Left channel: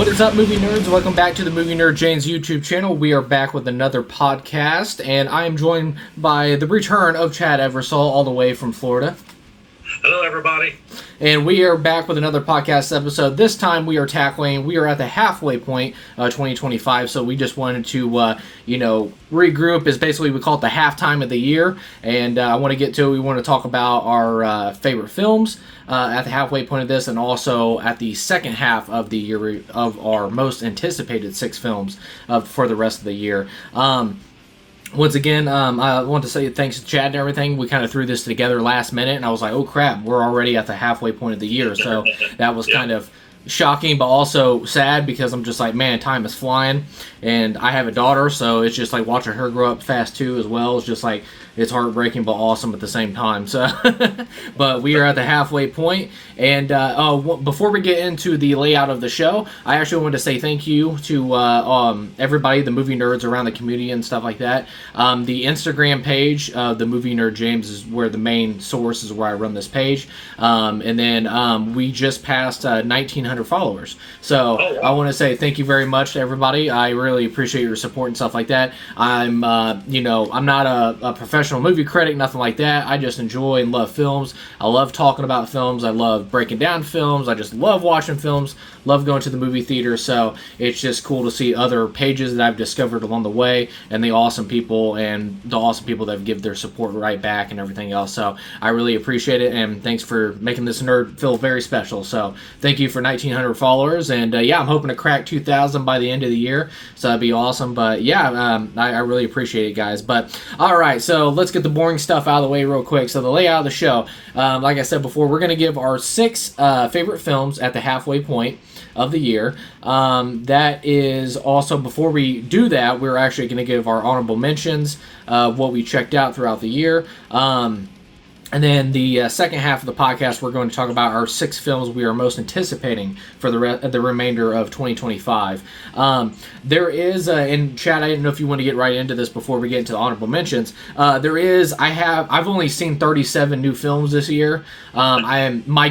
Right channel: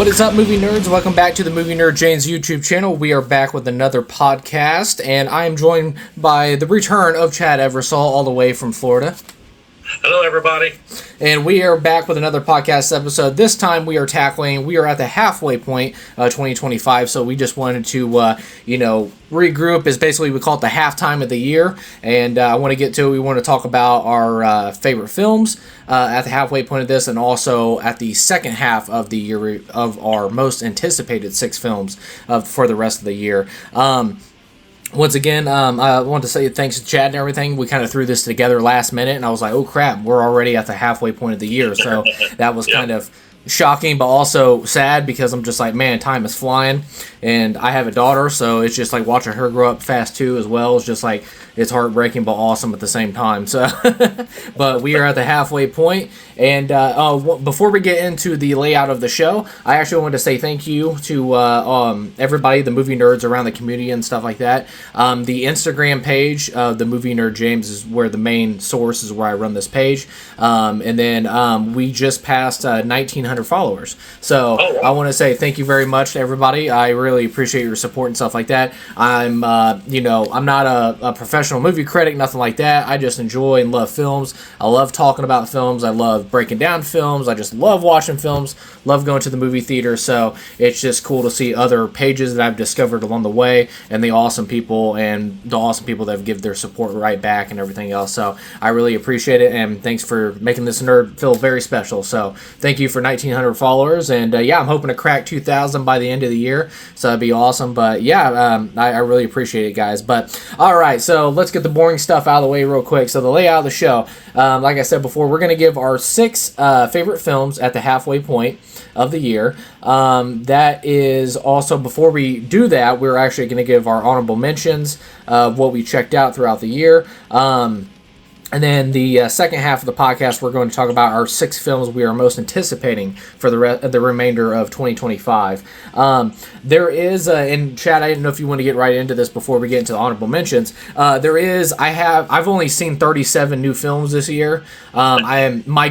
What is up, movie nerds? Welcome back to the Movie Nerd Jane's YouTube channel. We are back with another podcast, and I am joined by the return of Chad Eversole, all the way from Florida. Hello, everybody. And we are back with another podcast episode. This time we are at the halfway point, 2025, so we just wanted to, regroup. Is basically, we call it the halftime of the year, and I want to get to it. We want to talk about our favorite films at the halfway point of this, and also at the second half of the year of our most anticipated 6 films for the rest of the year. Once again, I want to say thanks to Chad and everything. We kind of threw this together last minute, and I was like, oh crap, we're already at the halfway point of the year. So that was kind of shocking, but also sad, because I'm just like, man, time is flying. And I have a daughter, so it's just like watching her grow up fast too as well. It's just like, it's heartbreaking but awesome at the same time. So, but we are at the halfway point. And before we get into the layout of the show, I actually wanted to say thank you to everybody, the movie nerds around the community and stuff like that. The Instagram page of the Movie Nerd James is where the main source is, where I run this page. And then we just passed 1,900 followers. So I want to say thank you very much to everybody. I really appreciate your support and stuff like that. I'm not a professional movie critic, nothing like that. I just enjoy and love films. I love talking about films. I love breaking down films. I just love watching films. Love going to the movie theater. So it's just cool to see other pages that I've discovered along the way, and the awesome people that give their support right back and everything else. So I really appreciate it, and thanks for making this nerd feel very special. So thank you for 1,900 followers, and I'm hoping to crack 2,000 by the end of the year. So that'd be awesome. But I really appreciate it, guys. But all right, so let's get the boring stuff out of the way real quick. So the layout of the show, like I said before, we're going to give our 6 favorite films at the halfway point of the year. That is also, before we do that, we're actually going to give our honorable mentions of what we checked out throughout the year. And then the second half of the podcast, we're going to talk about our 6 films we are most anticipating for the remainder of 2025. There is, and Chad, I didn't know if you want to get right into this before we get into the honorable mentions. I've only seen 37 new films this year. My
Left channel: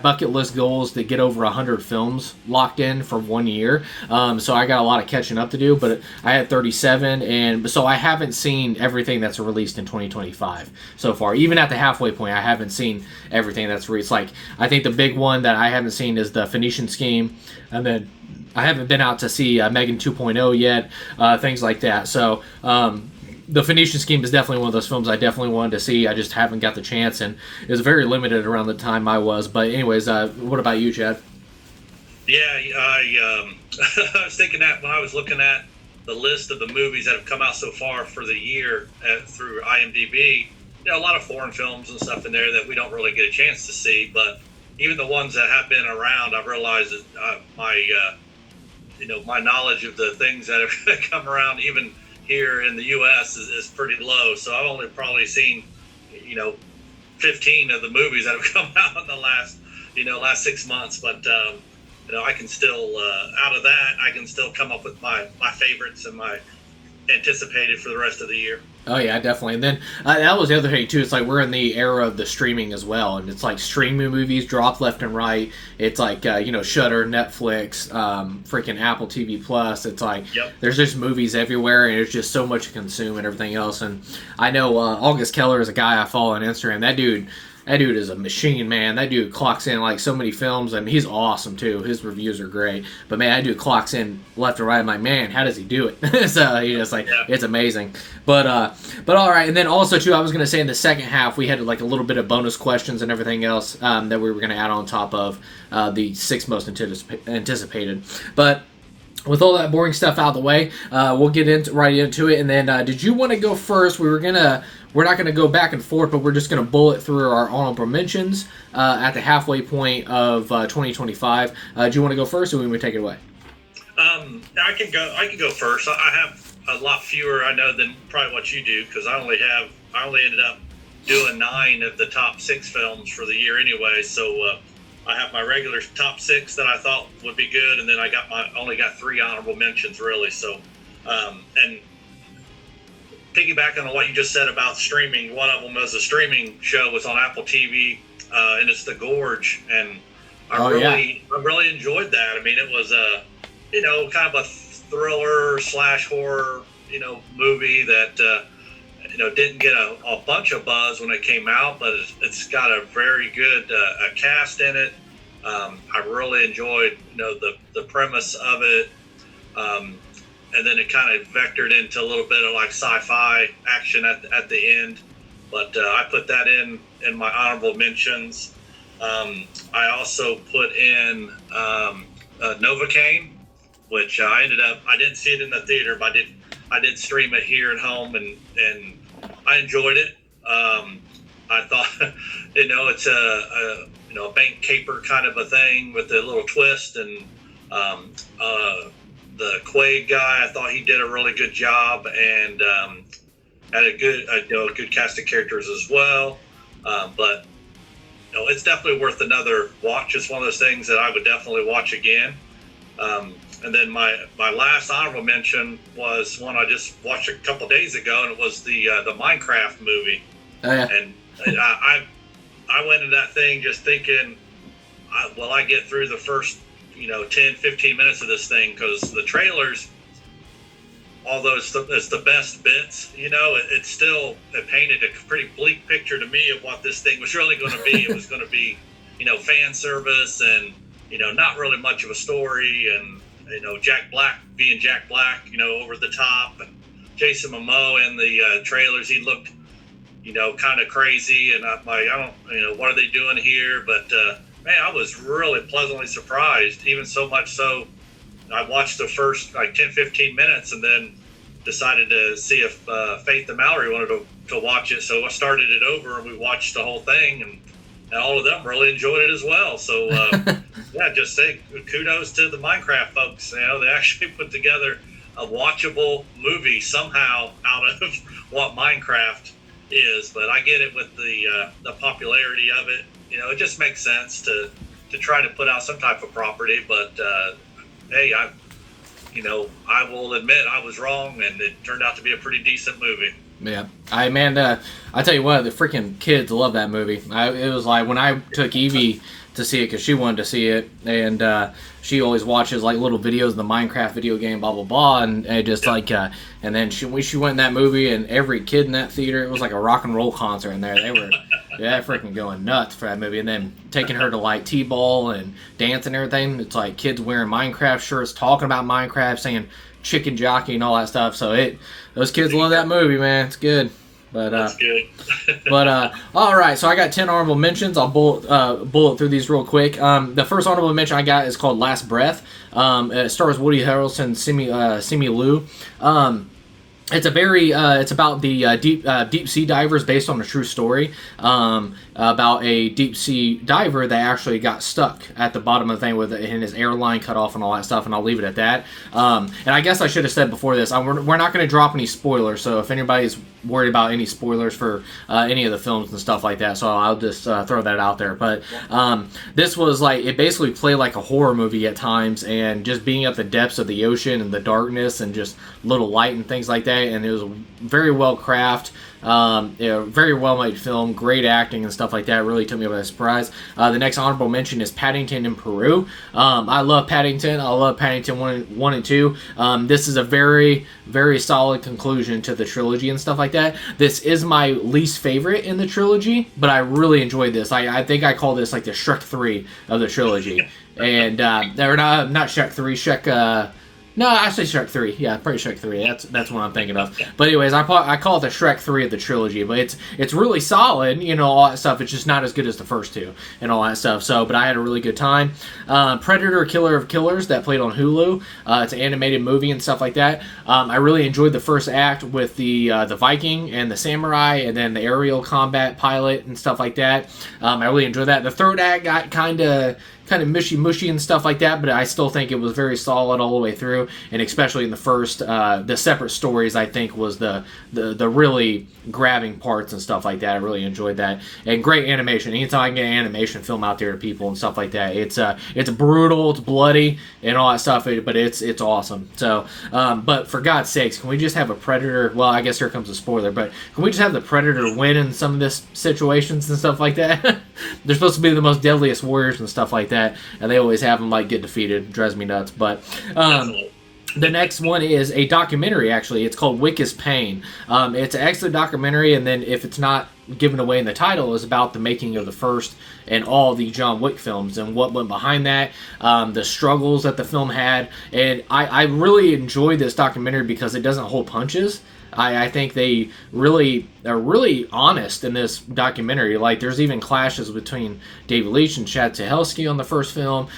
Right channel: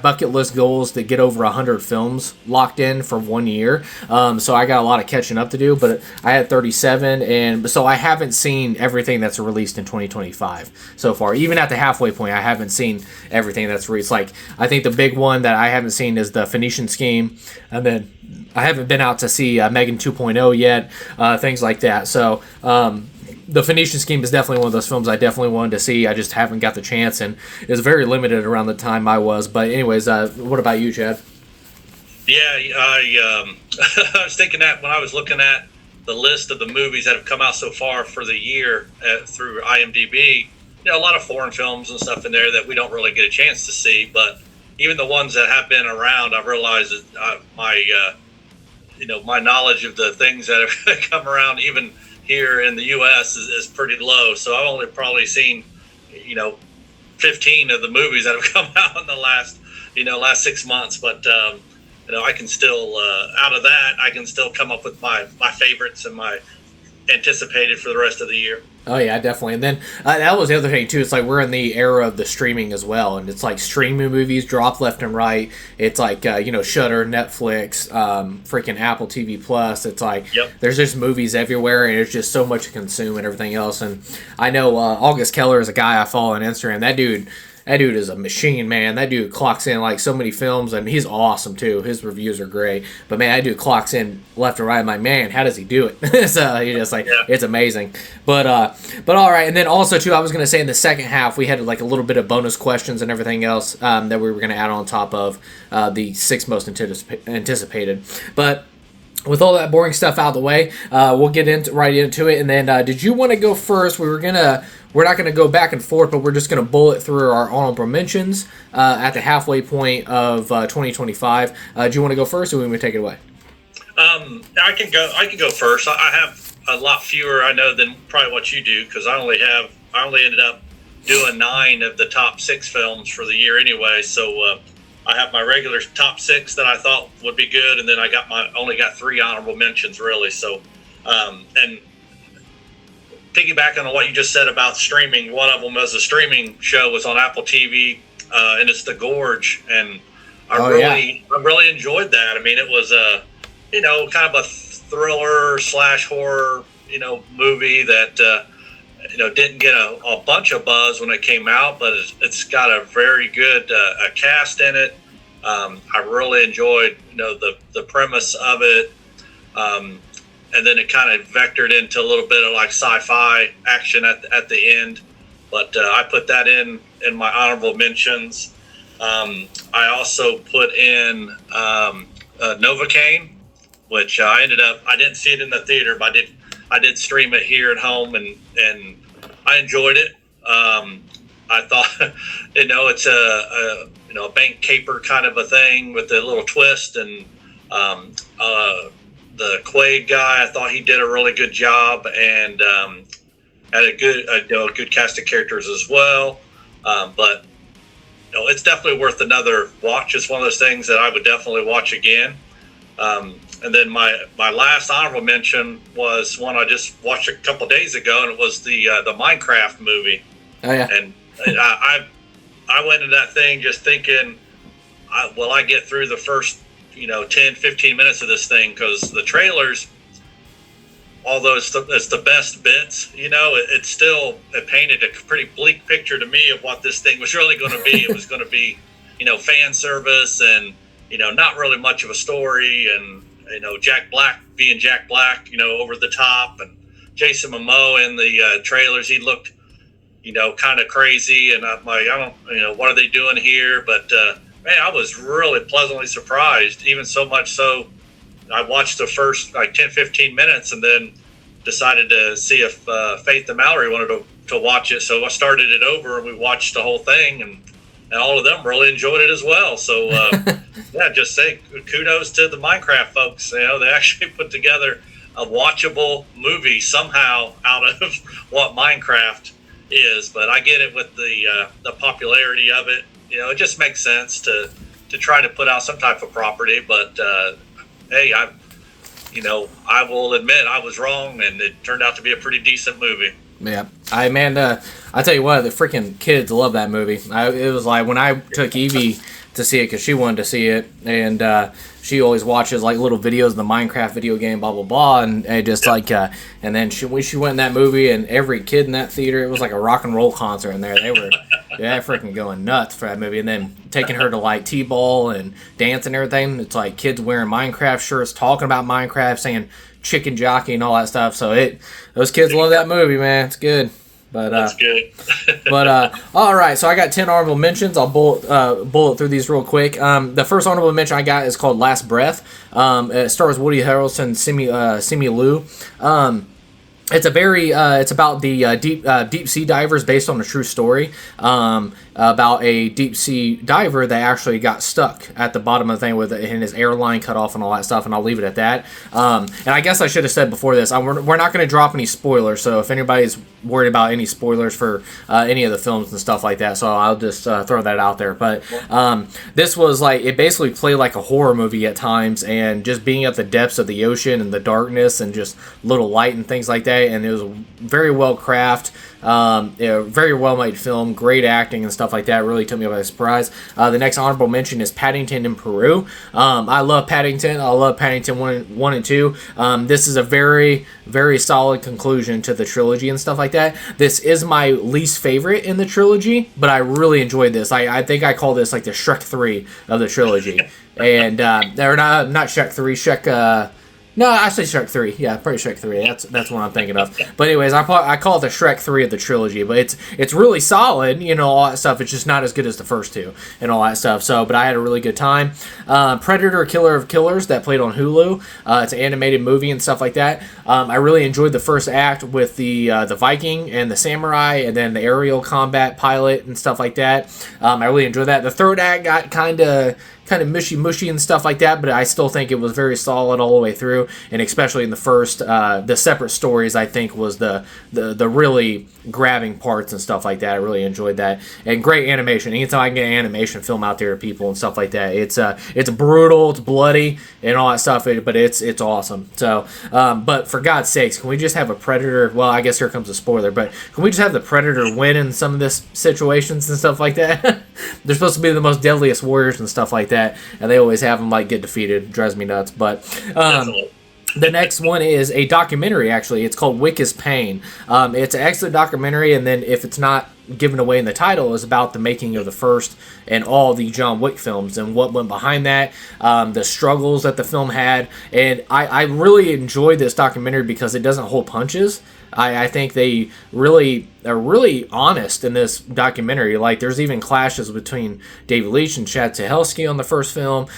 bucket list goal is to get over 100 films locked in for 1 year. So I got a lot of catching up to do, but I had 37, and so I haven't seen everything that's released in 2025 so far. Even at the halfway point, I haven't seen everything that's released. Like, I think the big one that I haven't seen is the Phoenician Scheme, and then I haven't been out to see Megan 2.0 yet, things like that. So the Phoenician Scheme is definitely one of those films I definitely wanted to see. I just haven't got the chance, and it was very limited around the time I was. But anyways, what about you, Chad? Yeah, I was thinking that when I was looking at the list of the movies that have come out so far for the year through IMDb. A lot of foreign films and stuff in there that we don't really get a chance to see, but even the ones that have been around, I've realized that my knowledge of the things that have come around, even here in the U.S., is pretty low. So I've only probably seen, 15 of the movies that have come out in the last 6 months. But I can still, out of that, I can still come up with my favorites and my anticipated for the rest of the year. Oh yeah, definitely. And then that was the other thing too. It's like we're in the era of the streaming as well, and it's like streaming movies drop left and right. It's like Shudder, Netflix, freaking Apple TV Plus. It's like There's just movies everywhere, and there's just so much to consume and everything else. And I know August Keller is a guy I follow on Instagram. That dude is a machine, man. That dude clocks in like so many films. I mean, he's awesome too. His reviews are great. But man, that dude clocks in left and right. I'm like, man, how does he do it? So you're just like, it's amazing. But all right. And then also too, I was gonna say in the second half we had like a little bit of bonus questions and everything else that we were gonna add on top of the 6 most anticipated. But with all that boring stuff out of the way, we'll get right into it. And then, did you want to go first? We're not going to go back and forth, but we're just going to bullet through our honorable mentions at the halfway point of 2025. Do you want to go first, or we want to take it away? I can go first. I have a lot fewer, I know, than probably what you do, because I only ended up doing 9 of the top 6 films for the year anyway. So I have my regular top 6 that I thought would be good, and then I only got 3 honorable mentions really. So and piggybacking on what you just said about streaming, one of them was a streaming show was on Apple TV, and it's The Gorge, and I really enjoyed that. I mean, it was a, kind of a thriller / horror, movie that, didn't get a bunch of buzz when it came out, but it's got a very good a cast in it. I really enjoyed, the premise of it. And then it kind of vectored into a little bit of like sci-fi action at the end. But I put that in my honorable mentions. I also put in Novocaine, which I didn't see it in the theater, but I did stream it here at home, and I enjoyed it. I thought, it's a bank caper kind of a thing with a little twist, and the Quaid guy, I thought he did a really good job, and had a good cast of characters as well. But it's definitely worth another watch. It's one of those things that I would definitely watch again. And then my last honorable mention was one I just watched a couple days ago, and it was the Minecraft movie. Oh yeah. And I went into that thing just thinking, will I get through the first 10, 15 minutes of this thing? Because the trailers, although it's the best bits, it painted a pretty bleak picture to me of what this thing was really going to be. It was going to be, fan service and, not really much of a story, and, Jack Black being Jack Black, over the top, and Jason Momoa in the trailers, he looked, kind of crazy, and I'm like, I don't, what are they doing here? But, man, I was really pleasantly surprised, even so much so I watched the first 10, 15 minutes and then decided to see if Faith and Mallory wanted to watch it. So I started it over and we watched the whole thing, and all of them really enjoyed it as well. So, yeah, just say kudos to the Minecraft folks. They actually put together a watchable movie somehow out of what Minecraft is. But I get it with the popularity of it. It just makes sense to try to put out some type of property. But, hey, I will admit I was wrong, and it turned out to be a pretty decent movie. Yeah, I tell you what, the freaking kids love that movie. It was like when I took Evie to see it because she wanted to see it, and she always watches like little videos of the Minecraft video game, blah blah blah, and just like, and then she went in that movie, and every kid in that theater, it was like a rock and roll concert in there. They were freaking going nuts for that movie, and then taking her to like T-ball and dance and everything. It's like kids wearing Minecraft shirts, talking about Minecraft, saying chicken jockey and all that stuff. So those kids love that movie, man. It's good. But that's good. But all right, so I got 10 honorable mentions. I'll bullet through these real quick. The first honorable mention I got is called Last Breath. It stars Woody Harrelson, Simu Liu. It's about the deep sea divers, based on a true story about a deep sea diver that actually got stuck at the bottom of the thing and his airline cut off and all that stuff, and I'll leave it at that. And I guess I should have said before this, we're not going to drop any spoilers, so if anybody's worried about any spoilers for any of the films and stuff like that, so I'll just throw that out there. But this was like, it basically played like a horror movie at times, and just being at the depths of the ocean and the darkness and just little light and things like that, and it was very well crafted. Very well made film, great acting and stuff like that. Really took me by surprise. The next honorable mention is Paddington in Peru. I love Paddington. I love Paddington 1 and 2. This is a very, very solid conclusion to the trilogy and stuff like that. This is my least favorite in the trilogy, but I really enjoyed this. I think I call this like the Shrek 3 of the trilogy. And they're not Shrek 3, Shrek... No, actually Shrek 3. Yeah, probably Shrek 3. That's what I'm thinking of. But anyways, I call it the Shrek 3 of the trilogy. But it's really solid, all that stuff. It's just not as good as the first two and all that stuff. So, but I had a really good time. Predator, Killer of Killers, that played on Hulu. It's an animated movie and stuff like that. I really enjoyed the first act with the Viking and the samurai, and then the aerial combat pilot and stuff like that. I really enjoyed that. The third act got kind of mushy and stuff like that, but I still think it was very solid all the way through, and especially in the first, the separate stories, I think was the really grabbing parts and stuff like that. I really enjoyed that, and great animation. Anytime I can get an animation film out there to people and stuff like that, it's brutal, it's bloody, and all that stuff, but it's awesome. So, but for God's sakes, can we just have a Predator? Well, I guess here comes a spoiler, but can we just have the Predator win in some of this situations and stuff like that? They're supposed to be the most deadliest warriors and stuff like that. that, and they always have them like get defeated. It drives me nuts. But the next one is a documentary, actually. It's called Wick is Pain. It's an excellent documentary, and then if it's not given away in the title, is about the making of the first and all the John Wick films and what went behind that, the struggles that the film had. And I really enjoyed this documentary because it doesn't hold punches. I think they really are really honest in this documentary. Like, there's even clashes between David Leitch and Chad Stahelski on the first film.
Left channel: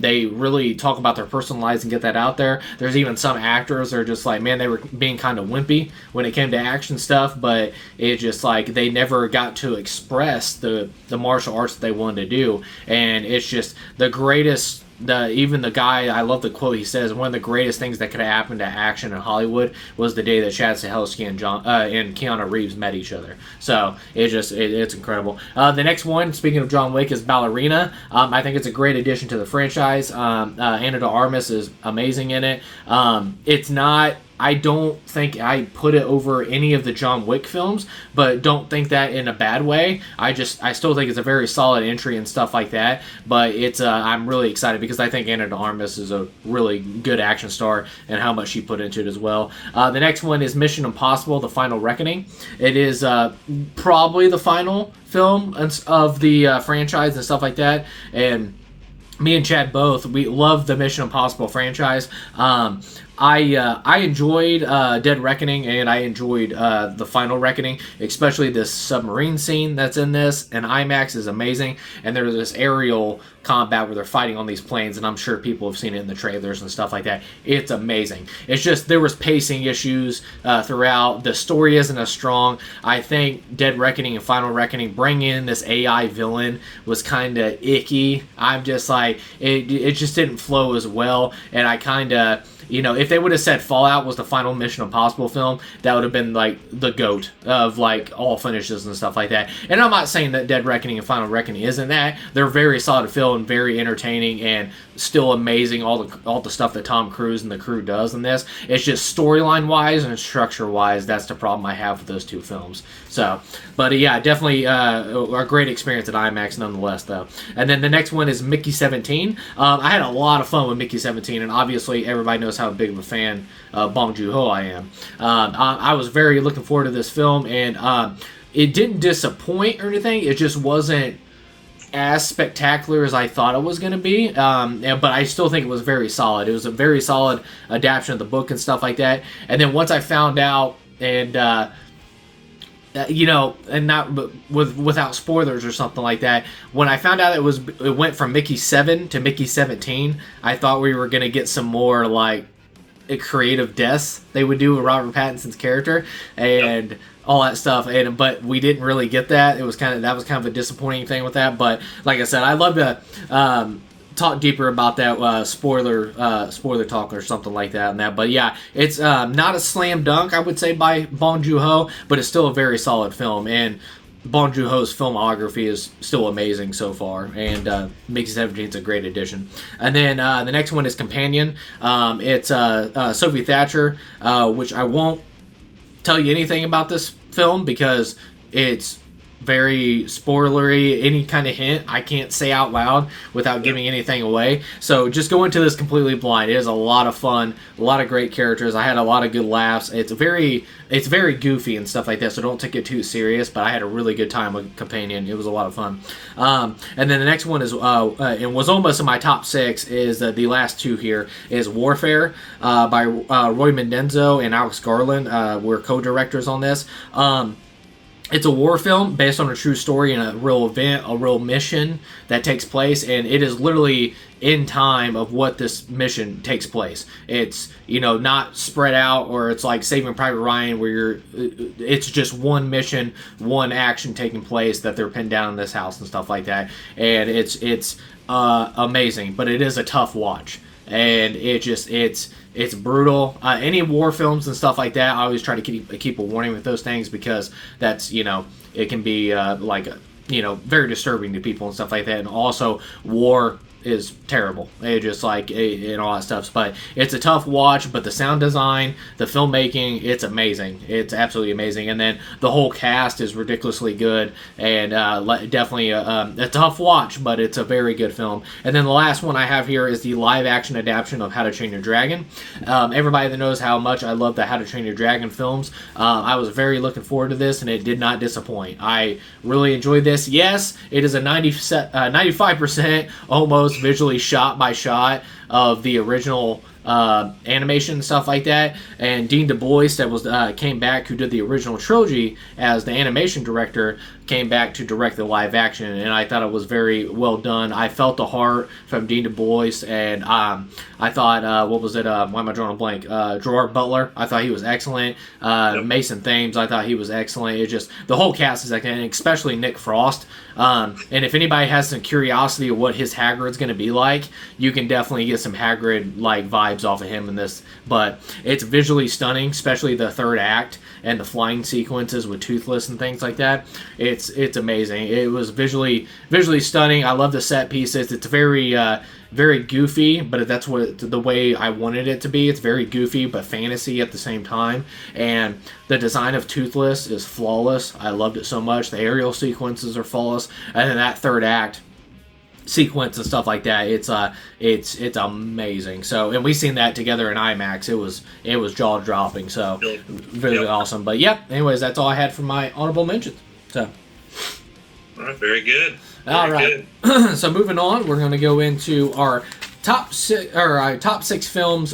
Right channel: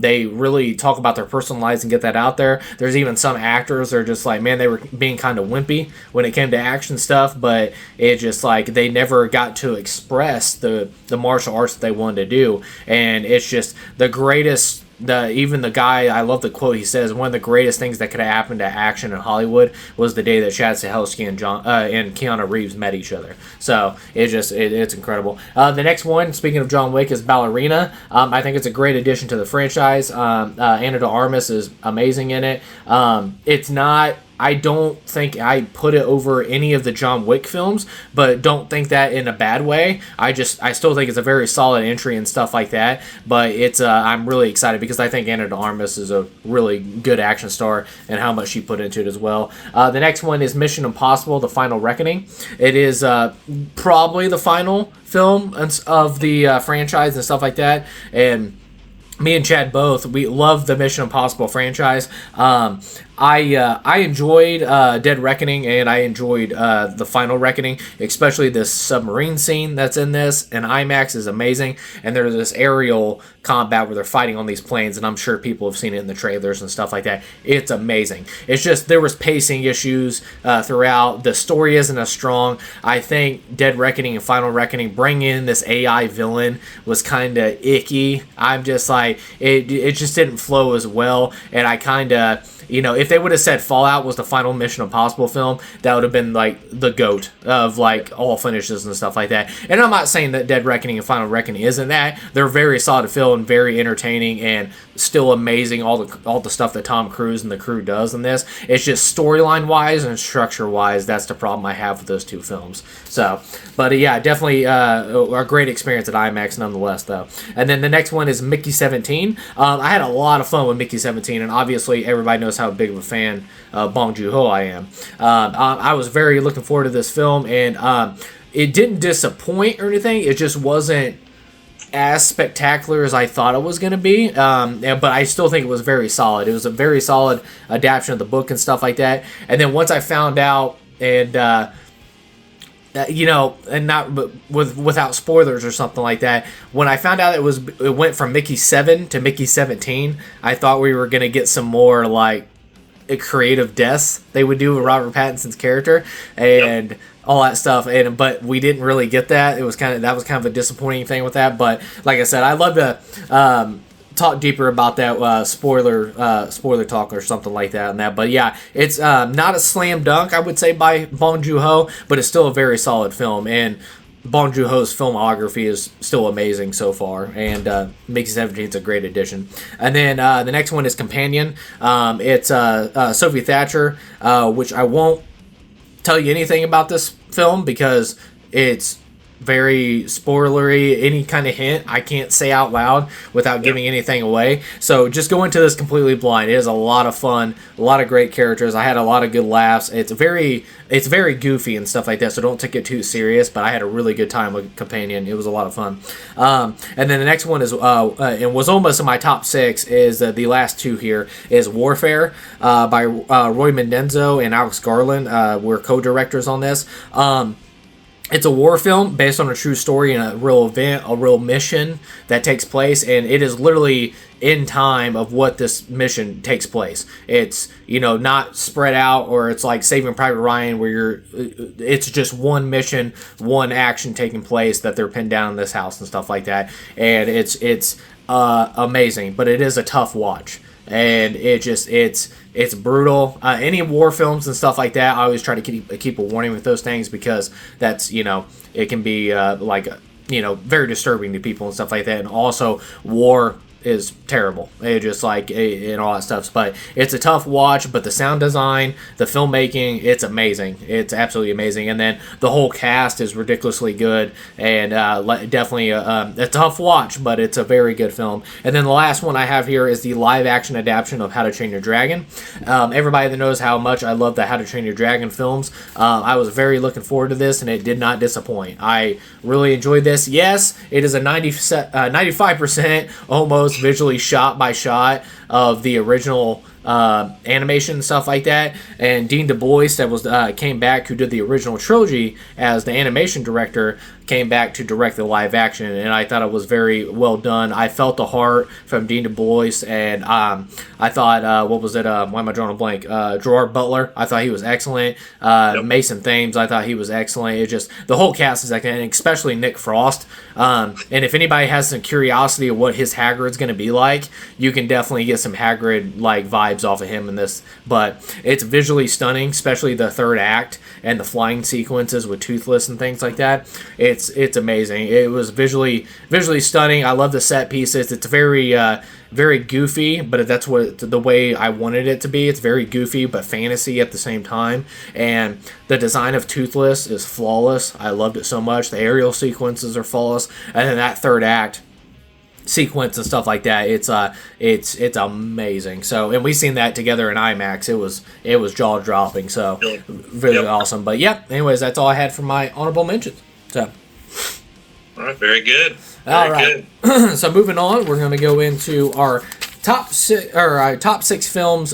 They really talk about their personal lives and get that out there. There's even some actors that are just like, man, they were being kind of wimpy when it came to action stuff, but it just like they never got to express the martial arts that they wanted to do. And it's just the greatest. Even the guy, I love the quote he says, one of the greatest things that could have happened to action in Hollywood was the day that Chad Stahelski and Keanu Reeves met each other. So it's incredible. The next one, speaking of John Wick, is Ballerina. I think it's a great addition to the franchise. Ana de Armas is amazing in it. It's not. I don't think I put it over any of the John Wick films, but don't think that in a bad way. I still think it's a very solid entry and stuff like that. But it's I'm really excited because I think Ana de Armas is a really good action star and how much she put into it as well. The next one is Mission Impossible: The Final Reckoning. It is probably the final film of the franchise and stuff like that. And me and Chad both, we love the Mission Impossible franchise. I enjoyed Dead Reckoning, and I enjoyed The Final Reckoning, especially this submarine scene that's in this, and IMAX is amazing, and there's this aerial combat where they're fighting on these planes, and I'm sure people have seen it in the trailers and stuff like that. It's amazing. It's just there was pacing issues throughout. The story isn't as strong. I think Dead Reckoning and Final Reckoning, bringing in this AI villain was kind of icky. I'm just like, it just didn't flow as well, and I kind of, if they would have said Fallout was the final Mission Impossible film, that would have been like the GOAT of like all finishes and stuff like that. And I'm not saying that Dead Reckoning and Final Reckoning isn't that. They're very solid film, very entertaining, and still amazing. All the stuff that Tom Cruise and the crew does in this. It's just storyline wise and structure wise, that's the problem I have with those two films. So, but yeah, definitely a great experience at IMAX nonetheless, though. And then the next one is Mickey 17. I had a lot of fun with Mickey 17, and obviously everybody knows how big of a fan of Bong Joon-ho I am. I was very looking forward to this film, and it didn't disappoint or anything. It just wasn't as spectacular as I thought it was going to be, but I still think it was very solid. It was a very solid adaptation of the book and stuff like that. And then once I found out, and and not without spoilers or something like that, when I found out it went from Mickey 7 to Mickey 17, I thought we were going to get some more like creative deaths they would do with Robert Pattinson's character and all that stuff, but we didn't really get that. That was kind of a disappointing thing with that. But like I said, I'd love to talk deeper about that spoiler talk or something like that and that. But yeah, it's not a slam dunk, I would say, by Bong Joon-ho, but it's still a very solid film, and Bong Joon-ho's filmography is still amazing so far, and Mickey 17 is a great addition. And then the next one is Companion. It's Sophie Thatcher, which I won't tell you anything about this film because it's very spoilery. Any kind of hint I can't say out loud without giving anything away, so just go into this completely blind. It is a lot of fun, a lot of great characters. I had a lot of good laughs. It's very goofy and stuff like that, so don't take it too serious, but I had a really good time with Companion. It was a lot of fun. And then the next one is it was almost in my top 6, is the last two here is Warfare by Roy Mendenzo and Alex Garland. Were co-directors on this. It's a war film based on a true story and a real event, a real mission that takes place, and it is literally in time of what this mission takes place. It's, not spread out, or it's like Saving Private Ryan where it's just one mission, one action taking place that they're pinned down in this house and stuff like that. And it's amazing, but it is a tough watch. And it's brutal. Any war films and stuff like that, I always try to keep a warning with those things, because that's, it can be very disturbing to people and stuff like that. And also, war is terrible. It just like and all that stuff. But it's a tough watch. But the sound design, the filmmaking, it's amazing. It's absolutely amazing. And then the whole cast is ridiculously good, and definitely a tough watch, but it's a very good film. And then the last one I have here is the live action adaptation of How to Train Your Dragon. Everybody that knows how much I love the How to Train Your Dragon films, I was very looking forward to this, and it did not disappoint. I really enjoyed this. Yes, it is a 95% almost visually shot by shot of the original animation and stuff like that. And Dean Du Bois, that was came back, who did the original trilogy as the animation director, came back to direct the live action, and I thought it was very well done. I felt the heart from Dean Du Bois, and I thought, what was it? Why am I drawing a blank? Gerard Butler. I thought he was excellent. Mason Thames. I thought he was excellent. It just the whole cast is excellent, and especially Nick Frost. And if anybody has some curiosity of what his Hagrid's going to be like, you can definitely get some Hagrid like vibes off of him in this. But it's visually stunning, especially the third act and the flying sequences with Toothless and things like that. It's amazing. It was visually stunning. I love the set pieces. It's very goofy, but that's what the way I wanted it to be. It's very goofy but fantasy at the same time. And the design of Toothless is flawless. I loved it so much. The aerial sequences are flawless, and then that third act sequence and stuff like that, it's amazing. So, and we seen that together in IMAX. It was jaw dropping. So really awesome. But yeah, anyways, that's all I had for my honorable mentions. So all right, very good. All right. So moving on, we're going to go into our top six films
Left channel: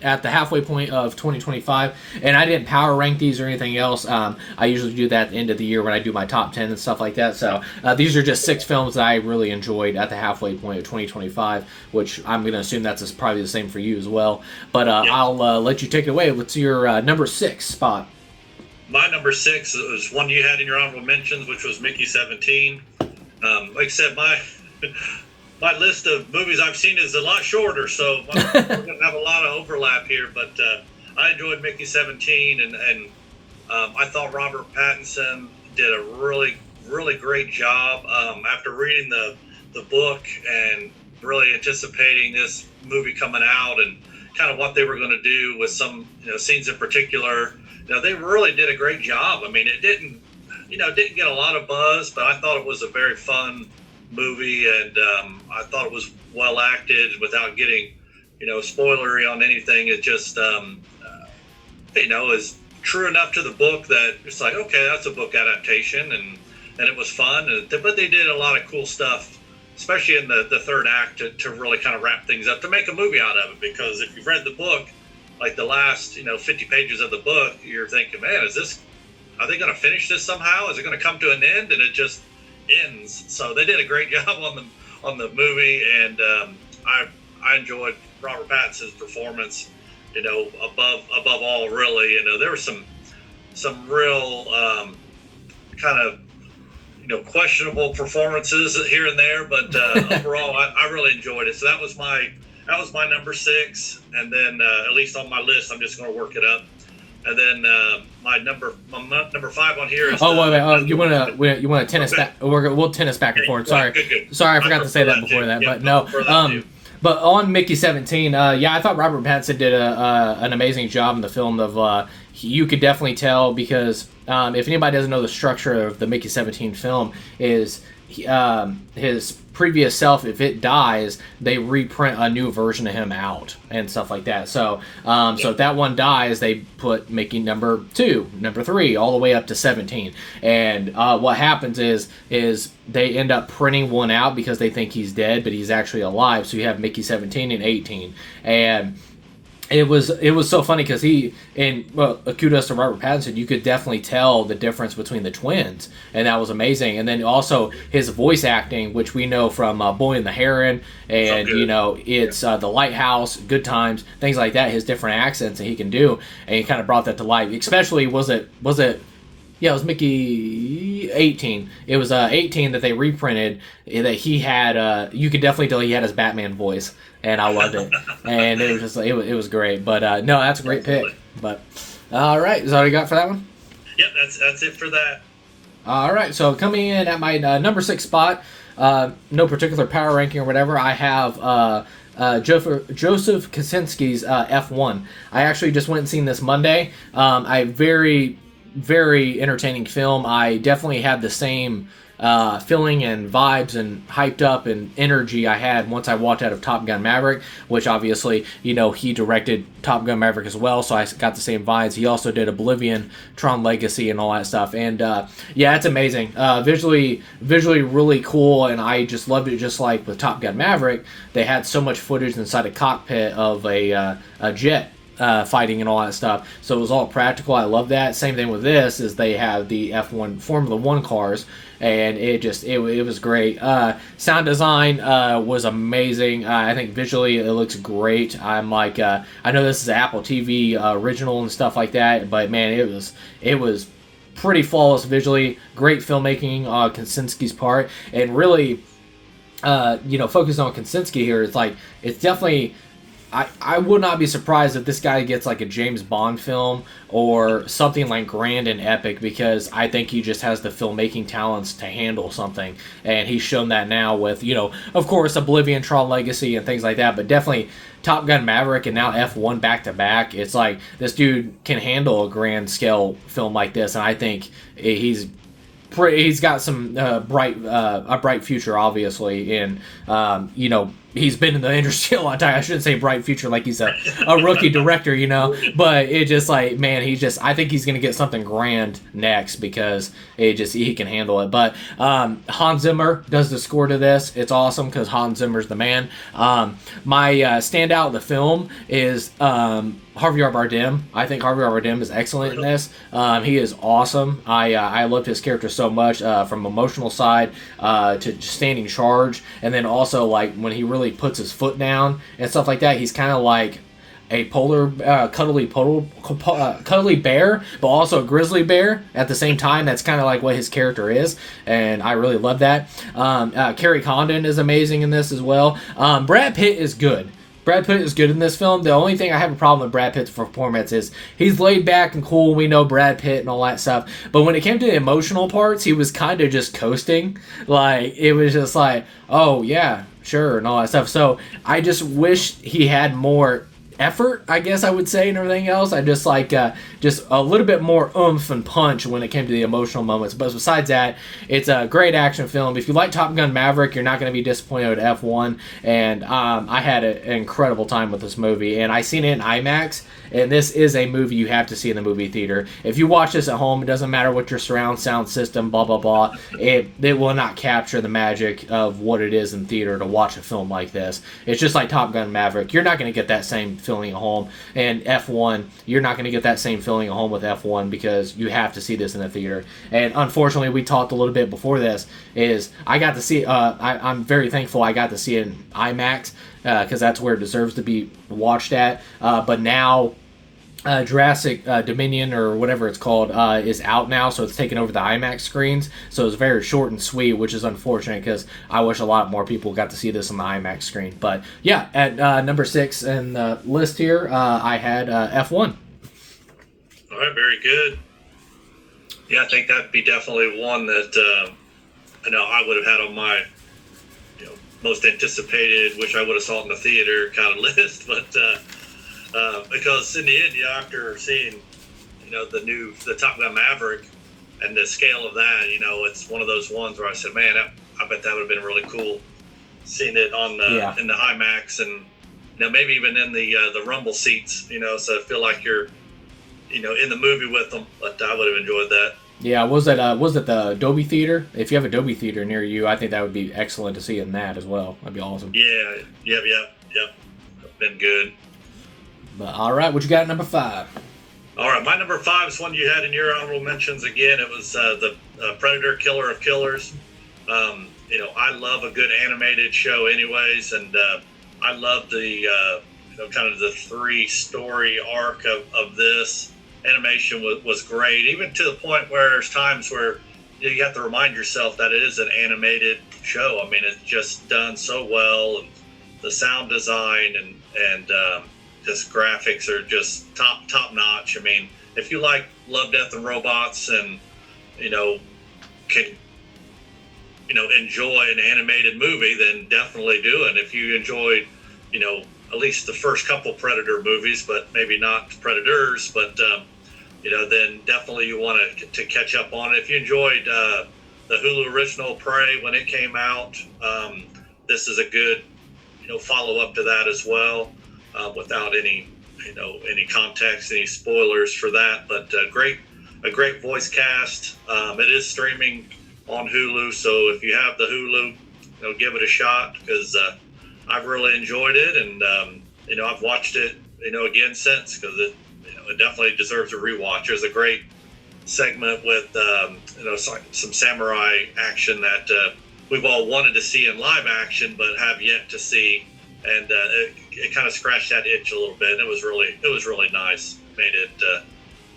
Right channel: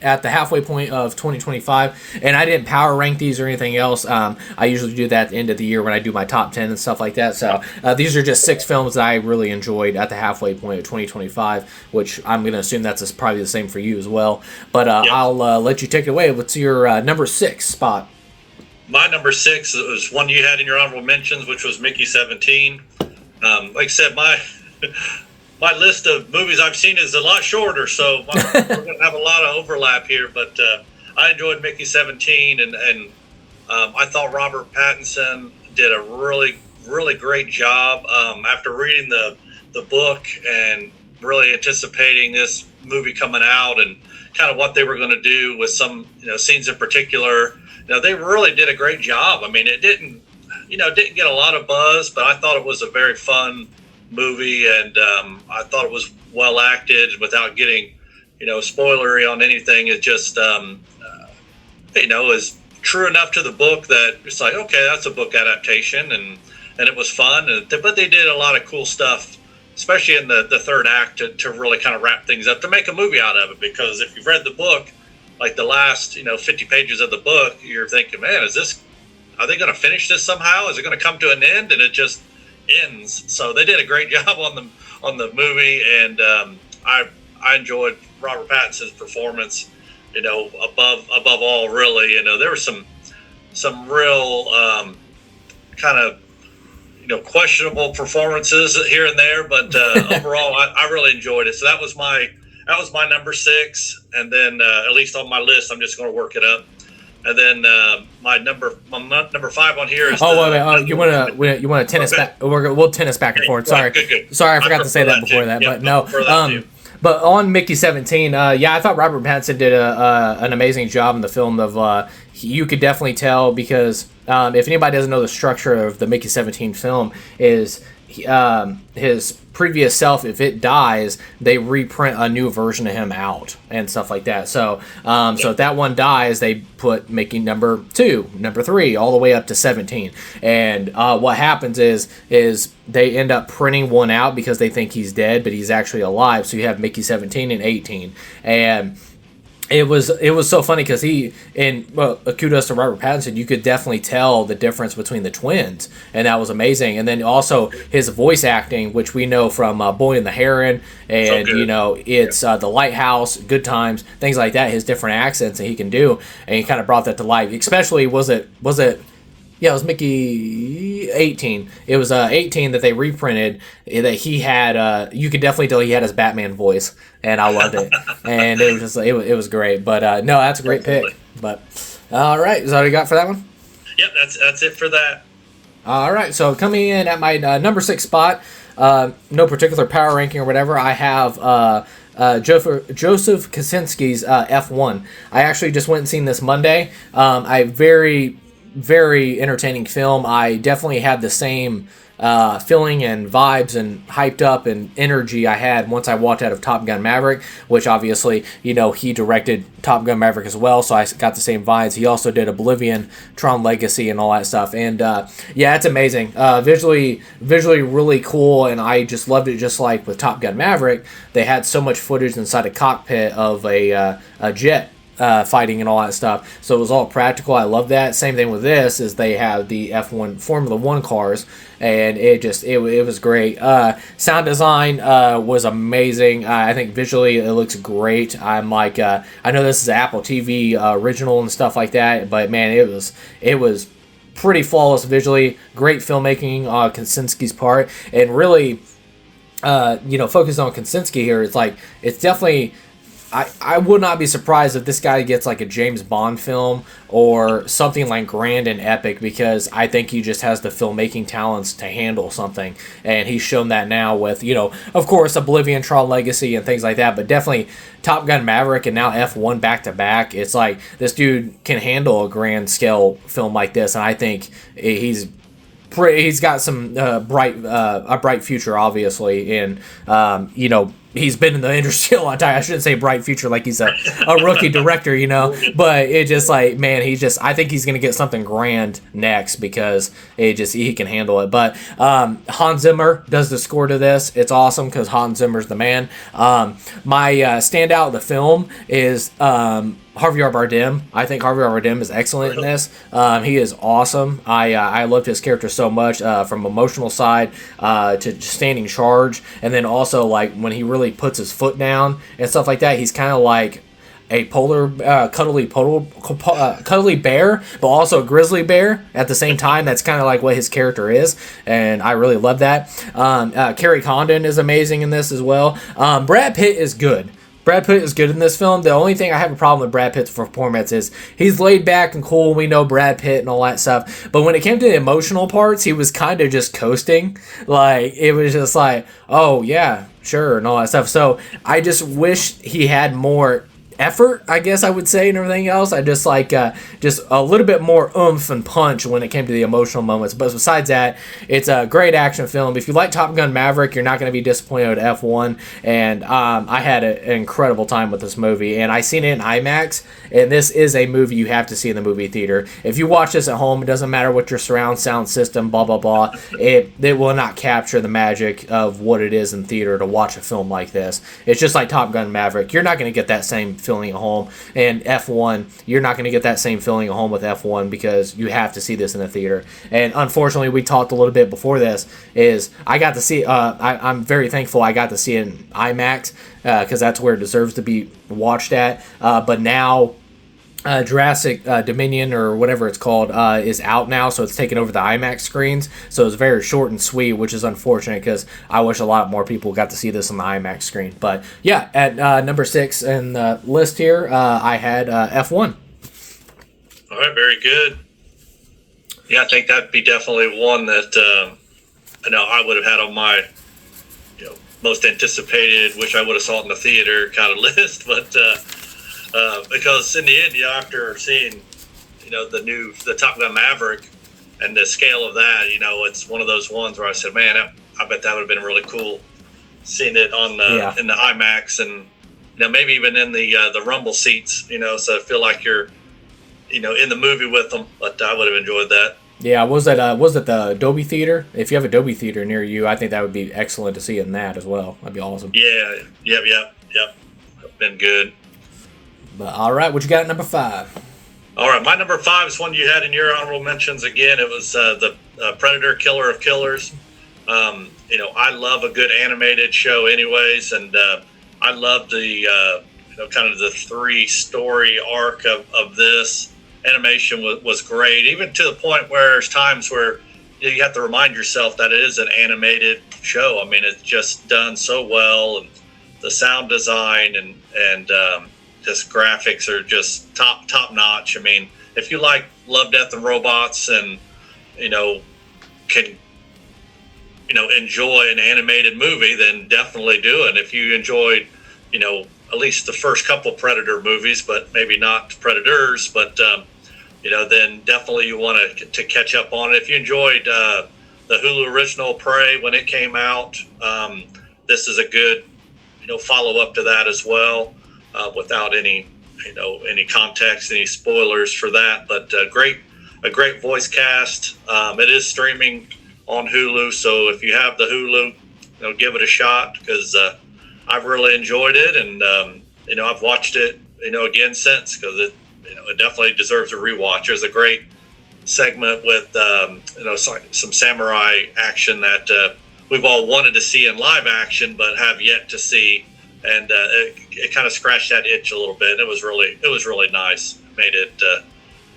at the halfway point of 2025. And I didn't power rank these or anything else. I usually do that at the end of the year when I do my top 10 and stuff like that. So these are just 6 films that I really enjoyed at the halfway point of 2025, which I'm going to assume that's probably the same for you as well. But I'll let you take it away. What's your number 6 spot? My number 6 was one you had in your honorable mentions, which was Mickey 17. Like I said, my list of movies I've seen is a lot shorter, so we're going to have a lot of overlap here. But I enjoyed Mickey 17, and I thought Robert Pattinson did a really, really great job. After reading the book and really anticipating this movie coming out and kind of what they were going to do with some scenes in particular, they really did a great job. I mean, it didn't get a lot of buzz, but I thought it was a very fun movie, and I thought it was well acted without getting, spoilery on anything. It just, is true enough to the book that it's like, okay, that's a book adaptation, and it was fun. But they did a lot of cool stuff, especially in the third act, to really kind of wrap things up, to make a movie out of it. Because if you've read the book, like the last 50 pages of the book, you're thinking, man, are they going to finish this somehow? Is it going to come to an end? And it just ends. So they did a great job on the movie, and I enjoyed Robert Pattinson's performance. Above all, really. There were some real kind of questionable performances here and there, but overall, I really enjoyed it. So that was my number 6, and then at least on my list, I'm just going to work it up. And then my number 5 on here is. Wait. You want to tennis back? We'll tennis back and forth. Sorry, good. Sorry, I forgot to say that before that. But no. But on Mickey 17, I thought Robert Pattinson did an amazing job in the film. You could definitely tell, because if anybody doesn't know the structure of the Mickey 17 film, is his previous self, if it dies, they reprint a new version of him out and stuff like that. So if that one dies, they put Mickey number 2, number 3, all the way up to 17. And what happens is they end up printing one out because they think he's dead, but he's actually alive. So you have Mickey 17 and 18. And it was so funny because kudos to Robert Pattinson, you could definitely tell the difference between the twins, and that was amazing. And then also his voice acting, which we know from Boy and the Heron, and it's The Lighthouse, Good Times, things like that. His different accents that he can do, and he kind of brought that to life. Especially was it Mickey 18. It was 18 that they reprinted, that he had. You could definitely tell he had his Batman voice, and I loved it. And it was just it was great. But no, that's a great pick. But all right, is that all you got for that one? Yep, that's it for that. All right, so coming in at my number 6 spot, no particular power ranking or whatever, I have Joseph Kosinski's F1. I actually just went and seen this Monday. Very entertaining film. I definitely had the same feeling and vibes and hyped up and energy I had once I walked out of Top Gun Maverick, which obviously, he directed Top Gun Maverick as well, so I got the same vibes. He also did Oblivion, Tron Legacy, and all that stuff. And yeah, it's amazing. Visually really cool, and I just loved it. Just like with Top Gun Maverick, they had so much footage inside a cockpit of a jet fighting and all that stuff. So it was all practical. I love that. Same thing with this is they have the F1 Formula One cars, and it was great. Sound design was amazing. I think visually it looks great. I'm like, I know this is an Apple TV original and stuff like that, but man, it was pretty flawless visually. Great filmmaking on Kosinski's part, and really, focused on Kosinski here. It's definitely. I would not be surprised if this guy gets like a James Bond film or something like grand and epic, because I think he just has the filmmaking talents to handle something, and he's shown that now with, of course, Oblivion, Tron Legacy, and things like that, but definitely Top Gun Maverick and now F1 back to back. It's like this dude can handle a grand scale film like this, and I think he's got some a bright future, obviously, and he's been in the industry a long time. I shouldn't say bright future like he's a rookie director, but it just like, man, I think he's gonna get something grand next, because he can handle it. But Hans Zimmer does the score to this. It's awesome because Hans Zimmer's the man. My standout of the film is Javier Bardem. I think Javier Bardem is excellent in this. He is awesome. I loved his character so much, from emotional side to standing charge, and then also like when he really puts his foot down and stuff like that. He's kind of like a cuddly bear, but also a grizzly bear at the same time. That's kind of like what his character is, and I really love that. Carrie Condon is amazing in this as well. Brad Pitt is good. Brad Pitt is good in this film. The only thing I have a problem with Brad Pitt's performance is he's laid back and cool. We know Brad Pitt and all that stuff. But when it came to the emotional parts, he was kind of just coasting. Like, it was just like, oh, yeah, sure, and all that stuff. So I just wish he had more effort, I guess I would say, and everything else. I just like just a little bit more oomph and punch when it came to the emotional moments. But besides that, it's a great action film. If you like Top Gun Maverick, you're not going to be disappointed with F1. And I had an incredible time with this movie, and I seen it in IMAX. And this is a movie you have to see in the movie theater. If you watch this at home, it doesn't matter what your surround sound system, blah blah blah. It will not capture the magic of what it is in theater to watch a film like this. It's just like Top Gun Maverick. You're not going to get that same feeling at home. And F1, you're not going to get that same feeling at home with F1, because you have to see this in the theater. And unfortunately, we talked a little bit before this, is I got to see, I'm very thankful I got to see it in IMAX, because that's where it deserves to be watched at. But now Jurassic Dominion, or whatever it's called, is out now, so it's taken over the IMAX screens. So it's very short and sweet, which is unfortunate, because I wish a lot more people got to see this on the IMAX screen. But yeah, at number 6 in the list here, I had F1. All right, very good. Yeah, I think that'd be definitely one that I know I would have had on my most anticipated, which I would have saw it in the theater kind of list, but. Because in the end, after seeing, the Top Gun Maverick and the scale of that, it's one of those ones where I said, man, I bet that would have been really cool seeing it on in the IMAX, and maybe even in the rumble seats, so I feel like you're, in the movie with them. But I would have enjoyed that. Yeah, was it the Dolby Theater? If you have a Dolby Theater near you, I think that would be excellent to see it in that as well. That'd be awesome. Yeah, yep. Been good. But, all right, what you got at number 5? All right, my number 5 is one you had in your honorable mentions. Again, it was the Predator, Killer of Killers. I love a good animated show anyways, and I love the kind of the 3-story arc of this. Animation was great, even to the point where there's times where you have to remind yourself that it is an animated show. I mean, it's just done so well, and the sound design and just graphics are just top notch. I mean, if you like Love, Death, and Robots, and can, enjoy an animated movie, then definitely do it. If you enjoyed, at least the first couple Predator movies, but maybe not Predators, but then definitely you want to catch up on it. If you enjoyed the Hulu original Prey when it came out, this is a good follow up to that as well, without any context, any spoilers for that. But a great voice cast. It is streaming on Hulu, so if you have the Hulu, give it a shot, because I've really enjoyed it, and I've watched it again since, because it definitely deserves a rewatch. There's a great segment with some samurai action that we've all wanted to see in live action but have yet to see, and it kind of scratched that itch a little bit. It was really nice. Made it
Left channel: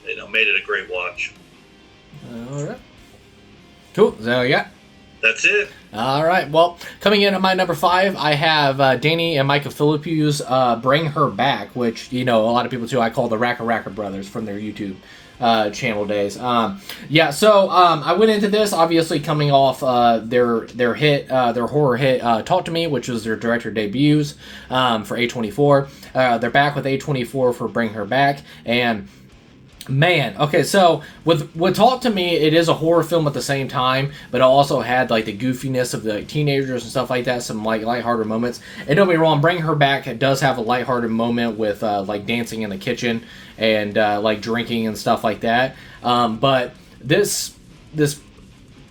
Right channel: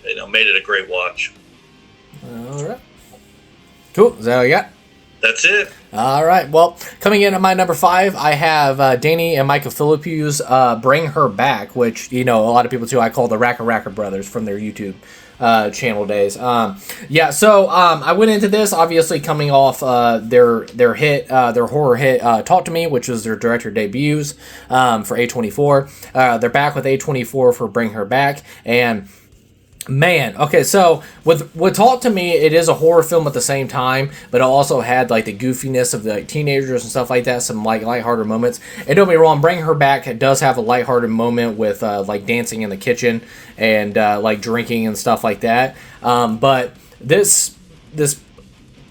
a great watch. All right. Cool. Is that all you got? That's it. All right. Well, coming in at my number 5, I have Danny and Micah Philippe's Bring Her Back, which, a lot of people too, I call the Racker brothers from their YouTube channel days. So I went into this obviously coming off their hit, their horror hit, Talk to Me, which was their director debuts for A24. They're back with A24 for Bring Her Back, and man, okay, so with Talk to Me, it is a horror film at the same time, but it also had like the goofiness of the teenagers and stuff like that, some like lighthearted moments. And don't be wrong, Bring Her Back, it does have a lighthearted moment with like dancing in the kitchen and like drinking and stuff like that. But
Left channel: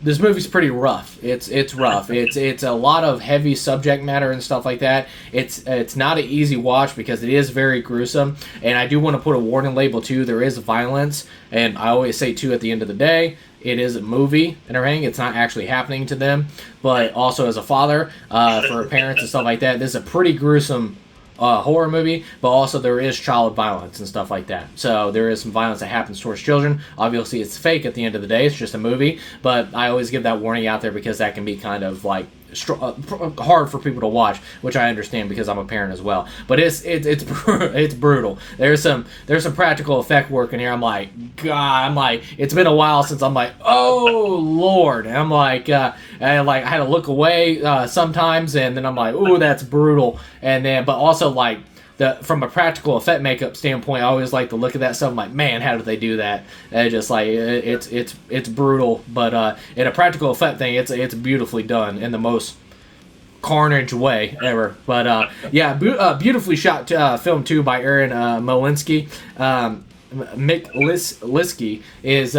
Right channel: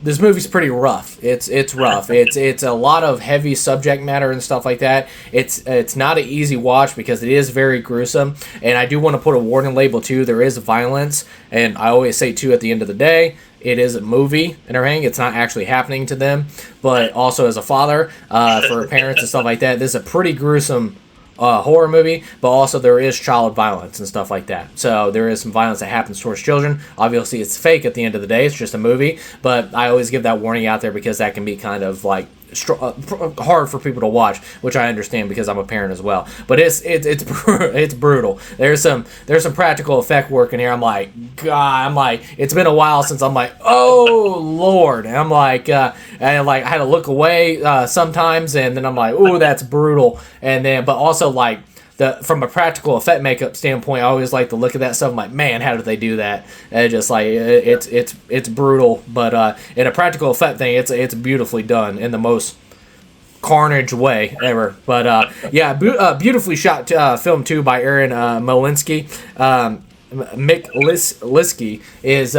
this movie's pretty rough. It's rough. It's a lot of heavy subject matter and stuff like that. It's not an easy watch because it is very gruesome. And I do want to put a warning label too. There is violence, and I always say too, at the end of the day, it is a movie and everything. It's not actually happening to them. But also as a father, for parents and stuff like that, this is a pretty gruesome horror movie, but also there is child violence and stuff like that. So there is some violence that happens towards children. Obviously, it's fake at the end of the day. It's just a movie, but I always give that warning out there because that can be kind of like hard for people to watch, which I understand because I'm a parent as well. But it's brutal. There's some practical effect work in here. I'm like, it's been a while since I'm like, oh Lord. And I'm like, I had to look away sometimes, and then I'm like, oh, that's brutal. And then, but also like, from a practical effect makeup standpoint, I always like to look at that stuff. I'm like, man, how did they do that? And just like it's brutal, but in a practical effect thing, it's beautifully done in the most carnage way ever. But beautifully shot film too by Aaron Molinsky. Mick Liskey is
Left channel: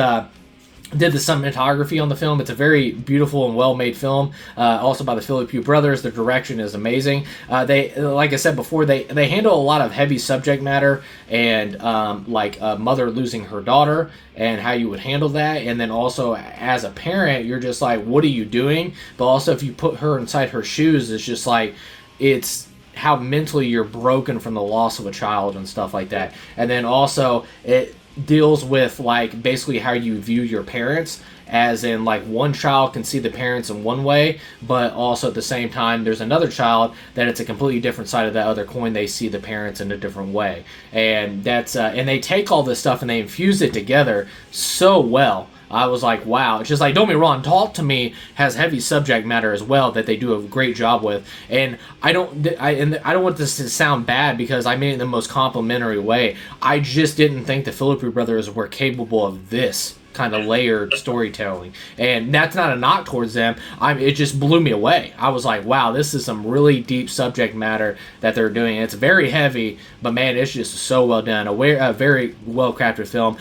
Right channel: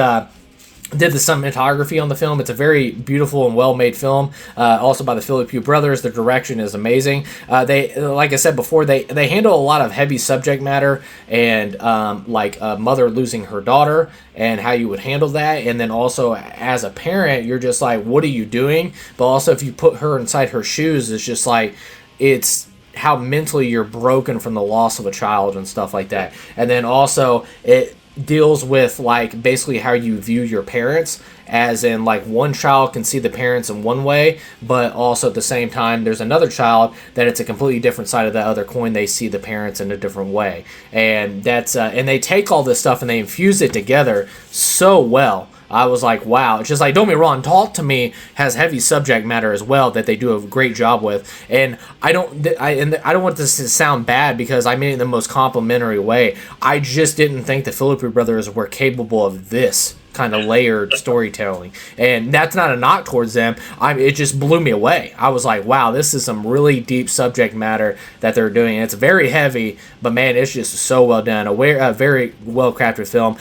did the cinematography on the film. It's a very beautiful and well-made film. Also by the Philippe brothers. The direction is amazing. They, like I said before, they handle a lot of heavy subject matter and like a mother losing her daughter and how you would handle that. And then also as a parent, you're just like, what are you doing? But also if you put her inside her shoes, it's just like, it's how mentally you're broken from the loss of a child and stuff like that. And then also it deals with like basically how you view your parents, as in like one child can see the parents in one way, but also at the same time there's another child that it's a completely different side of that other coin. They see the parents in a different way, and that's and they take all this stuff and they infuse it together so well. I was like, wow. It's just like, don't be wrong, Talk to Me has heavy subject matter as well that they do a great job with. And I don't want this to sound bad because I mean it in the most complimentary way. I just didn't think the Philippe brothers were capable of this kind of layered storytelling. And that's not a knock towards them. It just blew me away. I was like, wow, this is some really deep subject matter that they're doing. And it's very heavy, but man, it's just so well done. A very well crafted film.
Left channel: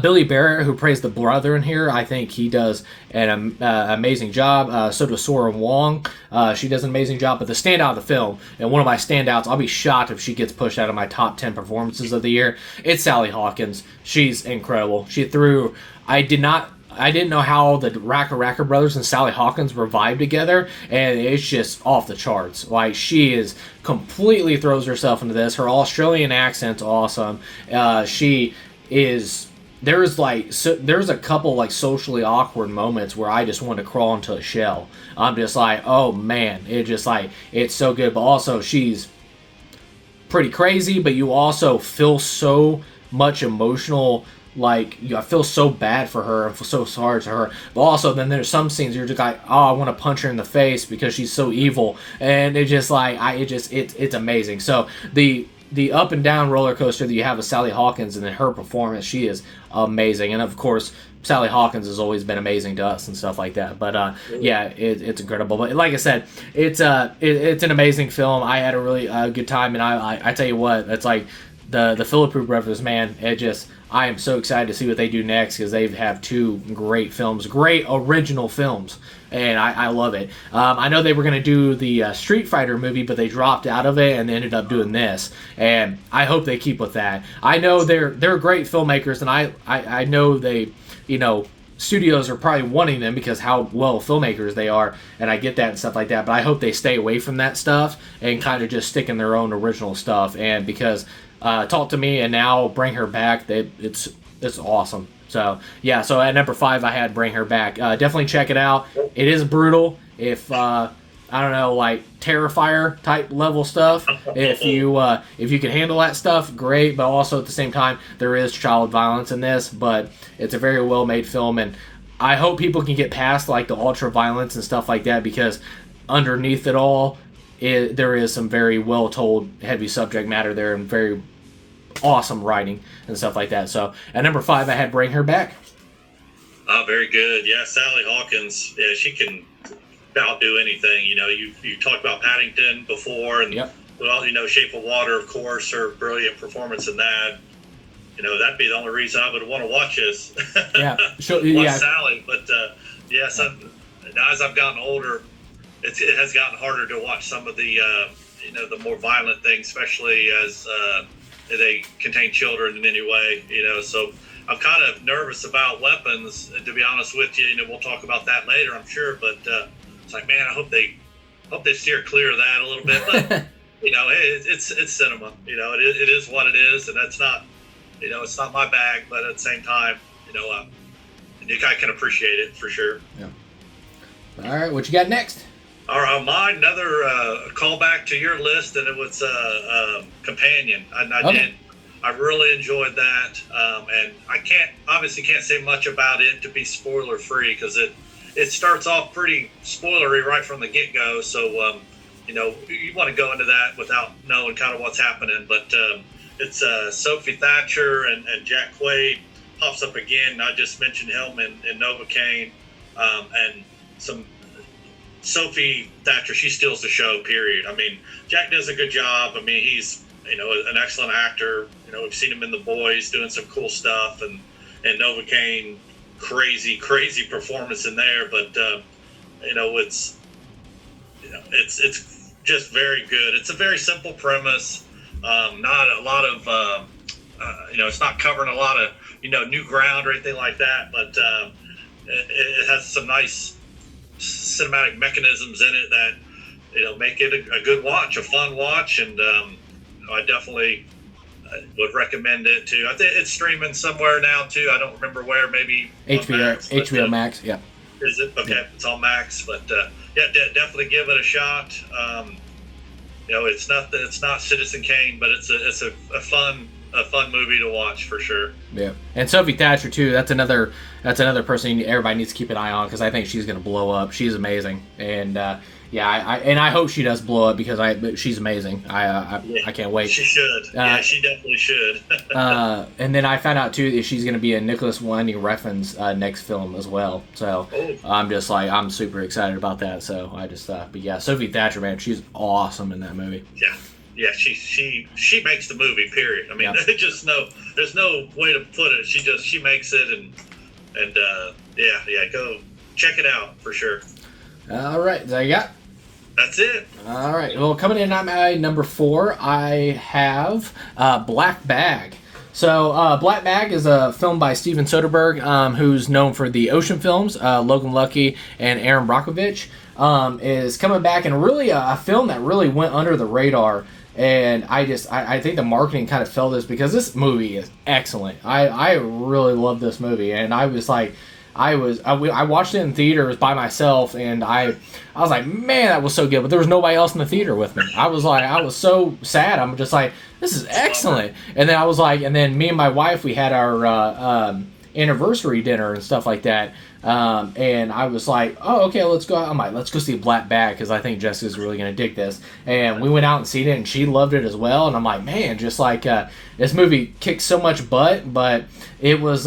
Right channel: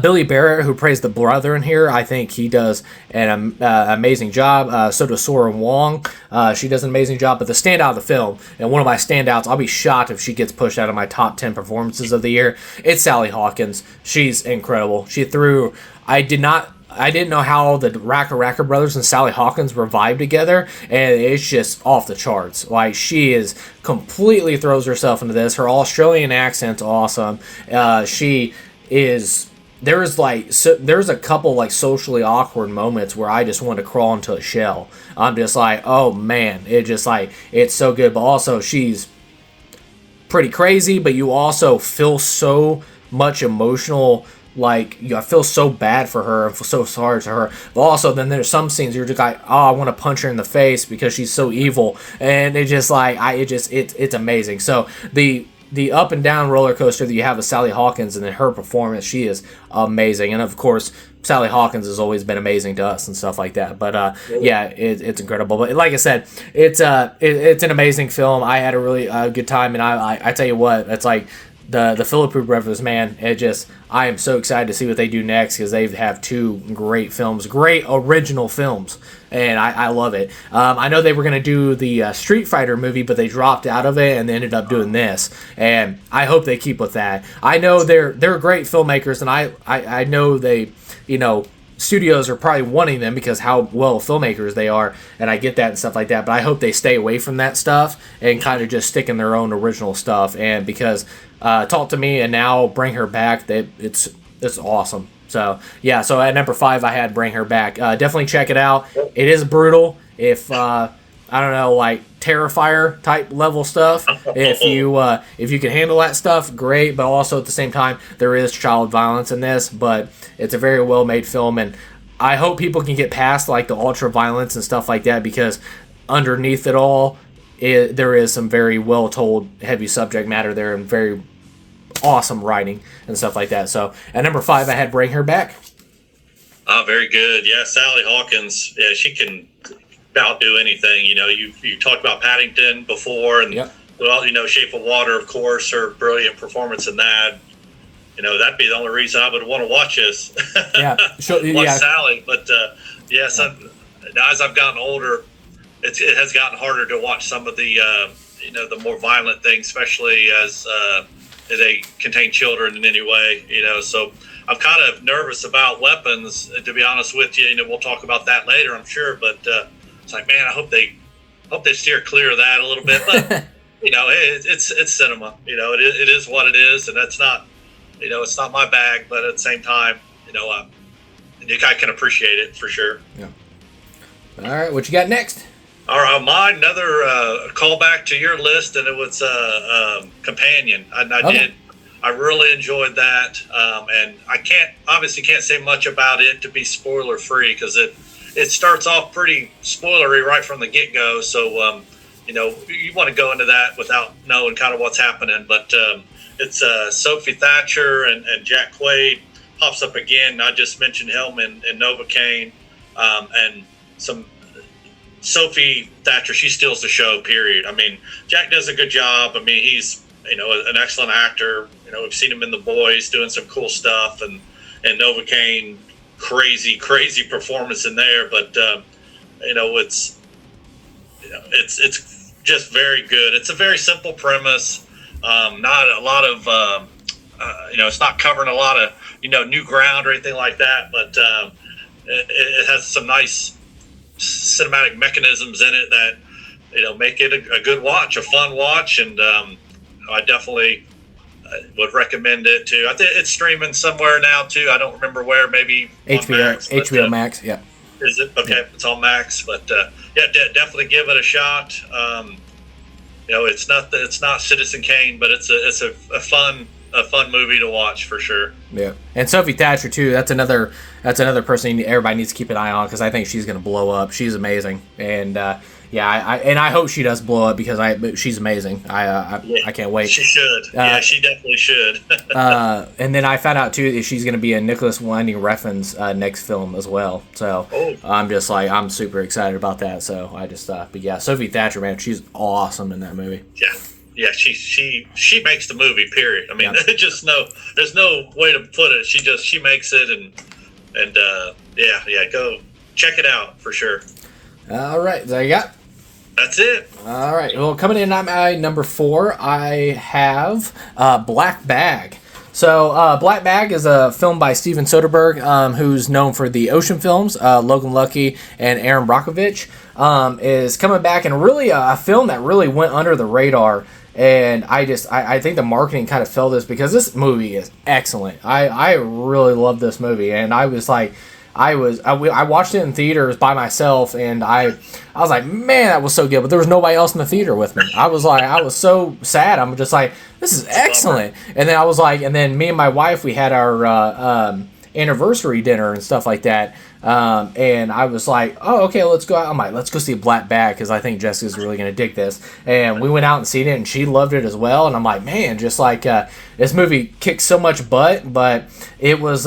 Billy Barrett, who plays the brother in here, I think he does an amazing job. So does Sora Wong. She does an amazing job. But the standout of the film, and one of my standouts, I'll be shocked if she gets pushed out of my top 10 performances of the year, it's Sally Hawkins. She's incredible. I didn't know how the Racker brothers and Sally Hawkins were vibe together, and it's just off the charts. Like, she is completely throws herself into this. Her Australian accent's awesome. There's a couple like socially awkward moments where I just want to crawl into a shell. I'm just like, oh man, it's so good. But also she's pretty crazy, but you also feel so much emotional like, I feel so bad for her and feel so sorry to her. But also, then there's some scenes you're just like, oh, I want to punch her in the face because she's so evil, and it just like it's amazing. So the up and down roller coaster that you have with Sally Hawkins and then her performance, she is amazing, and of course, Sally Hawkins has always been amazing to us and stuff like that. But yeah, it's incredible. But like I said, it's an amazing film. I had a really good time, and I tell you what, it's like the Philippine Brothers, man. I am so excited to see what they do next because they have two great films, great original films, and I love it. I know they were going to do the Street Fighter movie, but they dropped out of it and they ended up doing this, and I hope they keep with that. I know they're great filmmakers, and I know they, studios are probably wanting them because how well filmmakers they are, and I get that and stuff like that, but I hope they stay away from that stuff and kind of just stick in their own original stuff, and because Talk to Me and now Bring Her Back, it's awesome. So yeah, so at number 5 I had Bring Her Back. Definitely check it out. It is brutal. If I don't know, like Terrifier type level stuff, if you can handle that stuff, great. But also at the same time, there is child violence in this, but it's a very well made film, and I hope people can get past like the ultra violence and stuff like that, because underneath it all, there is some very well told heavy subject matter there and very awesome writing and stuff like that. So at number 5 I had Bring Her Back. Oh, very good. Yeah, Sally Hawkins. Yeah, she can outdo anything. You talked about Paddington before, and yep. Well, Shape of Water, of course, her brilliant performance in that. That'd be the only reason I would want to watch this. Yeah, watch Sally. But yes, as I've gotten older, it has gotten harder to watch some of the the more violent things, especially as they contain children in any way. So I'm kind of nervous about weapons, to be honest with you. We'll talk about that later, I'm sure. But it's like, man, I hope they steer clear of that a little bit. But it's cinema. It is what it is, and that's not it's not my bag. But at the same time, I can appreciate it for sure. Yeah. All right, what you got next? All right, mine, another callback to your list, and it was Companion. I really enjoyed that, and I obviously can't say much about it to be spoiler free, because it starts off pretty spoilery right from the get go. So you want to go into that without knowing kind of what's happening. But it's Sophie Thatcher and Jack Quaid pops up again. I just mentioned him in Novocaine, and some. Sophie Thatcher, she steals the show, period. I mean, Jack does a good job. I mean, he's, an excellent actor. We've seen him in The Boys doing some cool stuff, and Novocaine, crazy performance in there. But, it's just very good. It's a very simple premise. Not a lot of, it's not covering a lot of, new ground or anything like that. But it has some nice cinematic mechanisms in it that make it a good watch, a fun watch, and I definitely would recommend it too. I think it's streaming somewhere now too. I don't remember where. Maybe HBO Max. Yeah. Is it okay? Yeah. It's on Max, but definitely give it a shot. It's not Citizen Kane, but it's a fun movie to watch for sure. Yeah, and Sophie Thatcher too. That's another person everybody needs to keep an eye on, because I think she's going to blow up. She's amazing, and I hope she does blow up, because she's amazing. I can't wait. She should. She definitely should. And then I found out too that she's going to be in Nicholas Winding Refn's next film as well. So I'm super excited about that. So I just but yeah, Sophie Thatcher, man, she's awesome in that movie. Yeah. Yeah, she makes the movie. Period. I mean, there's no way to put it. She makes it, and go check it out for sure. All right, there you got. That's it. All right. Well, coming in at my number 4, I have Black Bag. So, Black Bag is a film by Steven Soderbergh, who's known for the Ocean films, Logan Lucky and Aaron Brockovich, is coming back, and really a film that really went under the radar. And I think the marketing kind of fell this, because this movie is excellent. I really love this movie, and I was like, I watched it in theaters by myself, and I was like, man, that was so good. But there was nobody else in the theater with me. I was so sad. I'm just like, this is excellent. And then I was like, and then me and my wife, we had our anniversary dinner and stuff like that. And I was like, oh, okay, let's go out. I'm like, let's go see Black Bag because I think Jessica's really going to dig this. And we went out and seen it, and she loved it as well. And I'm like, man, just like this movie kicked so much butt, but it was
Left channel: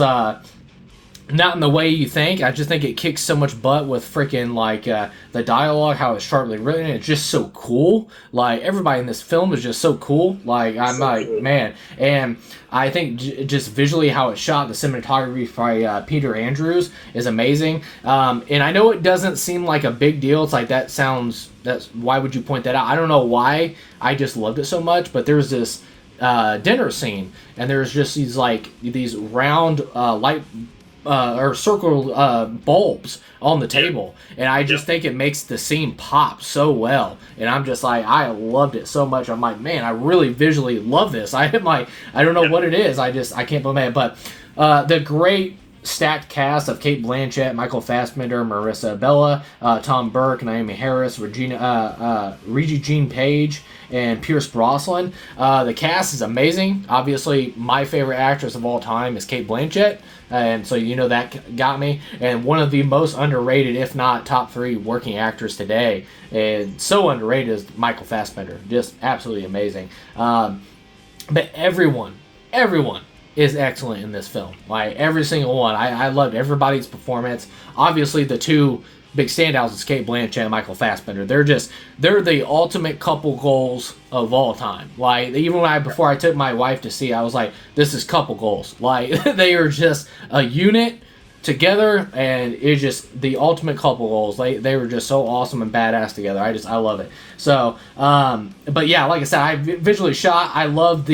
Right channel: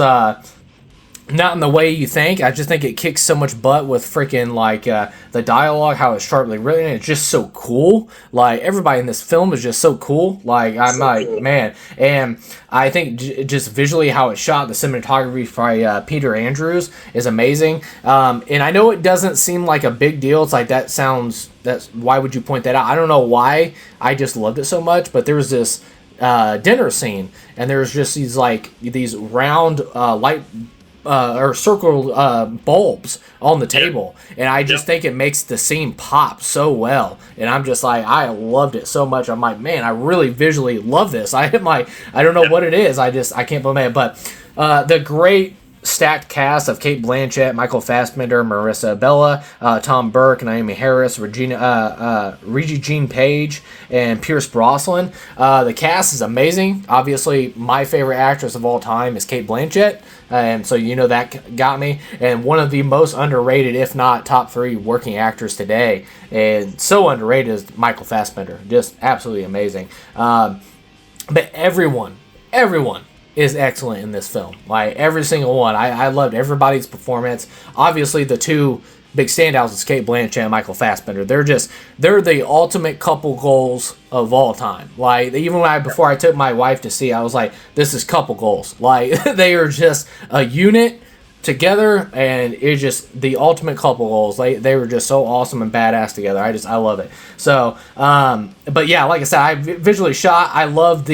not in the way you think. I just think it kicks so much butt with freaking like the dialogue, how it's sharply written. It's just so cool. Like everybody in this film is just so cool. Like I'm like, man, and I think just visually how it's shot, the cinematography by Peter Andrews is amazing. And I know it doesn't seem like a big deal. It's like that's why would you point that out? I don't know why. I just loved it so much. But there was this dinner scene, and there was just these round light. Or circle bulbs on the table, and I just think it makes the scene pop so well. And I'm just like, I loved it so much. I'm like, man, I really visually love this. I don't know what it is. I can't believe it. But the great stacked cast of Cate Blanchett, Michael Fassbender, Marissa Bella, Tom Burke, Naomi Harris, Regina Jean Page, and Pierce Brosnan. The cast is amazing. Obviously, my favorite actress of all time is Cate Blanchett. And so that got me. And one of the most underrated, if not top 3 working actors today, and so underrated, is Michael Fassbender. Just absolutely amazing. But everyone is excellent in this film. Like every single one. I loved everybody's performance. Obviously, the two big standouts is Cate Blanchett and Michael Fassbender. They're the ultimate couple goals of all time. Like even before I took my wife to see, I was like, this is couple goals. Like they are just a unit together, and it's just the ultimate couple goals. They were just so awesome and badass together. I love it. So, but yeah, like I said, I visually shot. I loved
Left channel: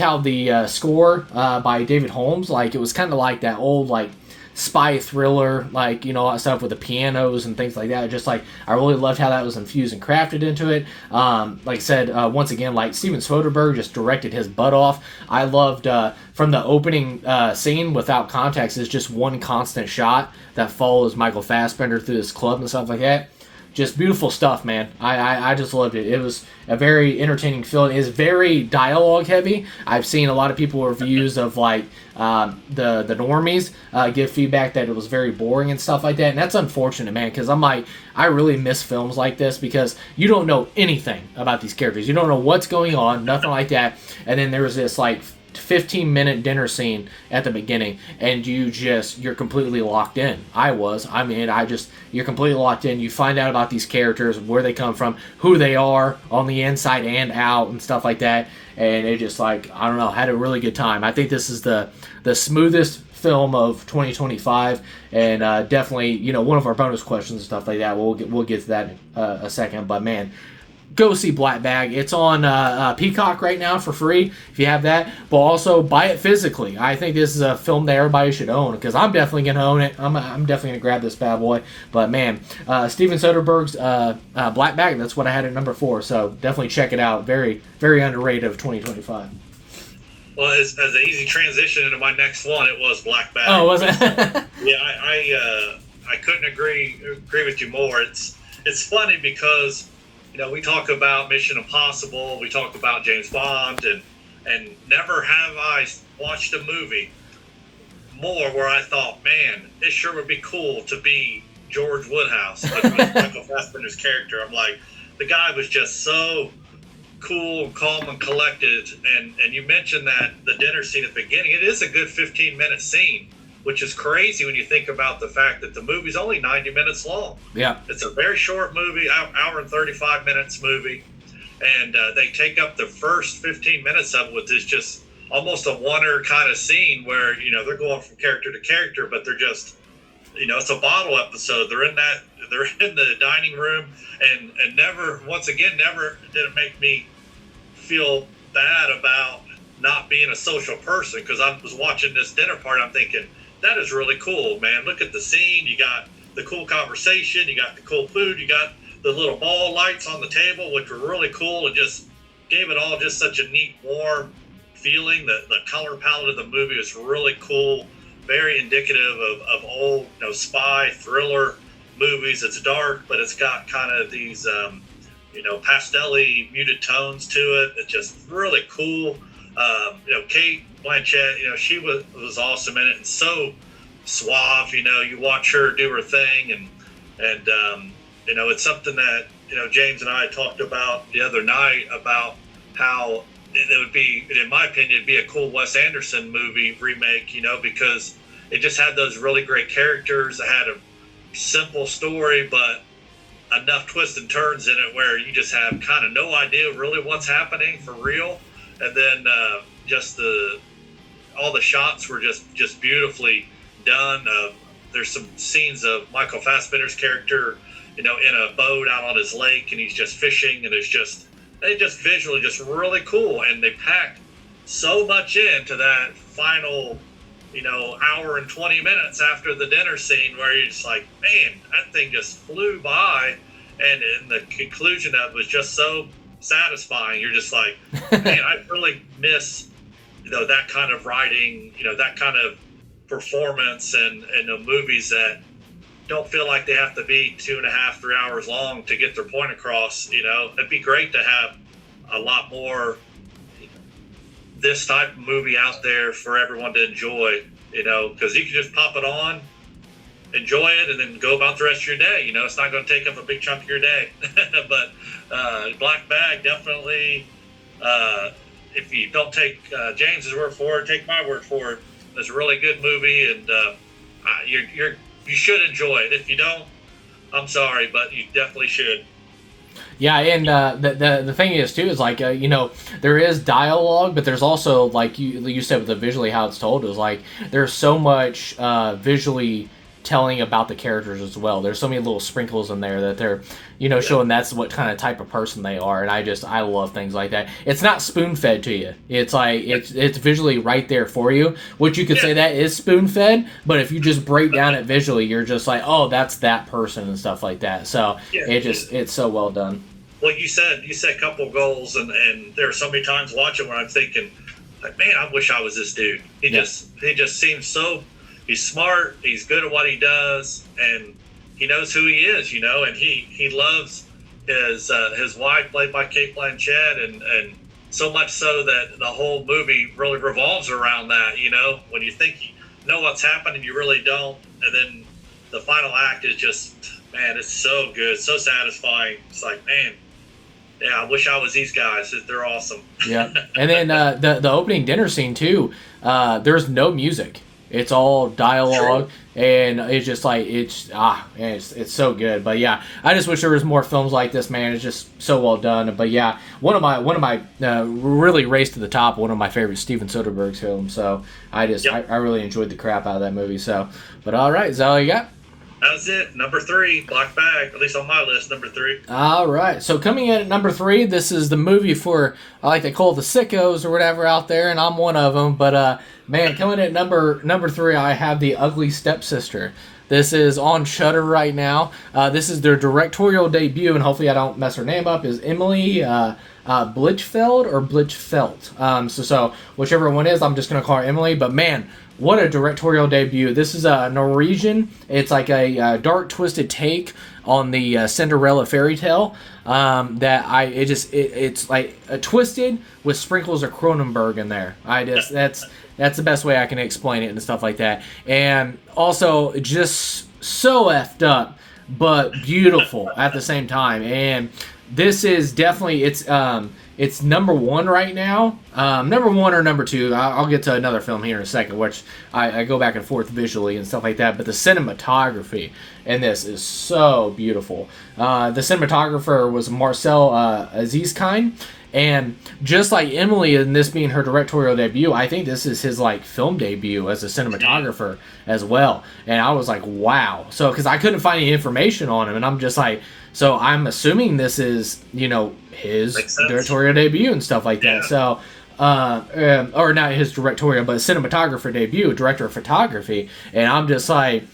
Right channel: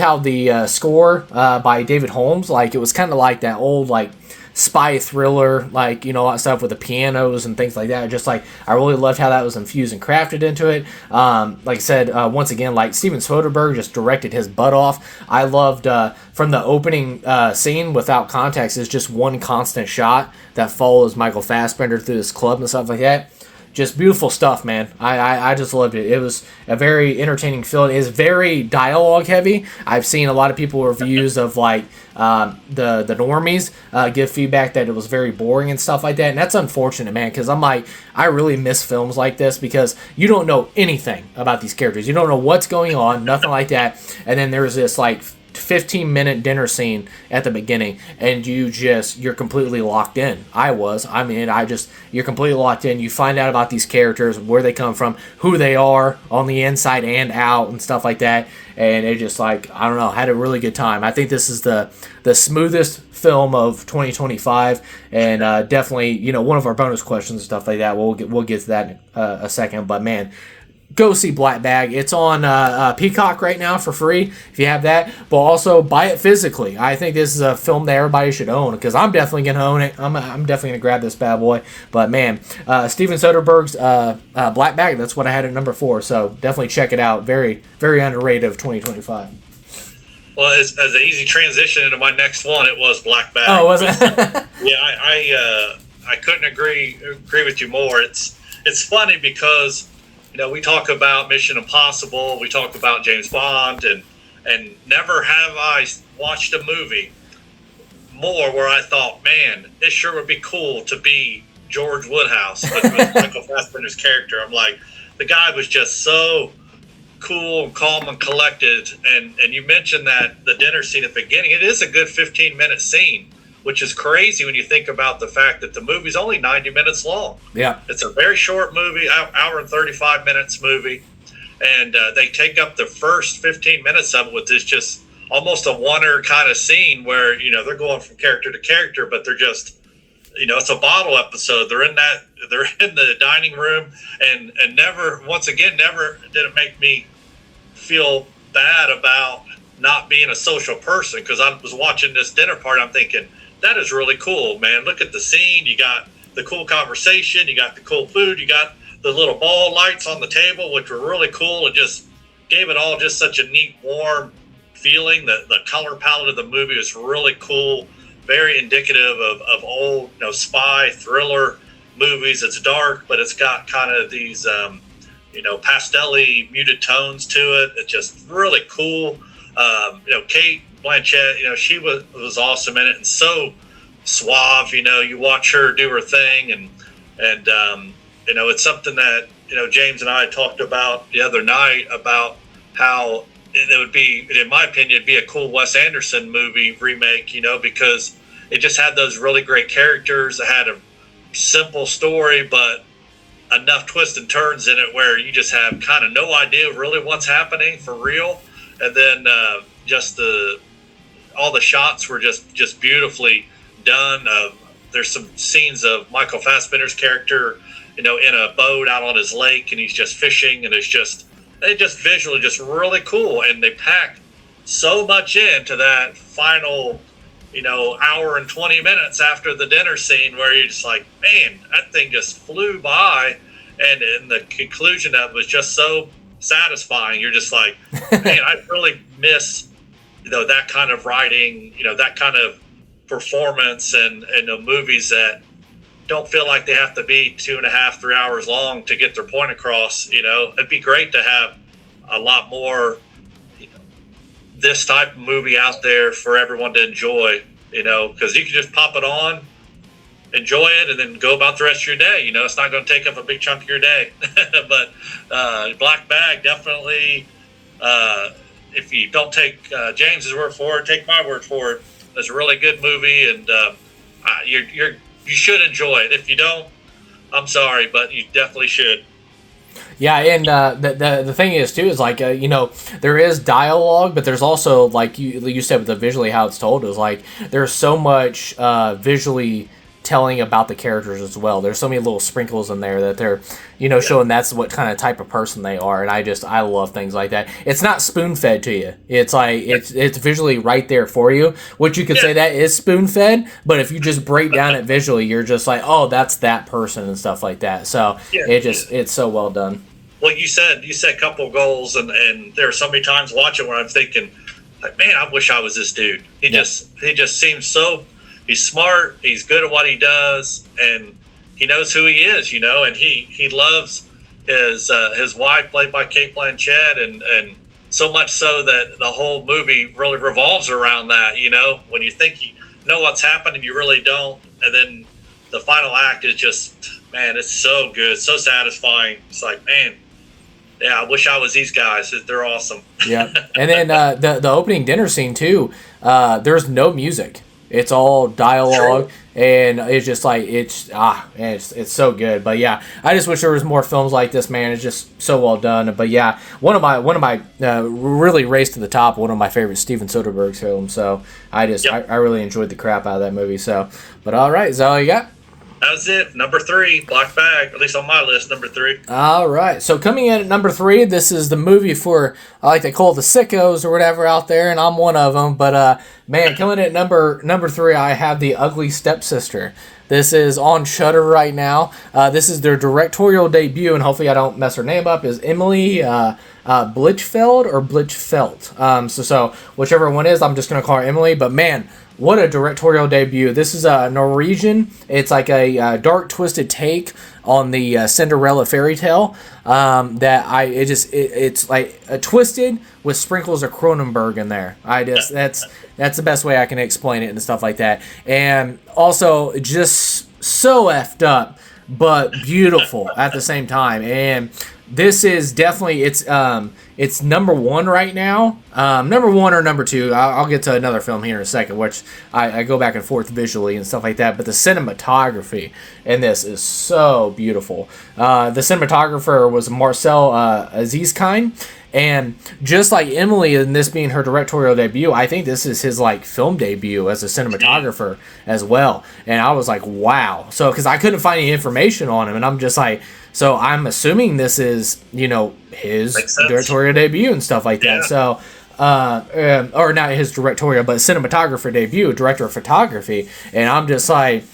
how the score by David Holmes, like it was kind of like that old like spy thriller, like all that stuff with the pianos and things like that. Just like I really loved how that was infused and crafted into it. Like I said, once again, like Steven Soderbergh just directed his butt off. I loved from the opening scene without context is just one constant shot that follows Michael Fassbender through this club and stuff like that. Just beautiful stuff, man. I just loved it. It was a very entertaining film. It is very dialogue heavy. I've seen a lot of people reviews of like the normies give feedback that it was very boring and stuff like that, and that's unfortunate, man. Because I'm like, I really miss films like this because you don't know anything about these characters. You don't know what's going on, nothing like that. And then there's this like 15-minute dinner scene at the beginning, and you're completely locked in. You're completely locked in. You find out about these characters, where they come from, who they are on the inside and out, and stuff like that. And it just like, I don't know, had a really good time. I think this is the smoothest film of 2025, and definitely one of our bonus questions and stuff like that. We'll get to that in a second, but man, go see Black Bag. It's on Peacock right now for free if you have that, but also buy it physically. I think this is a film that everybody should own because I'm definitely going to own it. I'm definitely going to grab this bad boy. But man, Steven Soderbergh's Black Bag, that's what I had at number 4, so definitely check it out. Very, very underrated of 2025. Well, as an easy transition into my next one, it was Black Bag. Oh, was it? Yeah, I couldn't agree with you more. It's funny because we talk about Mission Impossible, we talk about James Bond, and never have I watched a movie more where I thought, man, it sure would be cool to be George Woodhouse with Michael Fassbender's character. I'm like, the guy was just so cool, calm, and collected. And you mentioned that the dinner scene at the beginning, it is a good 15-minute scene, which is crazy when you think about the fact that the movie's only 90 minutes long. Yeah. It's a very short movie, hour and 35 minutes movie. And they take up the first 15 minutes of it with this just almost a wonder kind of scene where, they're going from character to character, but they're just, it's a bottle episode. They're in the dining room, and never did it make me feel bad about not being a social person, because I was watching this dinner party. I'm thinking, that is really cool, man. Look at the scene. You got the cool conversation. You got the cool food. You got the little ball lights on the table, which were really cool, and just gave it all just such a neat, warm feeling. The color palette of the movie was really cool. very indicative of old, spy thriller movies. It's dark, but it's got kind of these, pastel-y muted tones to it. It's just really cool. Kate Blanchett, she was awesome in it and so suave. You watch her do her thing, and it's something that James and I talked about the other night about how it would be, in my opinion, it'd be a cool Wes Anderson movie remake, because it just had those really great characters. It had a simple story, but enough twists and turns in it where you just have kind of no idea really what's happening for real. And then just all the shots were just beautifully done. There's some scenes of Michael Fassbender's character, in a boat out on his lake, and he's just fishing, and it's just visually just really cool. And they packed so much into that final, hour and 20 minutes after the dinner scene, where you're just like, man, that thing just flew by. And in the conclusion, that was just so satisfying. You're just like, man, I really miss, that kind of writing, that kind of performance, and the movies that don't feel like they have to be 2.5, 3 hours long to get their point across. It'd be great to have a lot more this type of movie out there for everyone to enjoy, because you can just pop it on, enjoy it, and then go about the rest of your day. It's not going to take up a big chunk of your day. But Black Bag, definitely, if you don't take James's word for it, take my word for it. It's a really good movie, and you should enjoy it. If you don't, I'm sorry, but you definitely should. Yeah, and the thing is too is like there is dialogue, but there's also, like you said with the visually how it's told, is like there's so much visually telling about the characters as well. There's so many little sprinkles in there that they're showing that's what kind of type of person they are, and I love things like that. It's not spoon fed to you. It's like it's visually right there for you, which you could say that is spoon fed, but if you just break down it visually, you're just like, oh, that's that person and stuff like that. So it's so well done. Well, you said a couple of goals, and there are so many times watching where I'm thinking, like, man, I wish I was this dude. He just seems so. He's smart. He's good at what he does, and he knows who he is. And he loves his wife, played by Kate Blanchett, and so much so that the whole movie really revolves around that. When you think you know what's happening, you really don't, and then the final act is just, man, it's so good, so satisfying. It's like, man, yeah, I wish I was these guys. They're awesome. Yeah, and then the opening dinner scene too. There's no music. It's all dialogue, and it's just like it's so good. But yeah, I just wish there was more films like this, man. It's just so well done. But yeah, one of my really race to the top. One of my favorite Steven Soderbergh's films. So I really enjoyed the crap out of that movie. So, but all right, is that all you got? That's it. Number 3, Black Bag. At least on my list, number 3. All right. So coming in at number 3, this is the movie for, I like to call it the sickos or whatever out there, and I'm one of them. But man, coming in at number 3, I have The Ugly Stepsister. This is on Shudder right now. This is their directorial debut, and hopefully I don't mess her name up. Is Emily Blichfeld or Blichfeld? So whichever one is, I'm just gonna call her Emily. But man, what a directorial debut. This is a Norwegian. It's like a dark, twisted take on the Cinderella fairy tale. It's like a twisted with sprinkles of Cronenberg in there. That's the best way I can explain it and stuff like that. And also just so effed up, but beautiful at the same time. And this is definitely it's number 1 right now. Number 1 or number 2. I'll get to another film here in a second, which I go back and forth visually and stuff like that. But the cinematography in this is so beautiful. The cinematographer was Marcel Azizkind. And just like Emily, and this being her directorial debut, I think this is his like film debut as a cinematographer as well. And I was like, wow. So, because I couldn't find any information on him, and I'm just like, so I'm assuming this is, his directorial debut and stuff like that. So, or not his directorial, but cinematographer debut, director of photography. And I'm just like,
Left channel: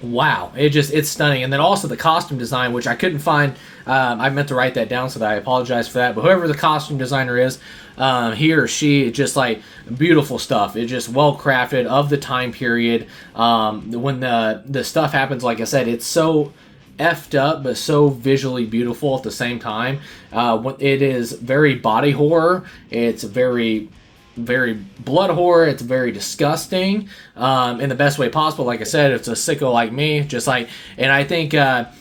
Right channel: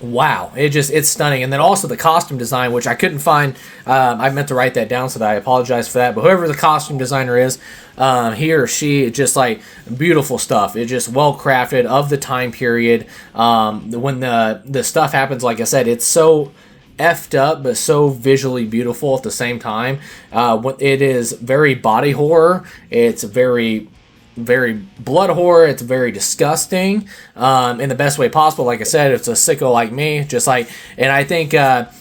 Wow, it's stunning. And then also the costume design, which I couldn't find. I meant to write that down, so that I apologize for that. But whoever the costume designer is, he or she, just like beautiful stuff. It's just well crafted of the time period. When the stuff happens, like I said, it's so effed up but so visually beautiful at the same time. It is very body horror. It's very blood horror. It's very disgusting, in the best way possible. Like I said, it's a sicko like me, just like, and I think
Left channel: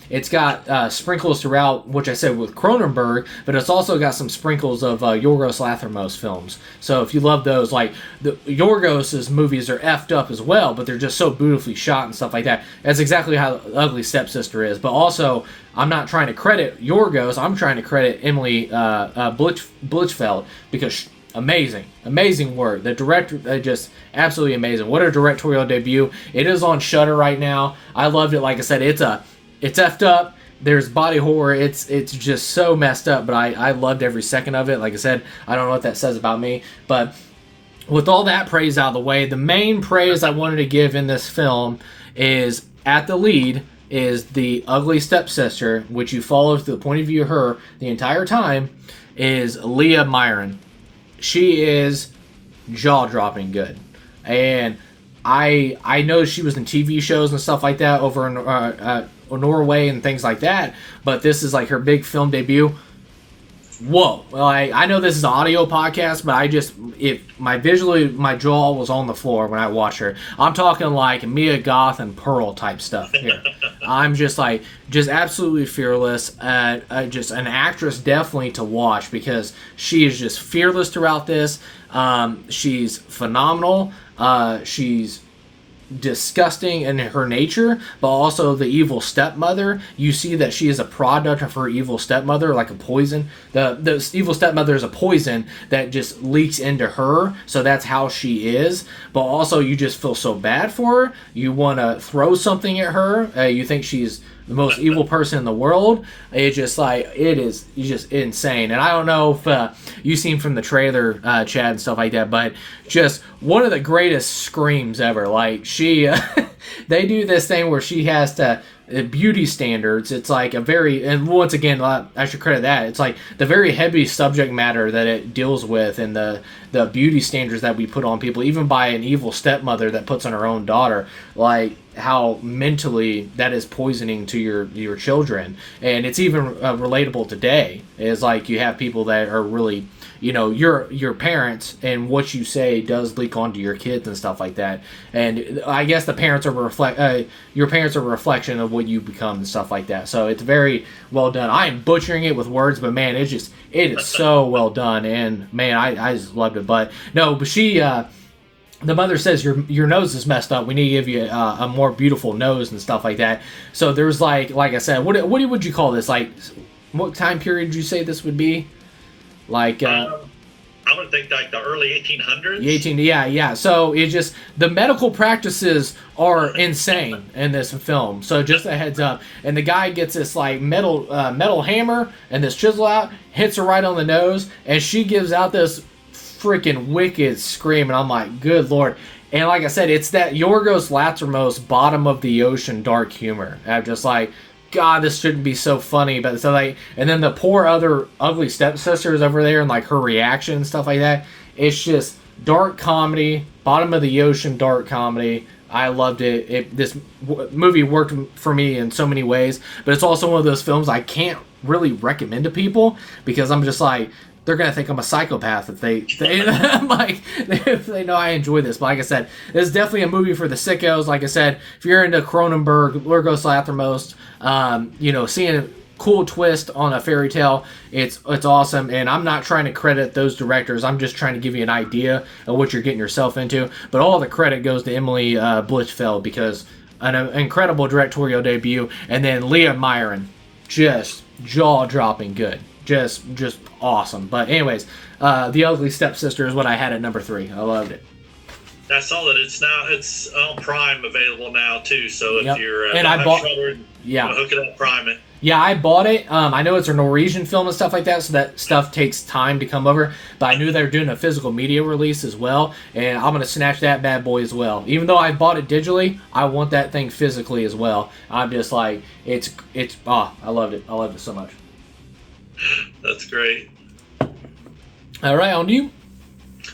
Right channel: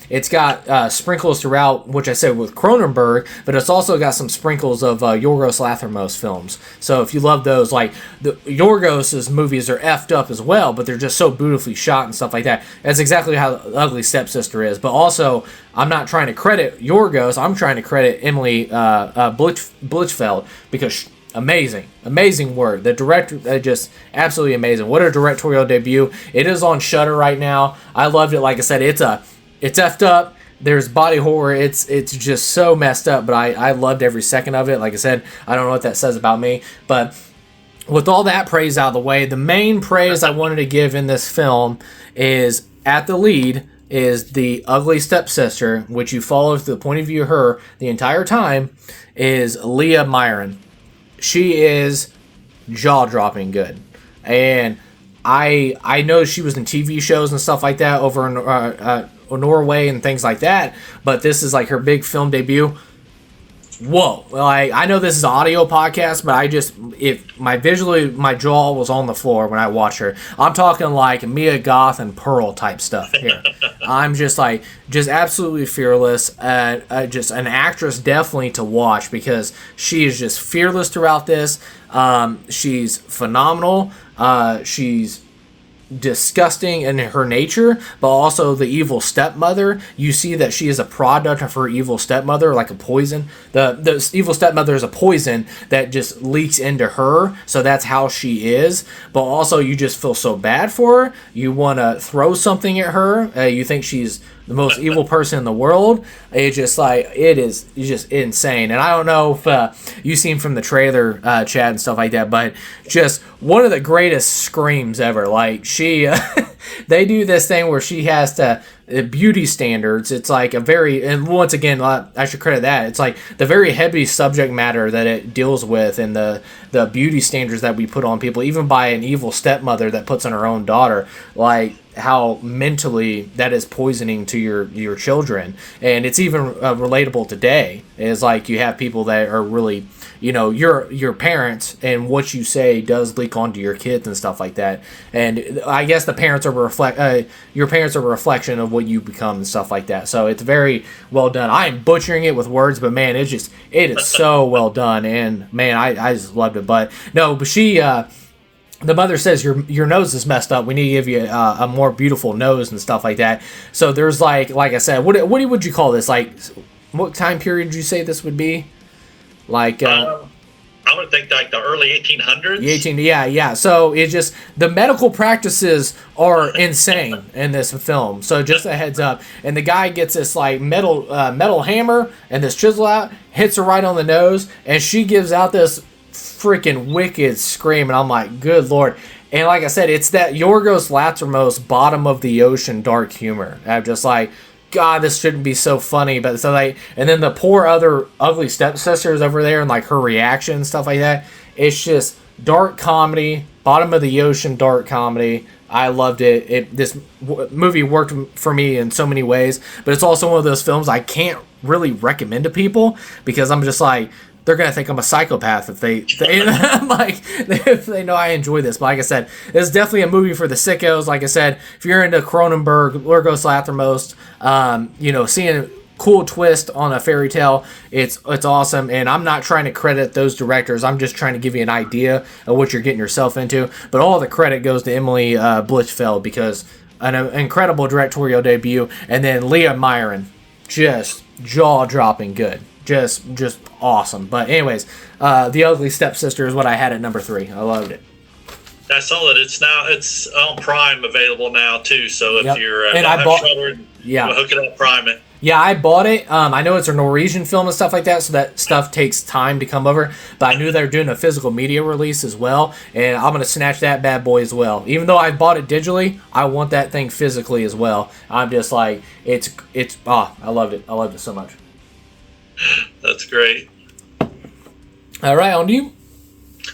it's got sprinkles throughout, which I said with Cronenberg, but it's also got some sprinkles of Yorgos Lanthimos films. So if you love those, like the Yorgos's movies are effed up as well, but they're just so beautifully shot and stuff like that. That's exactly how The Ugly Stepsister is. But also, I'm not trying to credit Yorgos. I'm trying to credit Emily Blichfeld, because amazing work. The director, just absolutely amazing. What a directorial debut. It is on Shudder right now. I loved it. Like I said, it's effed up. There's body horror. It's just so messed up, but I loved every second of it. Like I said, I don't know what that says about me, but with all that praise out of the way, the main praise I wanted to give in this film is, at the lead is the ugly stepsister, which you follow through the point of view of her the entire time, is Leah Myron. She is jaw-dropping good. And I know she was in TV shows and stuff like that over in Norway and things like that, but this is like her big film debut. Whoa. Like, I know this is an audio podcast, but my jaw was on the floor when I watched her. I'm talking like Mia Goth and Pearl type stuff here. I'm just absolutely fearless. Just an actress definitely to watch, because she is just fearless throughout this. She's phenomenal. She's disgusting in her nature, but also the evil stepmother. You see that she is a product of her evil stepmother, like a poison. The evil stepmother is a poison that just leaks into her, so that's how she is. But also, you just feel so bad for her. You want to throw something at her. You think she's the most evil person in the world. It's just like, it is just insane. And I don't know if you've seen from the trailer, Chad, and stuff like that, but just one of the greatest screams ever. Like, she they do this thing where she has to beauty standards. It's like a very, and once again, I should credit that, it's like the very heavy subject matter that it deals with, and the beauty standards that we put on people, even by an evil stepmother that puts on her own daughter, like how mentally that is poisoning to your children. And it's even relatable today. It's like you have people that are really, your parents, and what you say does leak onto your kids and stuff like that. And I guess the parents are your parents are a reflection of what you become and stuff like that. So it's very well done. I am butchering it with words, but man, it is so well done. And man, I just loved it. But she, the mother says, your nose is messed up. We need to give you a more beautiful nose and stuff like that. So there's like I said, what would you call this? Like, what time period did you say this would be? Like, I would think like the early 1800s. Yeah. So it's just, the medical practices are insane in this film. So just a heads up. And the guy gets this like metal hammer and this chisel out, hits her right on the nose, and she gives out this freaking wicked scream, and I'm like, good lord. And like I said, it's that Yorgos Lanthimos bottom of the ocean dark humor. I'm just like, God, this shouldn't be so funny. But so like, and then the poor other ugly stepsisters over there, and like her reaction and stuff like that. It's just dark comedy, bottom of the ocean dark comedy. I loved it. This movie worked for me in so many ways, but it's also one of those films I can't really recommend to people, because I'm just like, they're gonna think I'm a psychopath if they if they know I enjoy this. But like I said, it's definitely a movie for the sickos. Like I said, if you're into Cronenberg, Yorgos Lanthimos, seeing a cool twist on a fairy tale, it's awesome. And I'm not trying to credit those directors. I'm just trying to give you an idea of what you're getting yourself into. But all the credit goes to Emily Blichfeld, because an incredible directorial debut, and then Leah Myron, just jaw-dropping good. Just awesome. But anyways, The Ugly Stepsister is what I had at number 3. I loved it. I saw that it's on Prime available now too. So if Yep. you're And I bought. Yeah. hook it up, Prime it. Yeah, I bought it. I know it's a Norwegian film and stuff like that, so that stuff takes time to come over. But I knew they were doing a physical media release as well, and I'm gonna snatch that bad boy as well. Even though I bought it digitally, I want that thing physically as well. I'm just like, it's I loved it. I loved it so much. That's great. All right, on to you.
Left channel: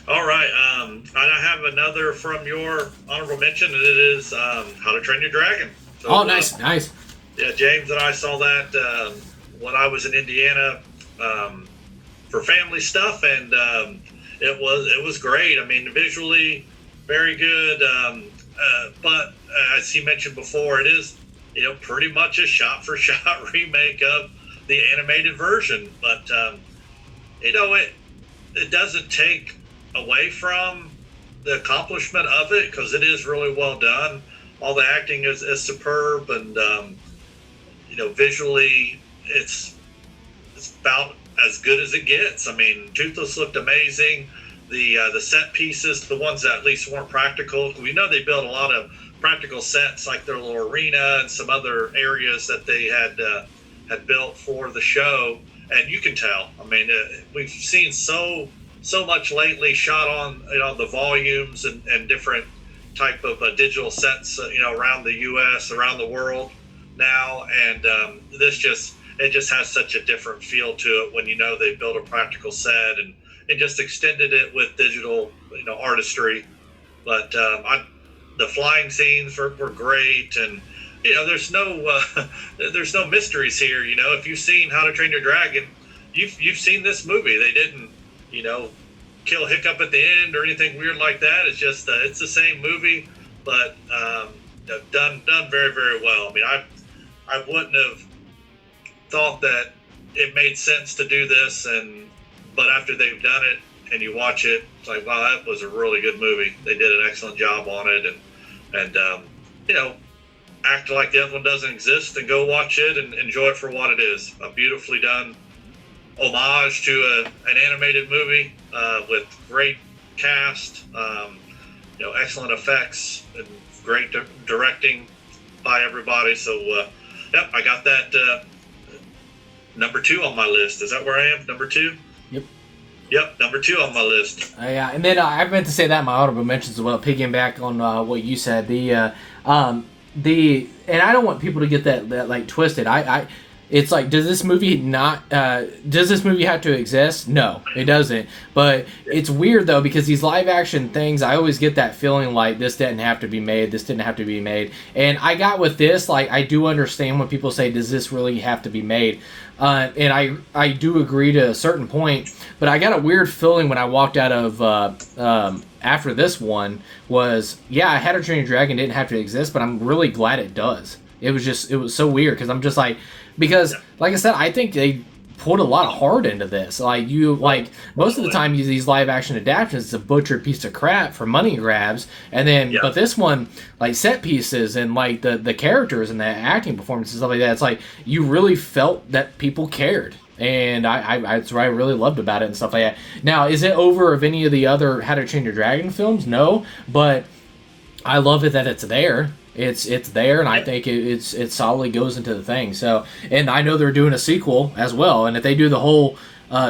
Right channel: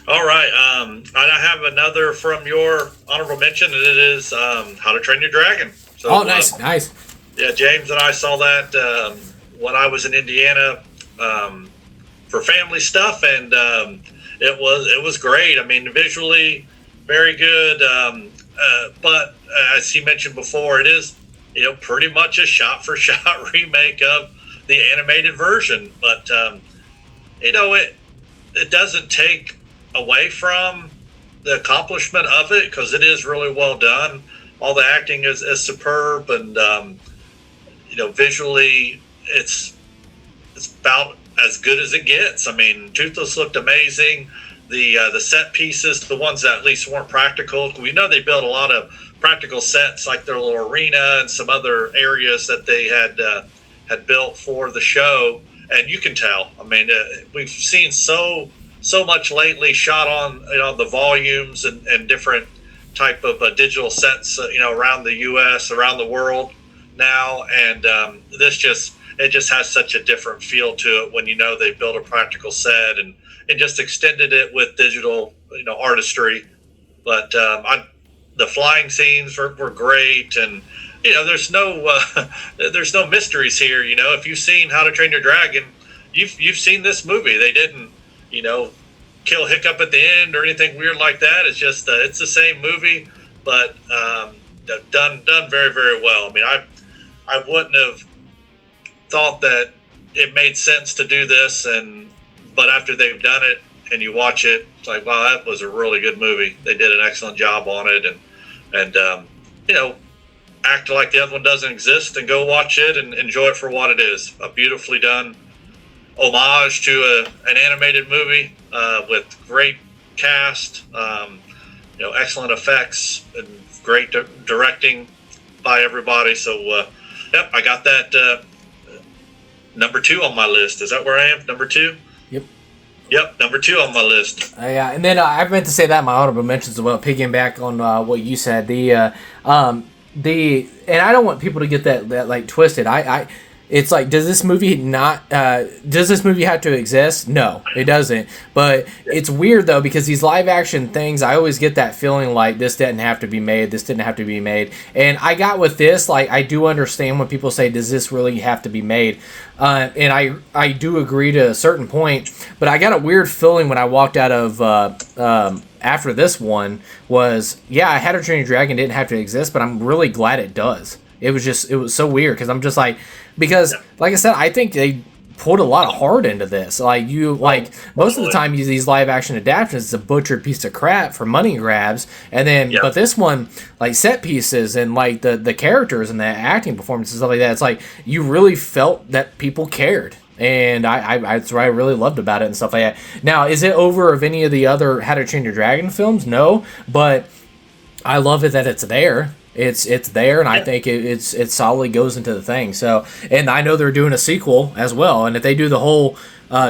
All right. I have another from your honorable mention, and it is How to Train Your Dragon. So, Oh, nice, nice. Yeah, James and I saw that when I was in Indiana for family stuff, and it was great. I mean, visually very good, but as he mentioned before, it is pretty much a shot for shot remake of the animated version. But it doesn't take away from the accomplishment of it because it is really well done. All the acting is superb, and visually it's about as good as it gets. I mean, Toothless looked amazing. The set pieces, the ones that at least weren't practical, we know they built a lot of practical sets like their little arena and some other areas that they had built for the show, and you can tell. I mean, we've seen so much lately shot on the volumes and different type of digital sets around the U.S., around the world now, and this just has such a different feel to it when they built a practical set and just extended it with digital artistry. But the flying scenes were great, and there's no mysteries here. If you've seen How to Train Your Dragon, you've seen this movie. They didn't kill Hiccup at the end or anything weird like that. It's just it's the same movie, but done very, very well. I mean, I wouldn't have thought that it made sense to do this, but after they've done it and you watch it, it's like, wow, that was a really good movie. They did an excellent job on it, and act like the other one doesn't exist and go watch it and enjoy it for what it is. A beautifully done homage to an animated movie with great cast, excellent effects, and great directing by everybody. So, yep, I got that number 2 on my list. Is that where I am? Number 2? Yep, number 2 on my list. Yeah, and then I meant to say that in my honorable mentions as well, piggybacking on what you said. And I don't want people to get that like twisted. It's like, does this movie have to exist? No, it doesn't. But it's weird though, because these live action things, I always get that feeling like this didn't have to be made. This didn't have to be made. And I got with this, like, I do understand when people say, does this really have to be made? And I do agree to a certain point, but I got a weird feeling when I walked out of after this one was, yeah, How to Train Your Dragon didn't have to exist, but I'm really glad it does. It was so weird because I'm just like, because like I said, I think they put a lot of heart into this. Most of the time, these live action adaptations, it's a butchered piece of crap for money grabs, and then but this one, like set pieces and like the characters and the acting performances and stuff like that, it's like you really felt that people cared. And that's what I really loved about it and stuff like that. Now, is it over of any of the other How to Train Your Dragon films? No, but I love it that it's there. It's there, and I think it solidly goes into the thing. So, and I know they're doing a sequel as well, and if they do the whole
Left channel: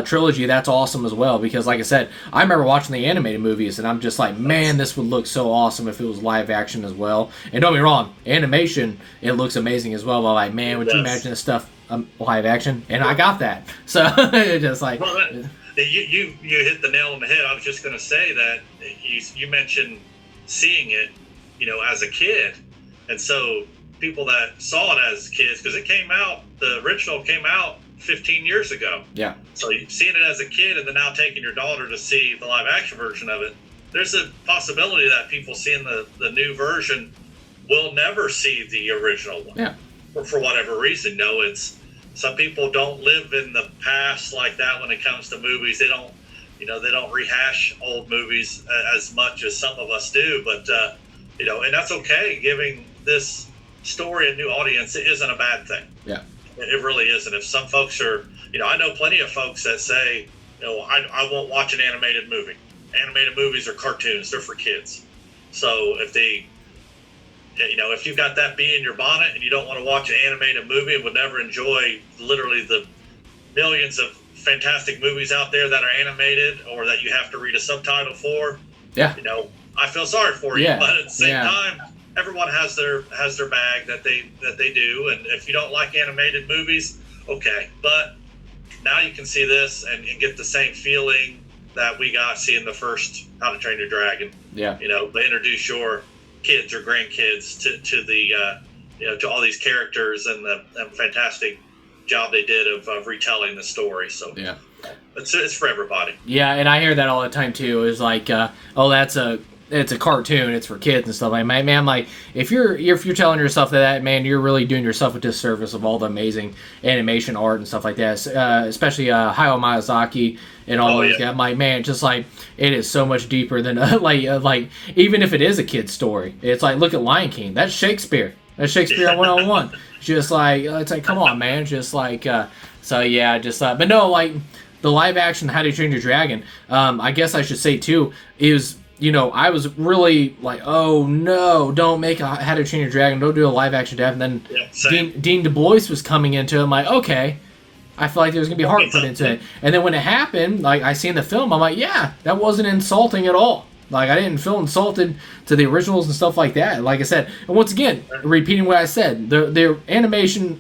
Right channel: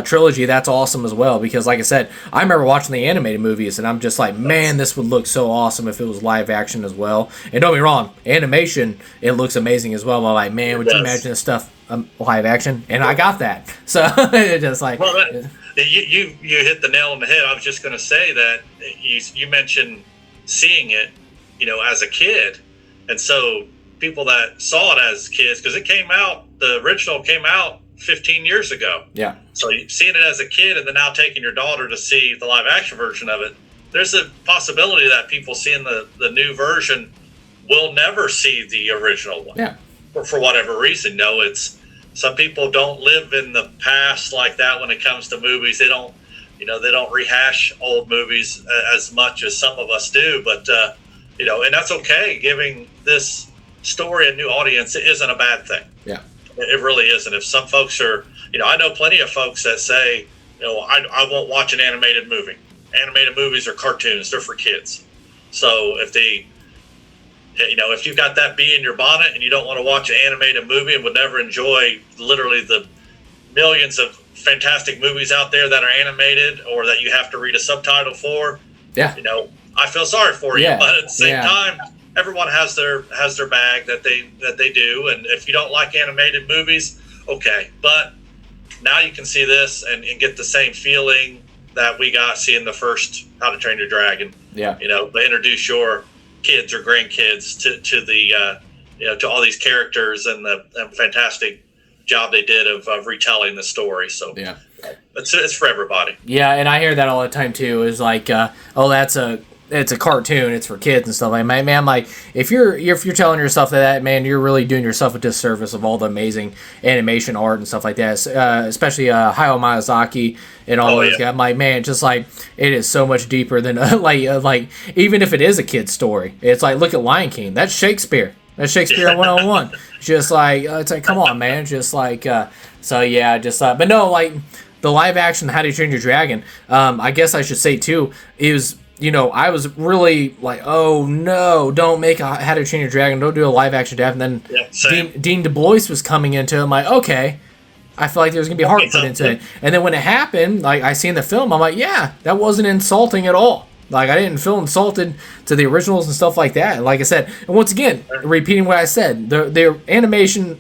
trilogy, that's awesome as well. Because, like I said, I remember watching the animated movies, and I'm just like, man, this would look so awesome if it was live action as well. And don't get me wrong, animation, it looks amazing as well. I'm like, man, would you imagine this stuff live action? And I got that. So it's just like, well, you hit the nail on the head. I was just going to say that you mentioned seeing it, as a kid. And so people that saw it as kids, because the original came out 15 years ago. Yeah. So seeing it as a kid and then now taking your daughter to see the live action version of it, there's a possibility that people seeing the new version will never see the original one. Yeah. For whatever reason. No, it's some people don't live in the past like that when it comes to movies. They don't rehash old movies as much as some of us do, but and that's okay. Giving this story a new audience isn't a bad thing. Yeah, it really isn't. If some folks are, I know plenty of folks that say, I won't watch an animated movie. Animated movies are cartoons; they're for kids. So if you've got that bee in your bonnet and you don't want to watch an animated movie and would never enjoy literally the millions of fantastic movies out there that are animated or that you have to read a subtitle for, yeah, I feel sorry for you. Yeah. But at the same time, everyone has their bag that they do, and if you don't like animated movies, okay. But now you can see this and get the same feeling that we got seeing the first How to Train Your Dragon. Yeah. They introduce your kids or grandkids to the to all these characters and the fantastic job they did of retelling the story. So yeah, it's for everybody. Yeah, and I hear that all the time too. Is like, it's a cartoon, it's for kids and stuff. Like, man, I'm like, if you're telling yourself that, man, you're really doing yourself a disservice of all the amazing animation art and stuff like that. Especially Hayao Miyazaki and all those guys. I'm like, man, just like it is so much deeper than like even if it is a kid's story, it's like, look at Lion King. That's Shakespeare. That's Shakespeare 101. Just like it's like, come on, man. Just like so yeah, just but no, like the live action How to Train Your Dragon. I guess I should say too is. I was really like, oh no, don't make a How to Train Your Dragon, don't do a live action adapt. And then Dean Du Bois was coming into it. I'm like, okay, I feel like there's gonna be heart put into it. And then when it happened, like I seen the film, I'm like, yeah, that wasn't insulting at all. Like I didn't feel insulted to the originals and stuff like that. And like I said, and once again, repeating what I said, their animation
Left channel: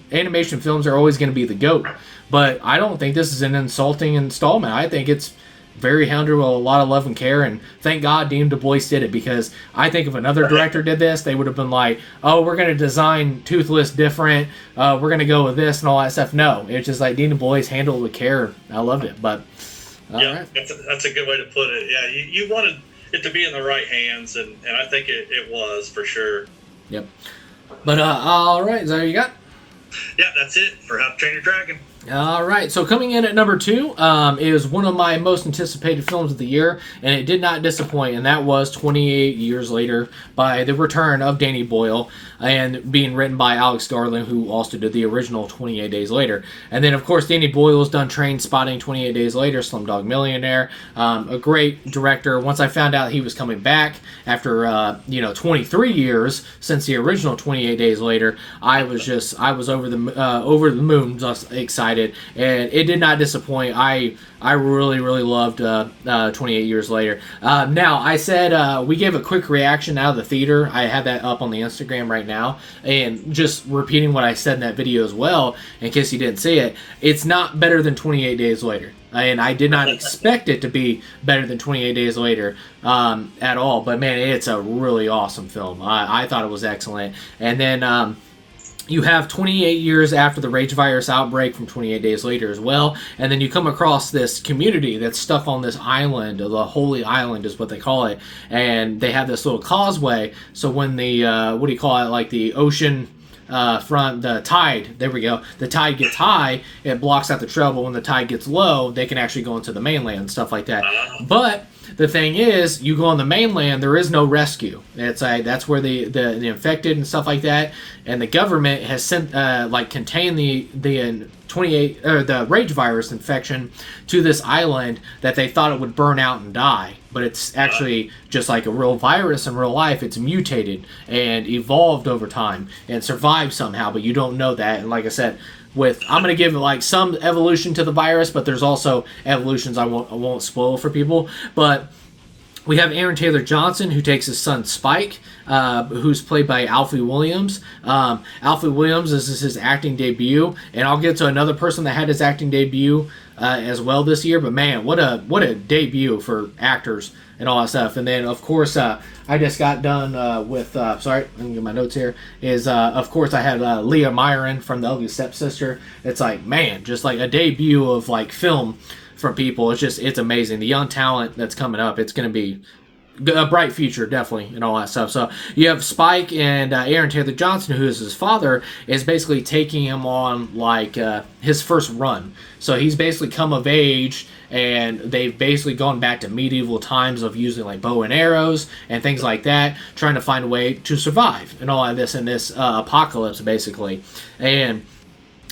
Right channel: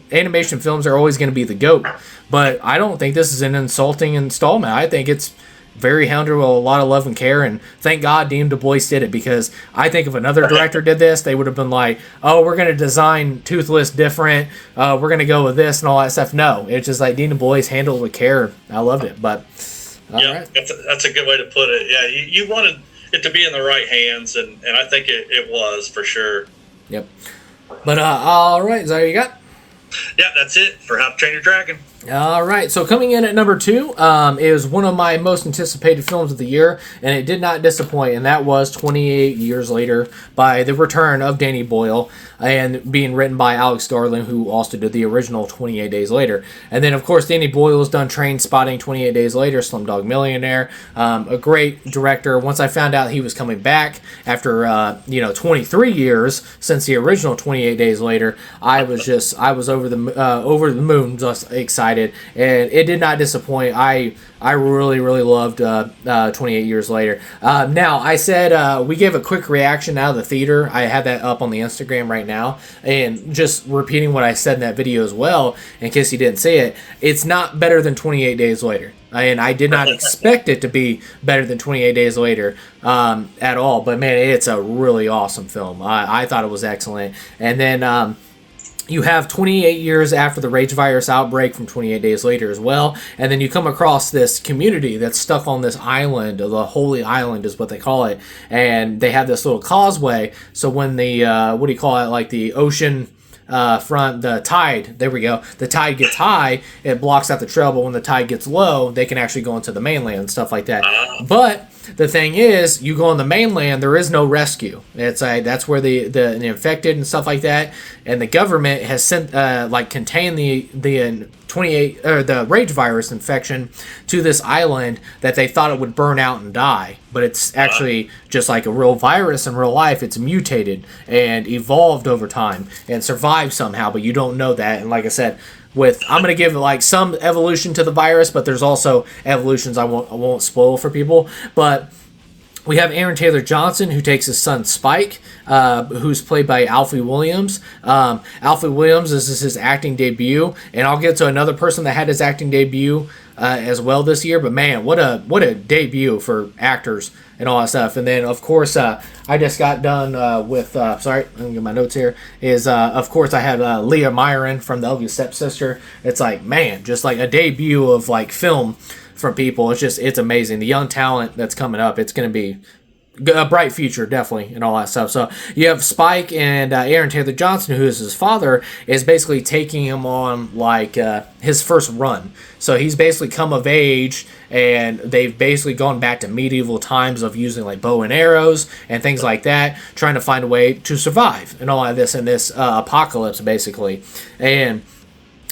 films are always gonna be the GOAT. But I don't think this is an insulting installment. I think it's very handled with a lot of love and care, and thank God Dean Du Bois did it, because I think if another director did this, they would have been like, oh, we're going to design Toothless different, we're going to go with this and all that stuff. No, it's just like Dean Du Bois handled it with care. I loved it. But right. That's a good way to put it. Yeah, you wanted it to be in the right hands, and I think it was for sure. Yep. But all right, is that what you got? Yeah, that's it for How to Train Your Dragon. All right, so coming in at number 2 is one of my most anticipated films of the year, and it did not disappoint, and that was 28 Years Later by the return of Danny Boyle, and being written by Alex Garland, who also did the original 28 Days Later. And then, of course, Danny Boyle's done Train Spotting, 28 Days Later, Slumdog Millionaire, a great director. Once I found out he was coming back after 23 years since the original 28 Days Later, I was over the moon, just excited. And it did not disappoint. I really, really loved 28 Years Later. Now, I said we gave a quick reaction out of the theater. I had that up on the Instagram right now. And just repeating what I said in that video as well, in case you didn't see it, it's not better than 28 Days Later. And I did not expect it to be better than 28 Days Later at all. But, man, it's a really awesome film. I thought it was excellent. And then... you have 28 years after the rage virus outbreak from 28 Days Later as well, and then you come across this community that's stuck on this island, the Holy Island is what they call it, and they have this little causeway, so when the, like the ocean front, the tide, there we go, the tide gets high, it blocks out the trail, when the tide gets low, they can actually go into the mainland and stuff like that. But the thing is, you go on the mainland, there is no rescue. It's that's where the infected and stuff like that, and the government has sent contained the 28 or the rage virus infection to this island that they thought it would burn out and die, but it's actually just like a real virus in real life. It's mutated and evolved over time and survived somehow, but you don't know that. And like I said, I'm going to give like some evolution to the virus, but there's also evolutions I won't spoil for people. But we have Aaron Taylor Johnson, who takes his son Spike, who's played by Alfie Williams. Alfie Williams, this is his acting debut, and I'll get to another person that had his acting debut as well this year. But man, what a debut for actors and all that stuff. And then, of course, I just got done with, sorry, let me get my notes here, of course, I had Leah Myron from The Ugly Stepsister. It's like, man, just like a debut of like film from people. It's amazing. The young talent that's coming up, it's going to be a bright future, definitely, and all that stuff. So you have Spike, and Aaron Taylor Johnson, who is his father, is basically taking him on like his first run. So he's basically come of age, and they've basically gone back to medieval times of using like bow and arrows and things like that, trying to find a way to survive and all of this in this apocalypse, basically. And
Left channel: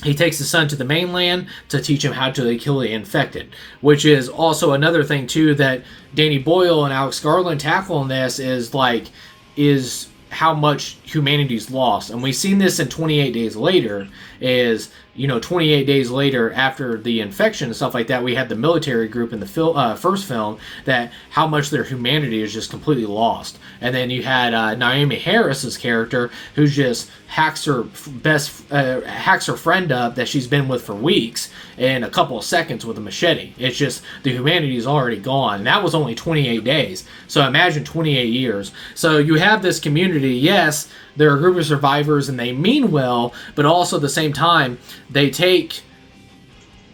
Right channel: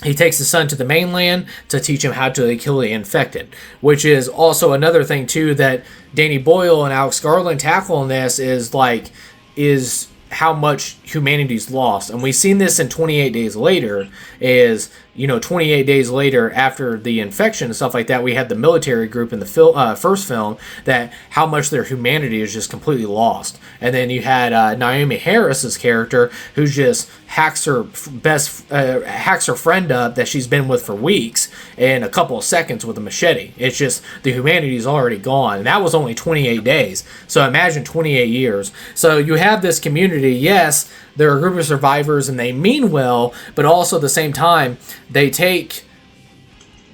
he takes his son to the mainland to teach him how to kill the infected, which is also another thing too that Danny Boyle and Alex Garland tackle in this is how much humanity's lost. And we've seen this in 28 Days Later, is, 28 days later after the infection and stuff like that, we had the military group in the first film, that how much their humanity is just completely lost. And then you had Naomi Harris's character, who just hacks her friend up that she's been with for weeks in a couple of seconds with a machete. It's just the humanity's already gone. And that was only 28 days. So imagine 28 years. So you have this community, yes, they're a group of survivors and they mean well, but also at the same time, they take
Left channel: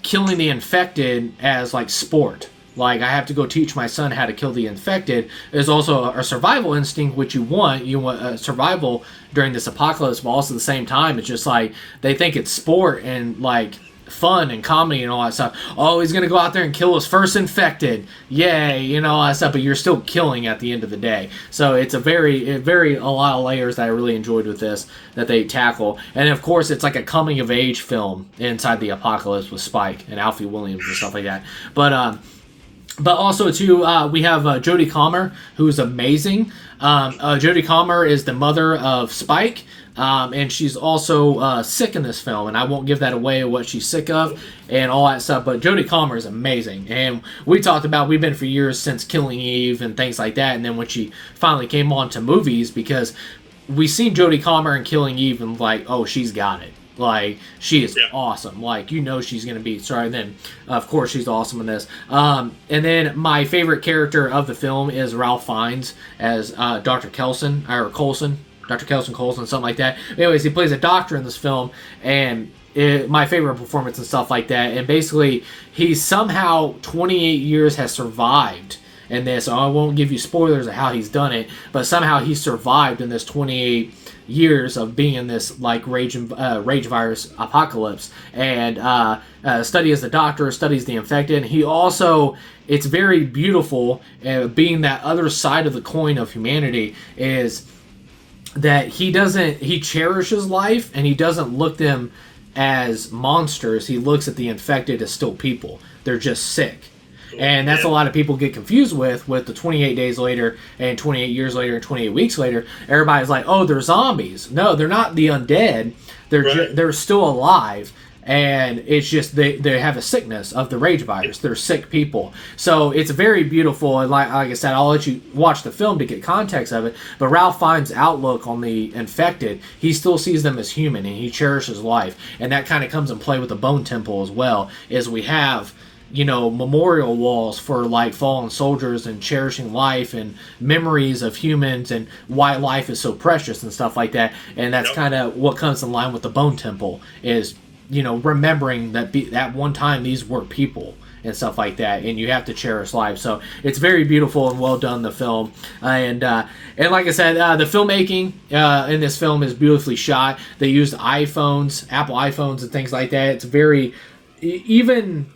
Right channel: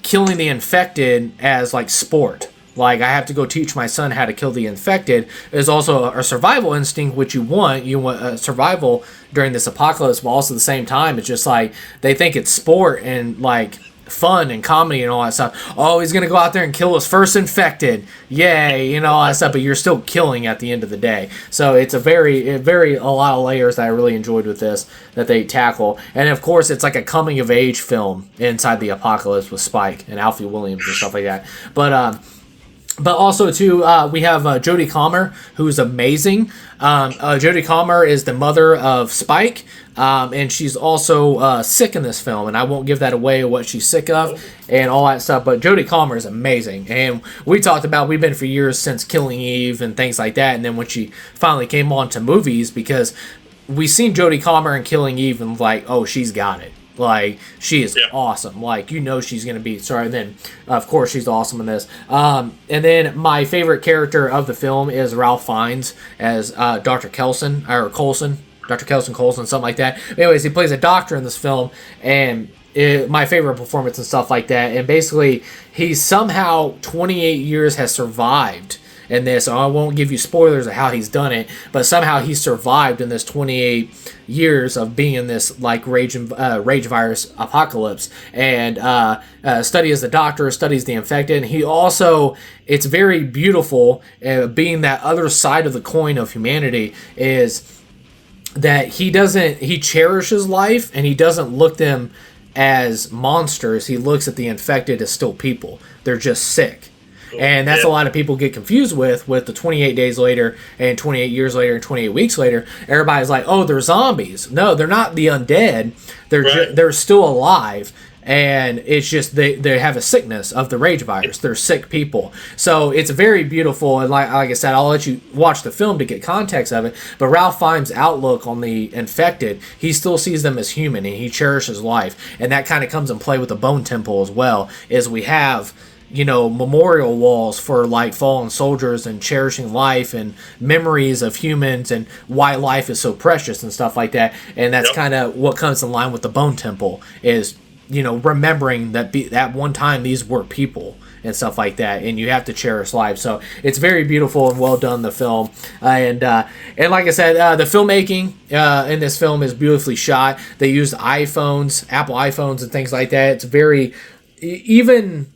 killing the infected as like sport. Like, I have to go teach my son how to kill the infected. There's also a survival instinct, which you want. You want survival during this apocalypse, but also at the same time, it's just like they think it's sport and like fun and comedy and all that stuff. Oh, he's gonna go out there and kill his first infected, yay, all that stuff. But you're still killing at the end of the day. So it's a lot of layers that I really enjoyed with this that they tackle. And of course, it's like a coming of age film inside the apocalypse with Spike and Alfie Williams and stuff like that. But also, too, we have Jodie Comer, who's amazing. Jodie Comer is the mother of Spike, and she's also sick in this film, and I won't give that away, what she's sick of and all that stuff, but Jodie Comer is amazing. And we've been for years since Killing Eve and things like that, and then when she finally came on to movies, because we seen Jodie Comer in Killing Eve and like, oh, she's got it. Like, she is awesome. Like, she's going to be... Sorry, then, of course, she's awesome in this. And then my favorite character of the film is Ralph Fiennes as Dr. Coulson, Dr. Coulson, something like that. Anyways, he plays a doctor in this film, and my favorite performance and stuff like that. And basically, he somehow, 28 years, has survived in this. I won't give you spoilers of how he's done it, but somehow he survived in this 28 years of being in this like rage virus apocalypse, and studies the doctor, studies the infected. And he also, it's very beautiful, being that other side of the coin of humanity, is that he cherishes life, and he doesn't look them as monsters. He looks at the infected as still people. They're just sick. And that's a lot of people get confused with the 28 days later and 28 years later and 28 weeks later. Everybody's like, oh, they're zombies. No, they're not the undead. They're still alive. And it's just they have a sickness of the rage virus. They're sick people. So it's very beautiful. And like I said, I'll let you watch the film to get context of it. But Ralph Fiennes' outlook on the infected, he still sees them as human, and he cherishes life. And that kind of comes in play with the Bone Temple as well, is we have memorial walls for like fallen soldiers and cherishing life and memories of humans and why life is so precious and stuff like that. And that's kind of what comes in line with the Bone Temple, is, remembering that one time these were people and stuff like that, and you have to cherish life. So it's very beautiful and well done, the film. And like I said, the filmmaking in this film is beautifully shot. They used iPhones, Apple iPhones and things like that. It's very, even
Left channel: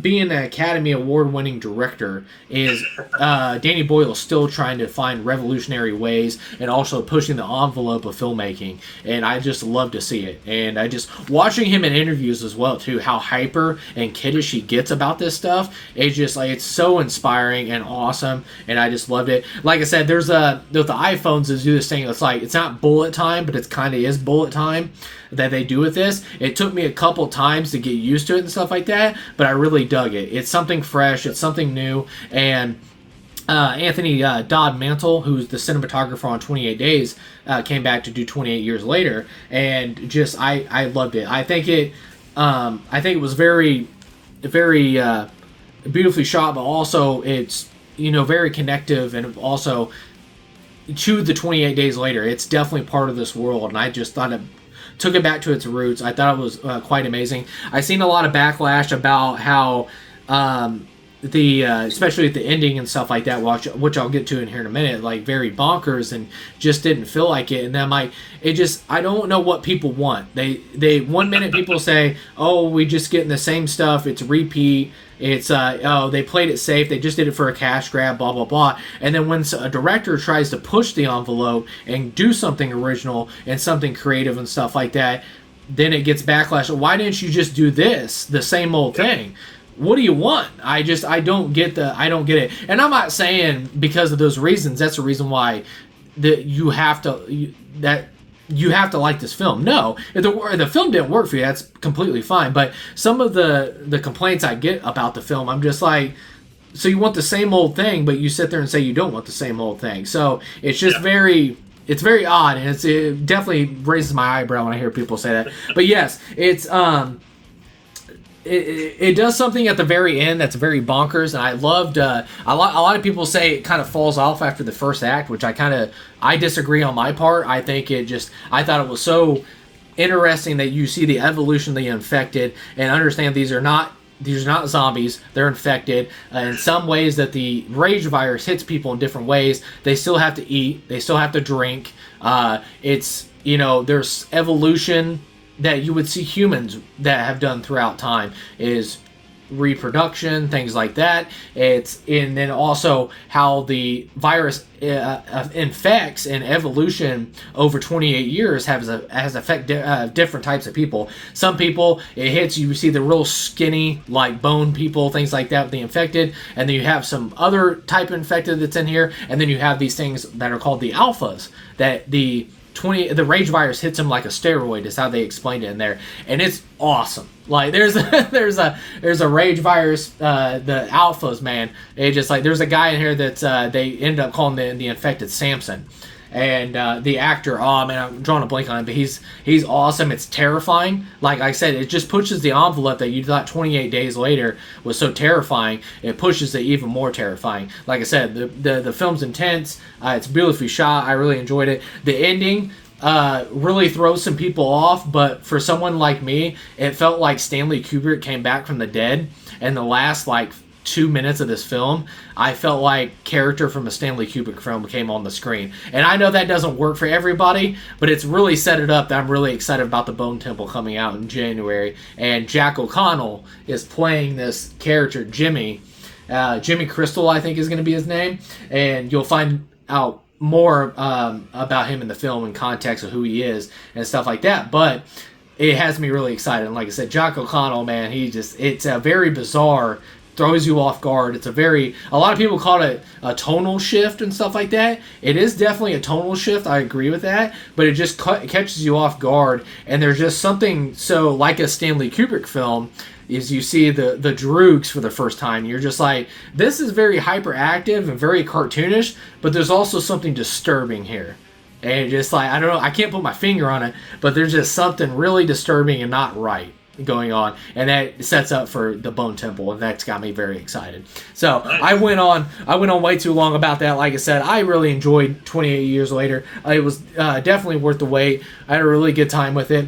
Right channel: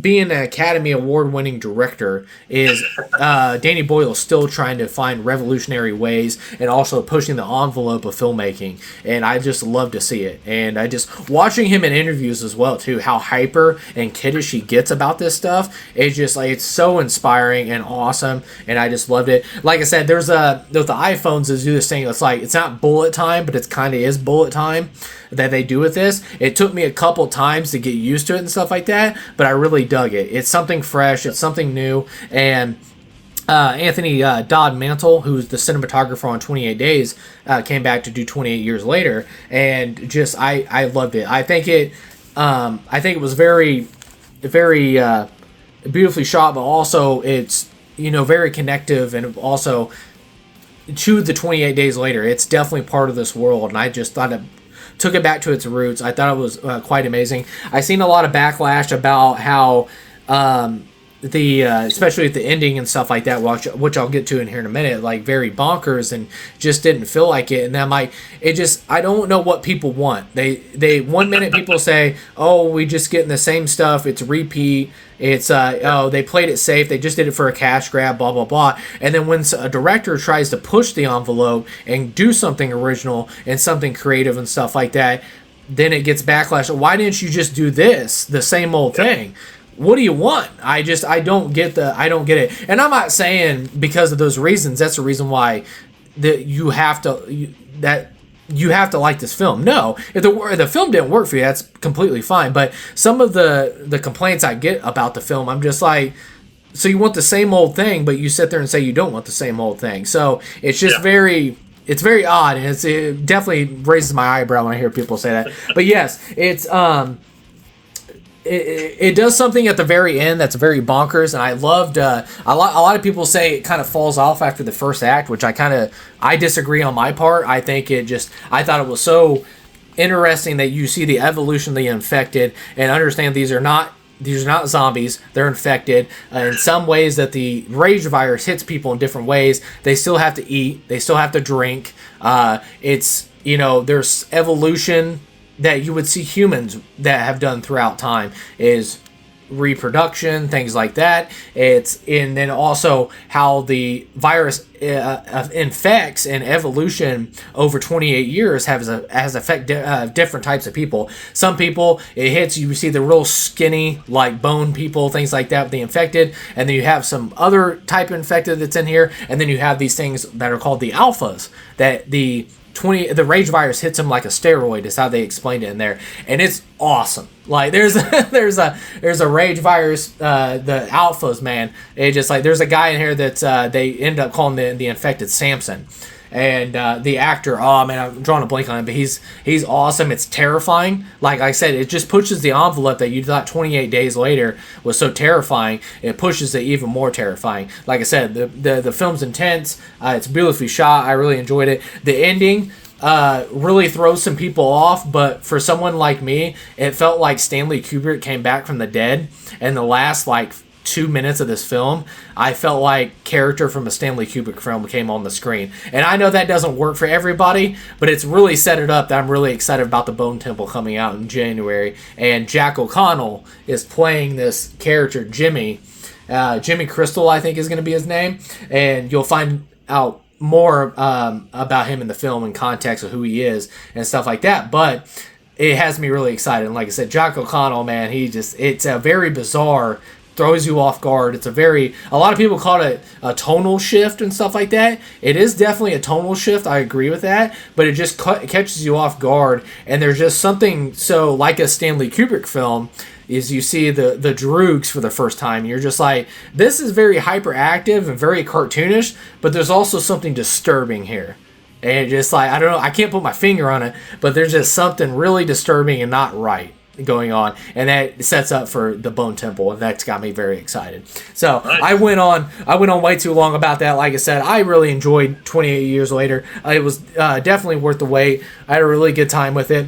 being an Academy Award-winning director, is Danny Boyle still trying to find revolutionary ways and also pushing the envelope of filmmaking, and I just love to see it. And I just, watching him in interviews as well too, how hyper and kiddish he gets about this stuff, it's just like, it's so inspiring and awesome, and I just loved it. Like I said, with the iPhones is do this thing, it's like, it's not bullet time, but it kind of is bullet time that they do with this. It took me a couple times to get used to it and stuff like that, but I really dug it. It's something fresh, it's something new, and Anthony Dodd Mantle, who's the cinematographer on 28 Days, came back to do 28 years later, and just I loved it. I think it was very, very beautifully shot, but also it's very connective, and also to the 28 Days Later, it's definitely part of this world, and I just thought it took it back to its roots. I thought it was quite amazing. I've seen a lot of backlash about how especially at the ending and stuff like that, which I'll get to in here in a minute, like very bonkers and just didn't feel like it. And then I don't know what people want. They 1 minute people say, oh, we just getting the same stuff, it's repeat. It's they played it safe, they just did it for a cash grab, blah blah blah. And then when a director tries to push the envelope and do something original and something creative and stuff like that, then it gets backlash. Why didn't you just do this, the same old thing? What do you want? I don't get it. And I'm not saying because of those reasons that's the reason why that you have to like this film. No, if the film didn't work for you, that's completely fine. But some of the complaints I get about the film, I'm just like, so you want the same old thing, but you sit there and say you don't want the same old thing. So it's just it's very odd, and it definitely raises my eyebrow when I hear people say that. But yes, it's it does something at the very end that's very bonkers, and I loved. A lot of people say it kind of falls off after the first act, which I disagree on my part. I think I thought it was so interesting that you see the evolution of the infected and understand these are not zombies, they're infected. In some ways that the rage virus hits people in different ways. They still have to eat, they still have to drink. There's evolution that you would see humans that have done throughout time is reproduction, things like that. And then also how the virus infects and evolution over 28 years has affected different types of people. Some people it hits, you see the real skinny like bone people, things like that with the infected, and then you have some other type of infected that's in here, and then you have these things that are called the alphas that the rage virus hits them like a steroid is how they explained it in there, and it's awesome. Like there's a rage virus, the alphas, man. It just like there's a guy in here that's they end up calling the infected Samson, and the actor, oh man, I'm drawing a blank on him, but he's awesome. It's terrifying. Like I said, it just pushes the envelope that you thought 28 days later was so terrifying. It pushes it even more terrifying. Like I said, the film's intense. It's beautifully shot. I really enjoyed it. The ending really throws some people off, but for someone like me, it felt like Stanley Kubrick came back from the dead, and the last 2 minutes of this film, I felt like character from a Stanley Kubrick film came on the screen. And I know that doesn't work for everybody, but it's really set it up that I'm really excited about the Bone Temple coming out in January. And Jack O'Connell is playing this character, Jimmy. Jimmy Crystal, I think, is going to be his name. And you'll find out more about him in the film in context of who he is and stuff like that. But it has me really excited. And like I said, Jack O'Connell, man, it's a very bizarre, throws you off guard. It's a lot of people call it a tonal shift and stuff like that. It is definitely a tonal shift. I agree with that, but it just catches you off guard. And there's just something so like a Stanley Kubrick film is you see the Droogs for the first time. You're just like, this is very hyperactive and very cartoonish, but there's also something disturbing here. And just like, I don't know, I can't put my finger on it, but there's just something really disturbing and not right going on, and that sets up for the Bone Temple, and that's got me very excited. So nice. I went on way too long about that. Like I said, I really enjoyed 28 Years Later. It was definitely worth the wait. I had a really good time with it.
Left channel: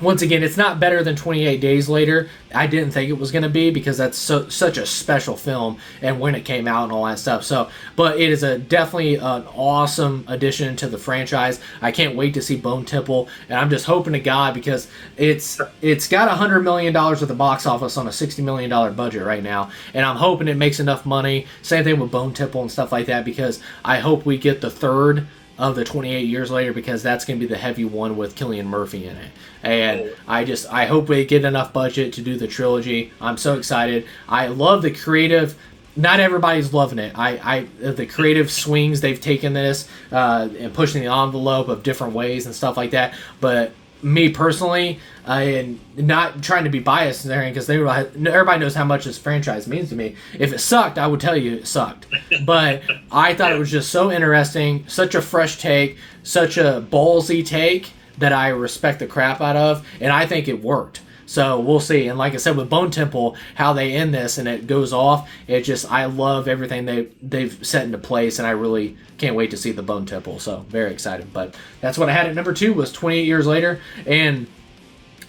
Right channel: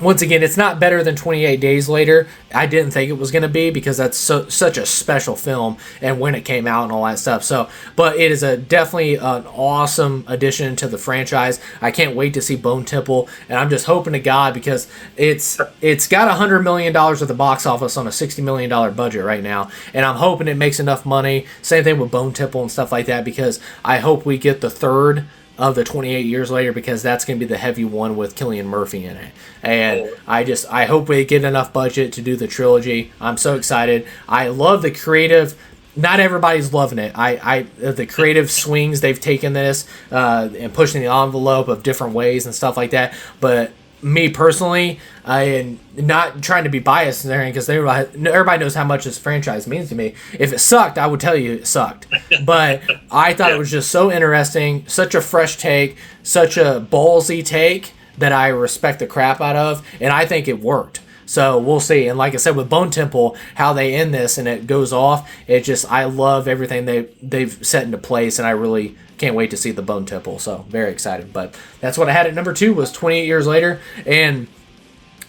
Once again, it's not better than 28 Days Later. I didn't think it was going to be because that's such a special film and when it came out and all that stuff. So, but it is definitely an awesome addition to the franchise. I can't wait to see Bone Temple, and I'm just hoping to God because it's got $100 million at the box office on a $60 million budget right now, and I'm hoping it makes enough money. Same thing with Bone Temple and stuff like that, because I hope we get the third of the 28 Years Later, because that's going to be the heavy one with Cillian Murphy in it. And I hope we get enough budget to do the trilogy. I'm so excited. I love the creative. Not everybody's loving it. The creative swings they've taken this and pushing the envelope of different ways and stuff like that. But me personally, I am not trying to be biased in there because everybody knows how much this franchise means to me. If it sucked, I would tell you it sucked. But I thought it was just so interesting, such a fresh take, such a ballsy take that I respect the crap out of, and I think it worked. So we'll see. And like I said, with Bone Temple, how they end this and it goes off, I love everything they've set into place, and I really can't wait to see the Bone Temple. So very excited. But that's what I had at number 2 was 28 Years Later. And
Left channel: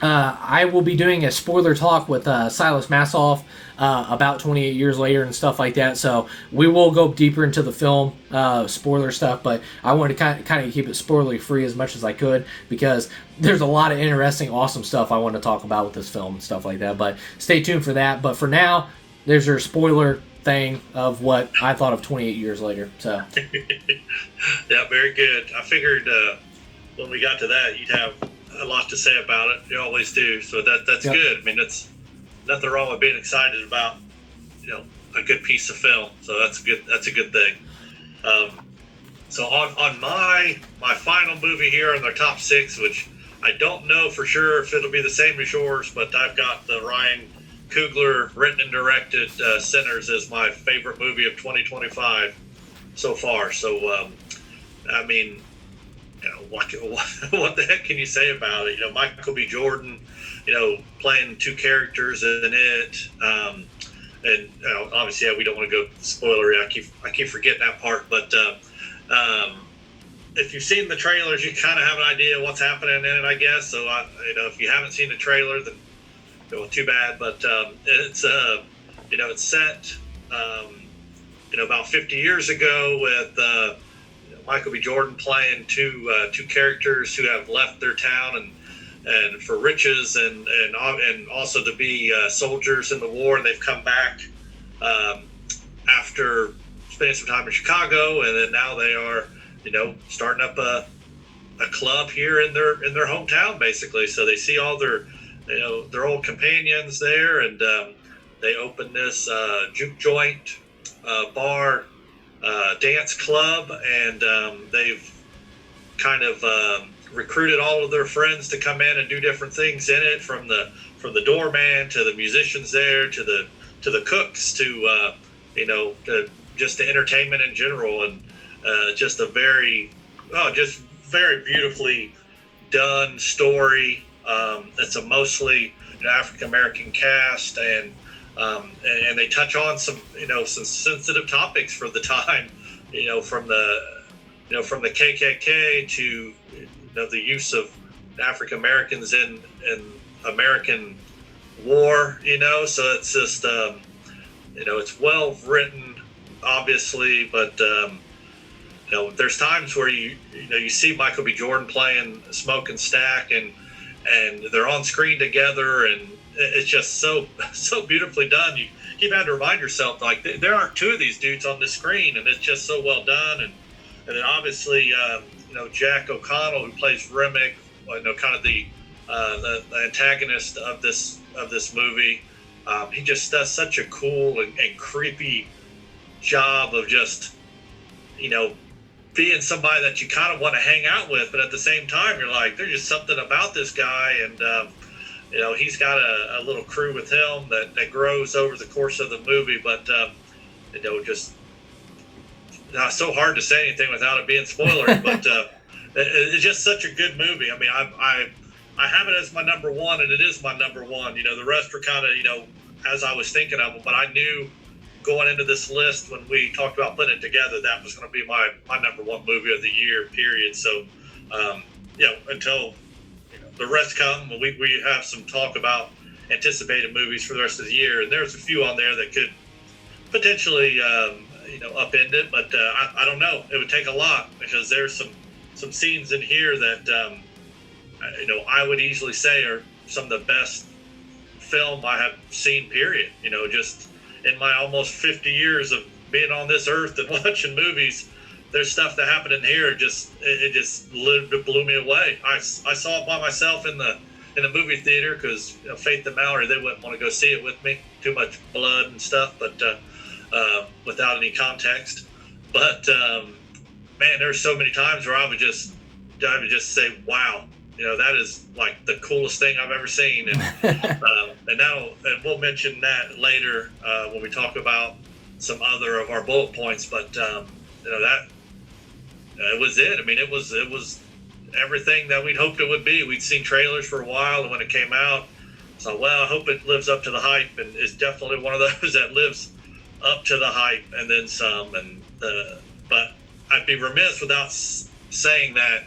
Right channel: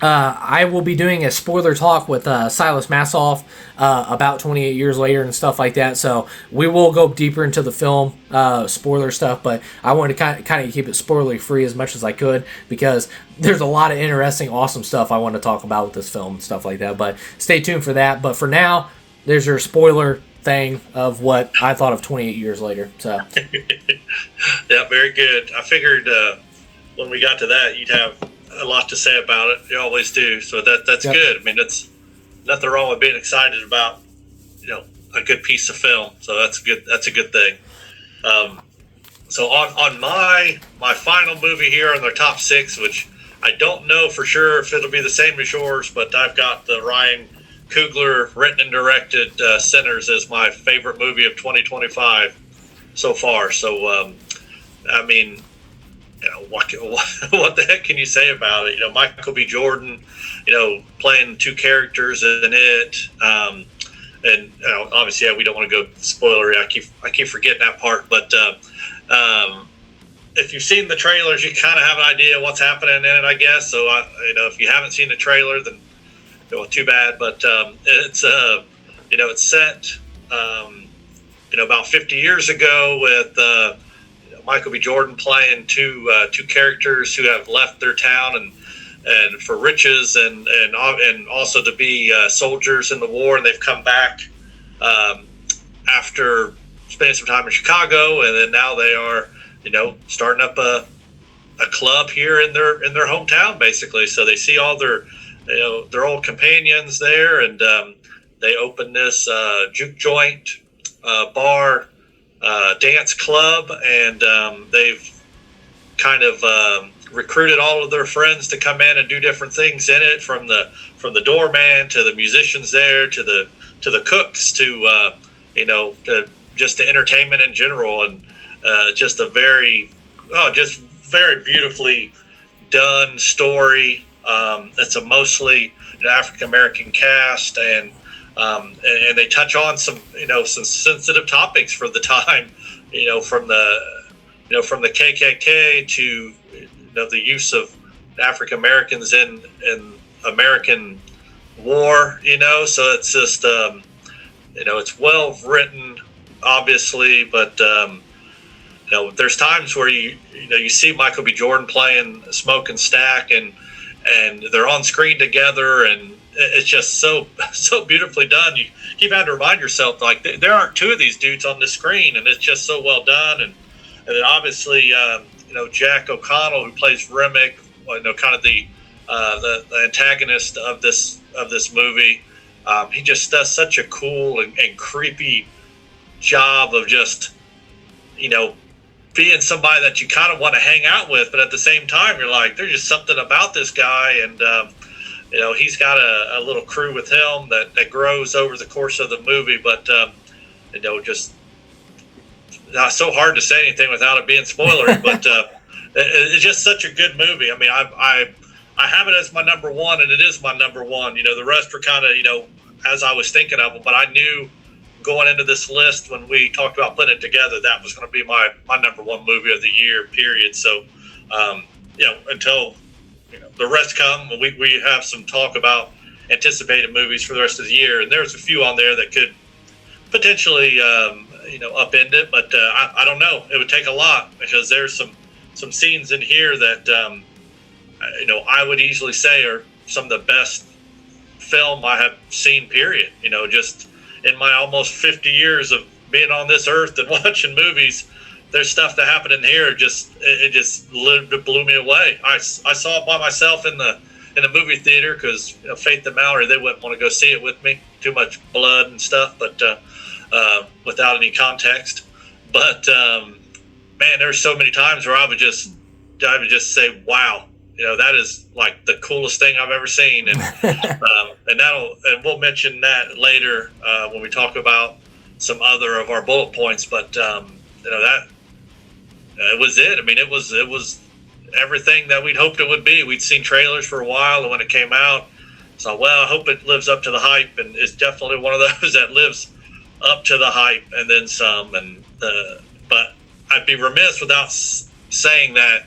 I will be doing a spoiler talk with Silas Massoff about 28 Years Later and stuff like that. So we will go deeper into the film spoiler stuff, but I wanted to kind of keep it spoiler free as much as I could because there's a lot of interesting, awesome stuff I want to talk about with this film and stuff like that. But stay tuned for that. But for now, there's your spoiler thing of what I thought of 28 Years Later. So yeah, very good. I figured when we got to that, you'd have a lot to say about it. You always do. So that's Yep. good. I mean, that's nothing wrong with being excited about, a good piece of film. So that's good. That's a good thing. So on my final movie here in the top 6, which I don't know for sure if it'll be the same as yours, but I've got the Ryan Coogler written and directed Sinners as my favorite movie of 2025 so far. So I mean, what the heck can you say about it? Michael B. Jordan, playing 2 characters in it. And obviously, we don't want to go spoilery. I keep forgetting that part. But if you've seen the trailers, you kind of have an idea what's happening in it, I guess. So if you haven't seen the trailer, then too bad. But it's set about 50 years ago with Michael B. Jordan playing two characters who have left their town and for riches and also to be soldiers in the war, and they've come back after spending some time in Chicago, and then now they are starting up a club here in their hometown, basically. So they see all their old companions there, and they open this juke joint, bar, dance club, and they've kind of recruited all of their friends to come in and do different things in it, from the doorman to the musicians there to the cooks to just the entertainment in general, and just a very beautifully done story. It's a mostly African American cast, and they touch on some sensitive topics for the time, from the KKK to the use of African Americans in American war. So it's just it's well written, obviously, but there's times where you see Michael B. Jordan playing Smoke and Stack, and they're on screen together, and it's just so beautifully done. You keep having to remind yourself, like, there aren't 2 of these dudes on the screen, and it's just so well done. And then obviously Jack O'Connell, who plays Remick, kind of the antagonist of this movie. He just does such a cool and creepy job of just being somebody that you kind of want to hang out with, but at the same time you're like, there's just something about this guy. And he's got a little crew with him that grows over the course of the movie, but just so hard to say anything without it being spoilery. But it's just such a good movie. I mean, I have it as my number 1, and it is my number 1. The rest were kind of as I was thinking of them, but I knew going into this list, when we talked about putting it together, that was going to be my number 1 movie of the year, period. So until the rest come, we have some talk about anticipated movies for the rest of the year, and there's a few on there that could potentially upend it, but I don't know. It would take a lot, because there's some scenes in here that I would easily say are some of the best film I have seen, period. Just in my almost 50 years of being on this earth and watching movies, there's stuff that happened in here. It just blew me away. I saw it by myself in the movie theater, because Faith and Mallory, they wouldn't want to go see it with me. Too much blood and stuff, but without any context. But man, there's so many times where I would just say, wow, that is like the coolest thing I've ever seen. And and we'll mention that later when we talk about some other of our bullet points. But that it was it. I mean, it was everything that we'd hoped it would be. We'd seen trailers for a while, and when it came out, so well, I hope it lives up to the hype, and it's definitely one of those that lives up to the hype and then some. And but I'd be remiss without saying that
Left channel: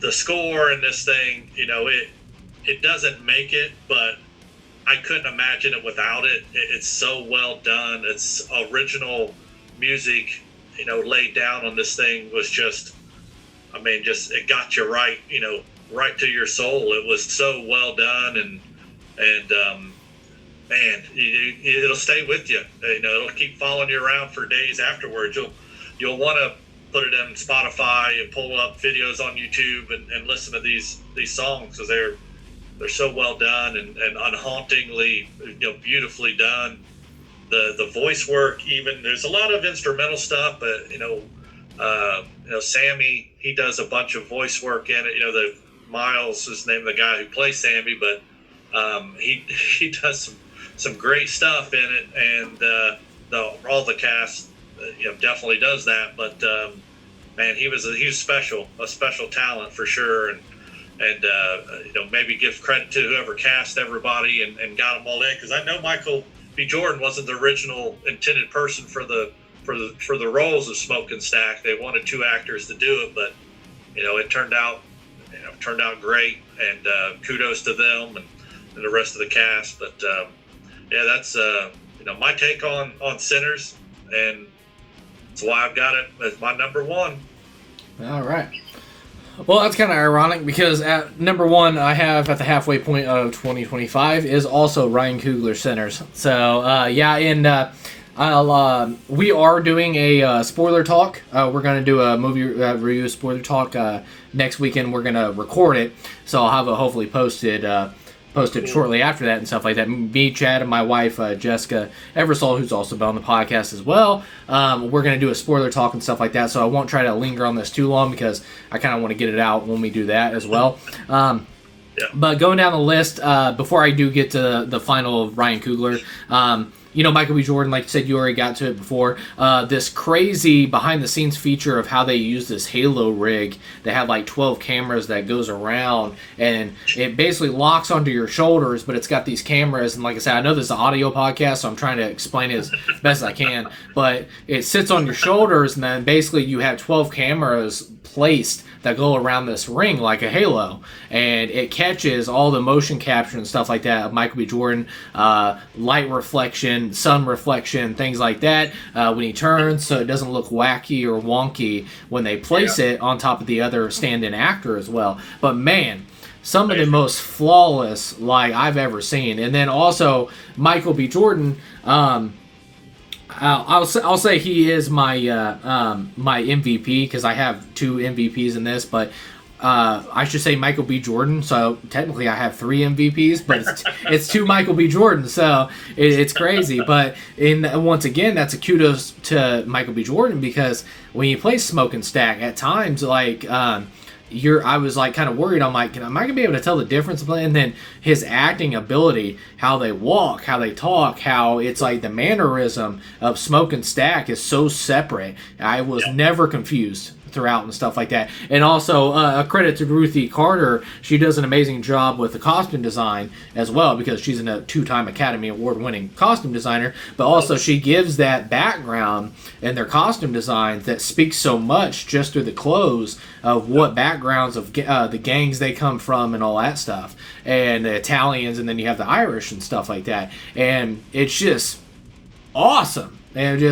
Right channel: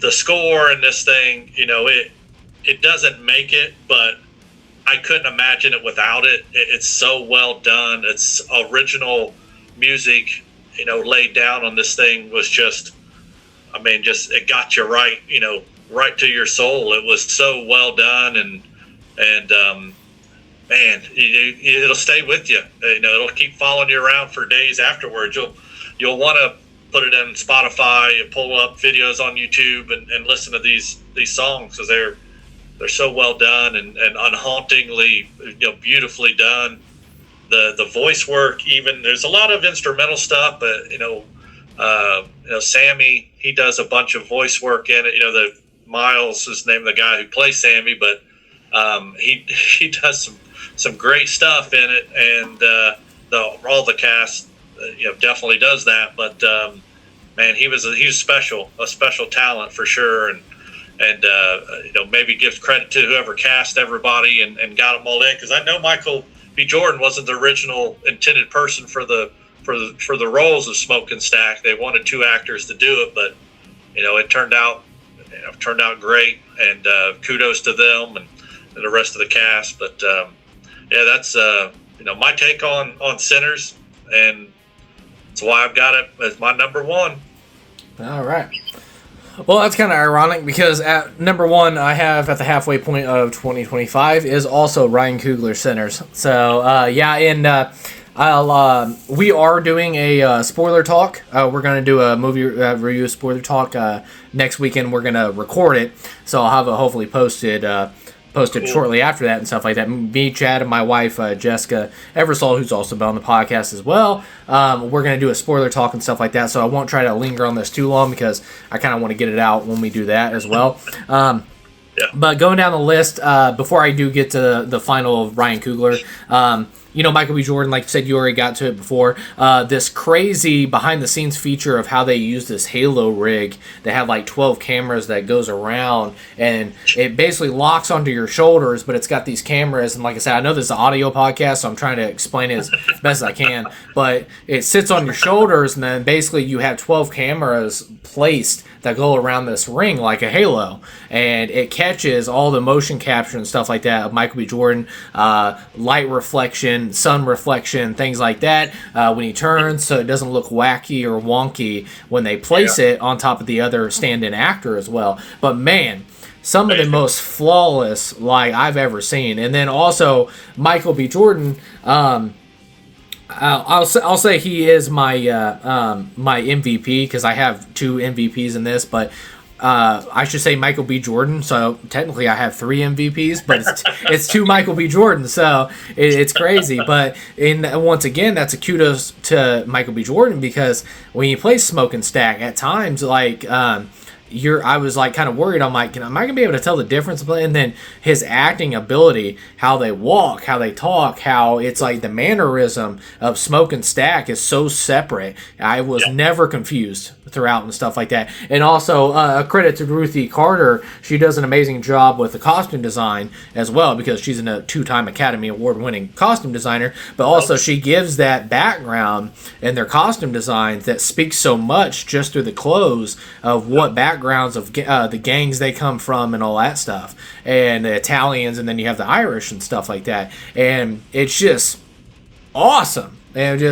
the score in this thing, it doesn't make it, but I couldn't imagine it without it. It's so well done. It's original music, laid down on this thing was just, I mean, just, it got you right, right to your soul. It was so well done, and man, it'll stay with you. It'll keep following you around for days afterwards. You'll want to put it in Spotify and pull up videos on YouTube and listen to these songs, because they're so well done and unhauntingly, beautifully done. The voice work, even there's a lot of instrumental stuff, but Sammy, he does a bunch of voice work in it. The Miles is named the guy who plays Sammy, but he does some great stuff in it, and all the cast definitely does that. But man, he was a special talent for sure, and maybe give credit to whoever cast everybody and got them all in, because I know Michael B. Jordan wasn't the original intended person for the roles of Smoke and Stack. They wanted 2 actors to do it, but it turned out great, and kudos to them and the rest of the cast. But that's my take on Sinners, and that's why I've got it as my number 1. All right. Well, that's kind of ironic, because at number 1 I have at the halfway point of 2025 is also Ryan Coogler's Sinners. So we are doing a spoiler talk. We're going to do a movie review spoiler talk next weekend. We're going to record it, so I'll have it hopefully posted shortly after that and stuff like that. Me, Chad, and my wife, Jessica Eversole, who's also been on the podcast as well. We're going to do a spoiler talk and stuff like that, so I won't try to linger on this too long, because I kind of want to get it out when we do that as well. But going down the list, before I do get to the final of Ryan Coogler, Michael B. Jordan, like you said, you already got to it before. This crazy behind-the-scenes feature of how they use this Halo rig that had like 12 cameras that goes around, and it basically locks onto your shoulders, but it's got these cameras. And like I said, I know this is an audio podcast, so I'm trying to explain it as best as I can. But it sits on your shoulders, and then basically you have 12 cameras placed that go around this ring like a halo, and it catches all the motion capture and stuff like that of Michael B. Jordan, light reflection, sun reflection, things like that when he turns, so it doesn't look wacky or wonky when they place it on top of the other stand-in actor as well. But man, some of the most flawless I've ever seen. And then also Michael B. Jordan, I'll say he is my my MVP, because I have 2 MVPs in this, but I should say Michael B. Jordan. So technically I have 3 MVPs, but it's 2 Michael B. Jordan, so it's crazy. But once again, that's a kudos to Michael B. Jordan, because when you play Smoke and Stack, at times I was like kind of worried. I'm like, am I gonna be able to tell the difference? And then his acting ability, how they walk, how they talk, how it's like the mannerism of Smoke and Stack is so separate. I was never confused throughout and stuff like that. And also a credit to Ruthie Carter. She does an amazing job with the costume design as well, because she's a 2-time Academy Award winning costume designer, but also she gives that background and their costume designs that speaks so much just through the clothes of what backgrounds of the gangs they come from and all that stuff, and the Italians, and then you have the Irish and stuff like that, and it's just awesome. And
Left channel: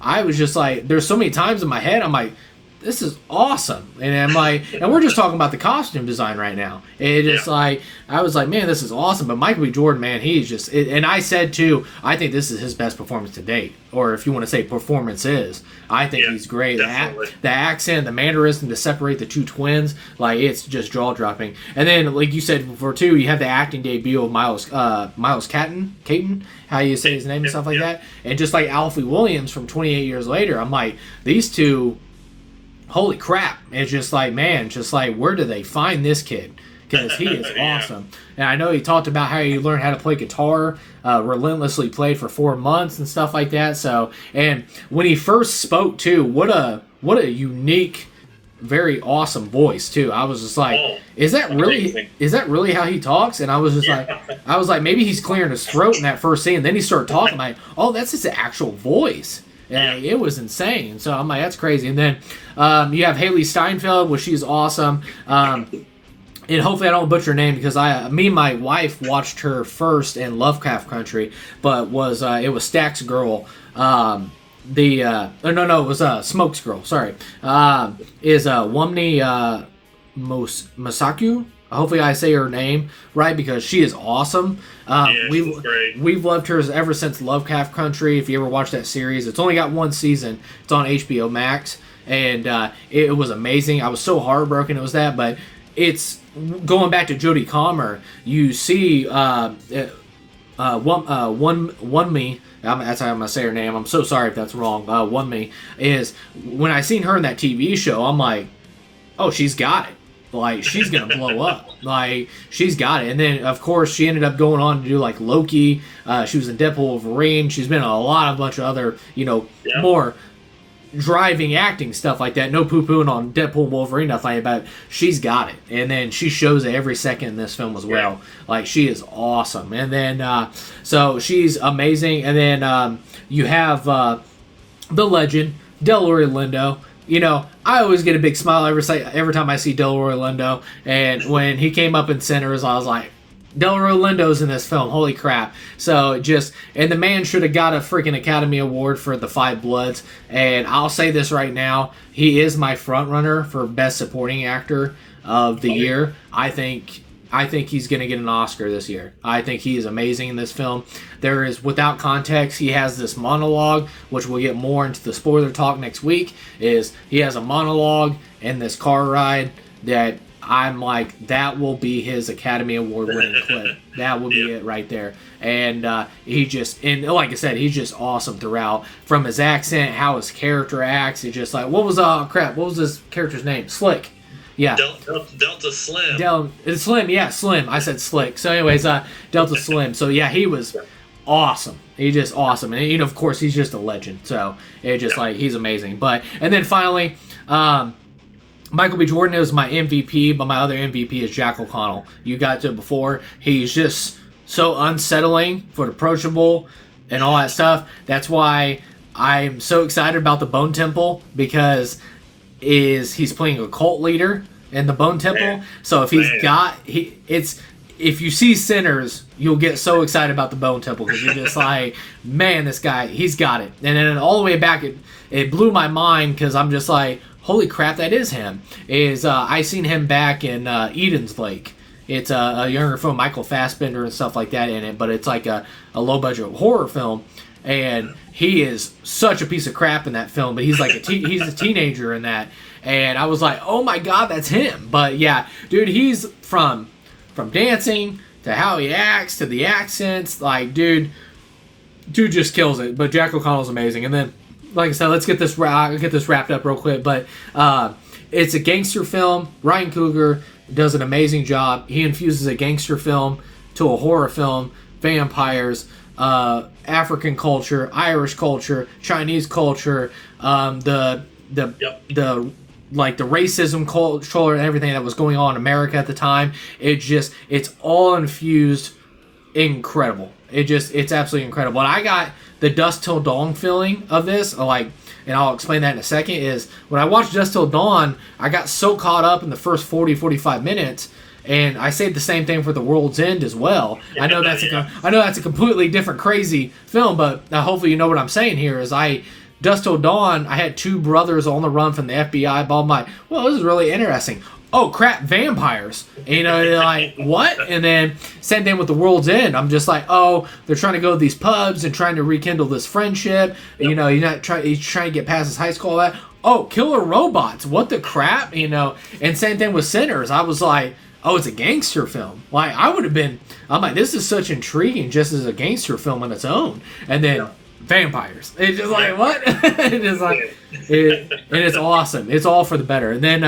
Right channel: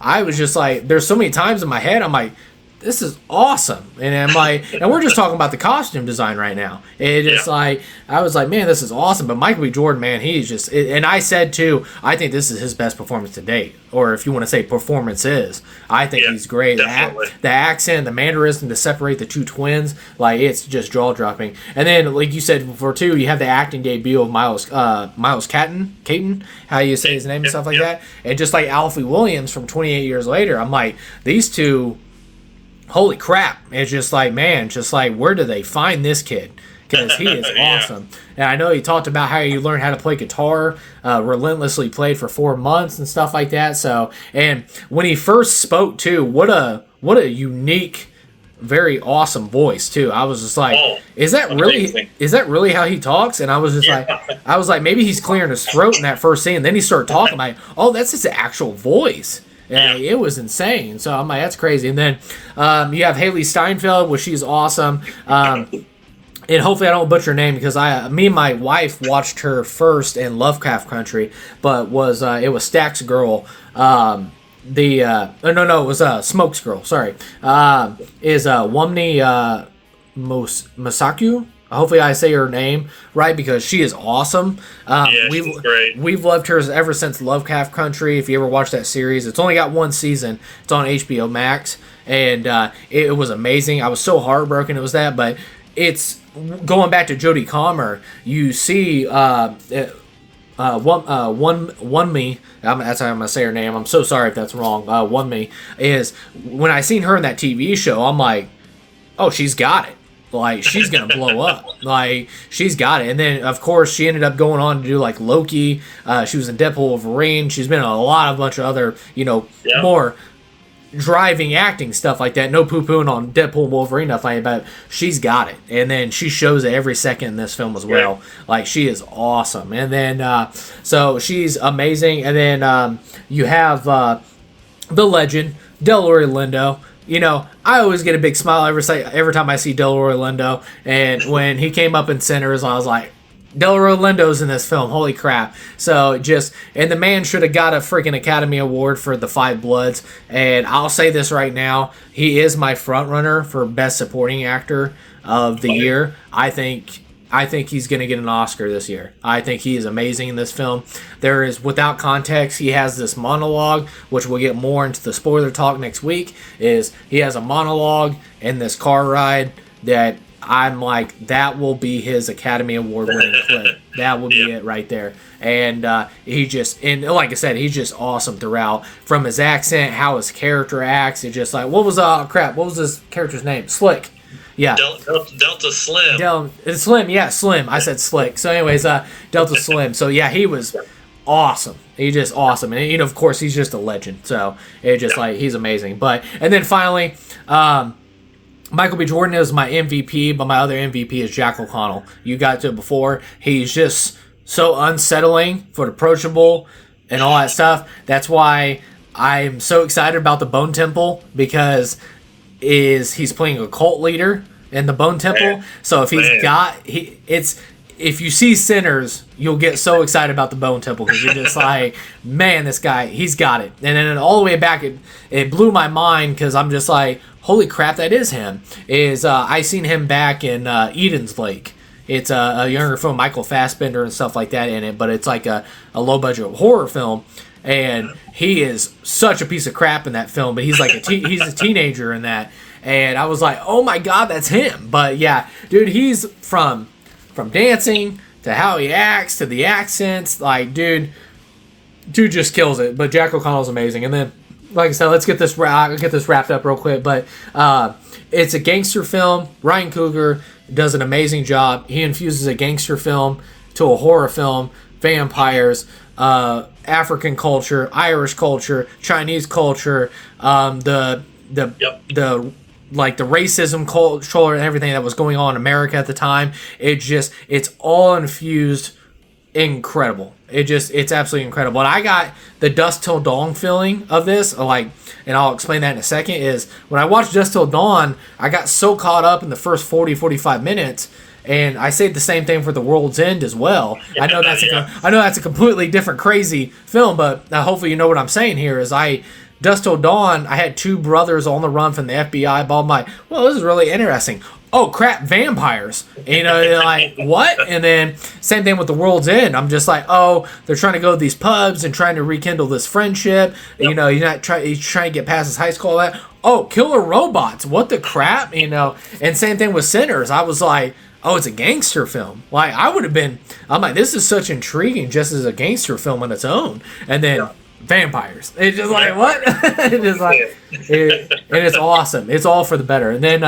I was just like, there's so many times in my head I'm like, this is awesome. And I'm like, and we're just talking about the costume design right now. It's like, I was like, man, this is awesome. But Michael B. Jordan, man, he's just, and I said too, I think this is his best performance to date. Or if you want to say performances, I think he's great. The accent, the mannerism to separate the 2 twins, it's just jaw dropping. And then, like you said before too, you have the acting debut of Miles Caton, how you say his name and stuff like that. And just like Alfie Williams from 28 Years Later, I'm like, these 2, holy crap. It's just like, man, where do they find this kid? Because he is awesome. And I know he talked about how he learned how to play guitar, relentlessly played for 4 months and stuff like that. So, and when he first spoke too, what a unique, very awesome voice too. I was just like, is that really how he talks? And I was just like, maybe he's clearing his throat in that first scene. And then he started talking like, oh, that's his actual voice. And it was insane. So I'm like, that's crazy. And then you have Haley Steinfeld, which she's awesome. And hopefully I don't butcher her name, because me and my wife watched her first in Lovecraft Country, but it was Stack's girl. It was Smoke's girl. Sorry, is Wumney Mosaku. Hopefully, I say her name right because she is awesome. Yeah, she's great. We've loved her ever since Lovecraft Country. If you ever watched that series, it's only got one season. It's on HBO Max, and it was amazing. I was so heartbroken it was that, but it's going back to Jodie Comer. You see, one me. That's how I'm gonna say her name. I'm so sorry if that's wrong. One me is when I seen her in that TV show. I'm like, oh, she's got it. Like, she's gonna blow up. Like, she's got it. And then, of course, she ended up going on to do, like, Loki. She was in Deadpool Wolverine. She's been in a bunch of other, more driving acting stuff like that. No poo-pooing on Deadpool Wolverine, nothing, but she's got it. And then she shows it every second in this film as well. Like, she is awesome. And then, so she's amazing. And then you have the legend, Delroy Lindo. I always get a big smile every time I see Delroy Lindo. And when he came up in Sinners, I was like, Delroy Lindo's in this film. Holy crap. So and the man should have got a freaking Academy Award for The Five Bloods. And I'll say this right now. He is my front runner for Best Supporting Actor of the year. I think he's going to get an Oscar this year. I think he is amazing in this film. There is, without context, he has this monologue, which we'll get more into the spoiler talk next week, is he has a monologue in this car ride that I'm like, that will be his Academy Award winning clip. That will be it right there. And like I said, he's just awesome throughout. From his accent, how his character acts, it's just like, what was this character's name? Slick. Yeah. Delta Slim. Slim, yeah, Slim. I said Slick. So anyways, Delta Slim. So yeah, he was awesome. He's just awesome. And of course, he's just a legend. So it just like, he's amazing. And then finally, Michael B. Jordan is my MVP, but my other MVP is Jack O'Connell. You got to it before. He's just so unsettling, but approachable, and all that stuff. That's why I'm so excited about the Bone Temple, because he's playing a cult leader in the Bone Temple. So if if you see Sinners, you'll get so excited about the Bone Temple, because you're just like, man, this guy, he's got it. And then all the way back, it blew my mind, because I'm just like, holy crap, that is him. I seen him back in Eden's Lake. It's a younger film, Michael Fassbender and stuff like that in it, but it's like a low budget horror film. And he is such a piece of crap in that film, but he's like he's a teenager in that. And I was like, oh my god, that's him. But yeah, dude, he's from dancing to how he acts to the accents, like dude just kills it. But Jack O'Connell's amazing. And then, like I said, let's get this wrapped up real quick. But it's a gangster film. Ryan Coogler does an amazing job. He infuses a gangster film to a horror film, vampires, African culture, Irish culture, Chinese culture, the racism culture and everything that was going on in America at the time. It's all infused, incredible. It's absolutely incredible. And I got the Dusk Till Dawn feeling of this, and I'll explain that in a second, is when I watched Dusk Till Dawn, I got so caught up in the first 45 minutes. And I say the same thing for The World's End as well. I know that's a completely different crazy film, but hopefully you know what I'm saying here. Dusk Till Dawn, I had two brothers on the run from the FBI. I'm like, well, this is really interesting. Oh crap, vampires! Like what? And then same thing with The World's End. I'm just like, oh, they're trying to go to these pubs and trying to rekindle this friendship. Yep. You're trying to get past this high school. All that. Oh, killer robots! What the crap? And same thing with Sinners. I was like, oh, it's a gangster film. Like, I'm like, this is such intriguing just as a gangster film on its own. And then vampires. It's just like, what? It's just like, and it's awesome. It's all for the better. And then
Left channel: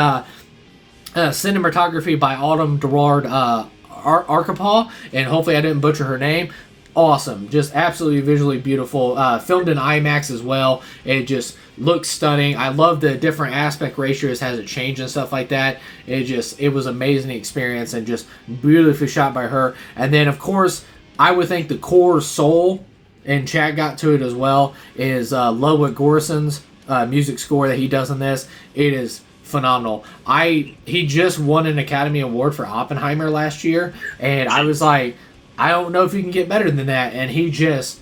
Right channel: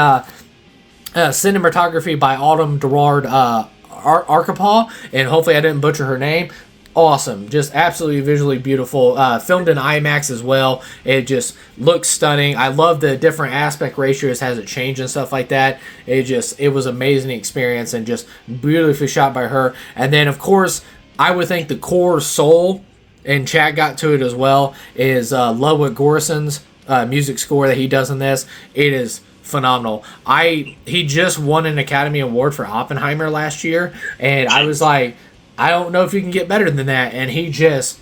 cinematography by Autumn Gerard Arkapaw, and hopefully I didn't butcher her name. Awesome. Just absolutely visually beautiful. Filmed in IMAX as well. It just looks stunning. I love the different aspect ratios as it changed and stuff like that. It was an amazing experience and just beautifully shot by her. And then, of course, I would think the core soul, and Chad got to it as well, is Ludwig Göransson's music score that he does in this. It is phenomenal. He just won an Academy Award for Oppenheimer last year, and I was like, I don't know if you can get better than that. And he just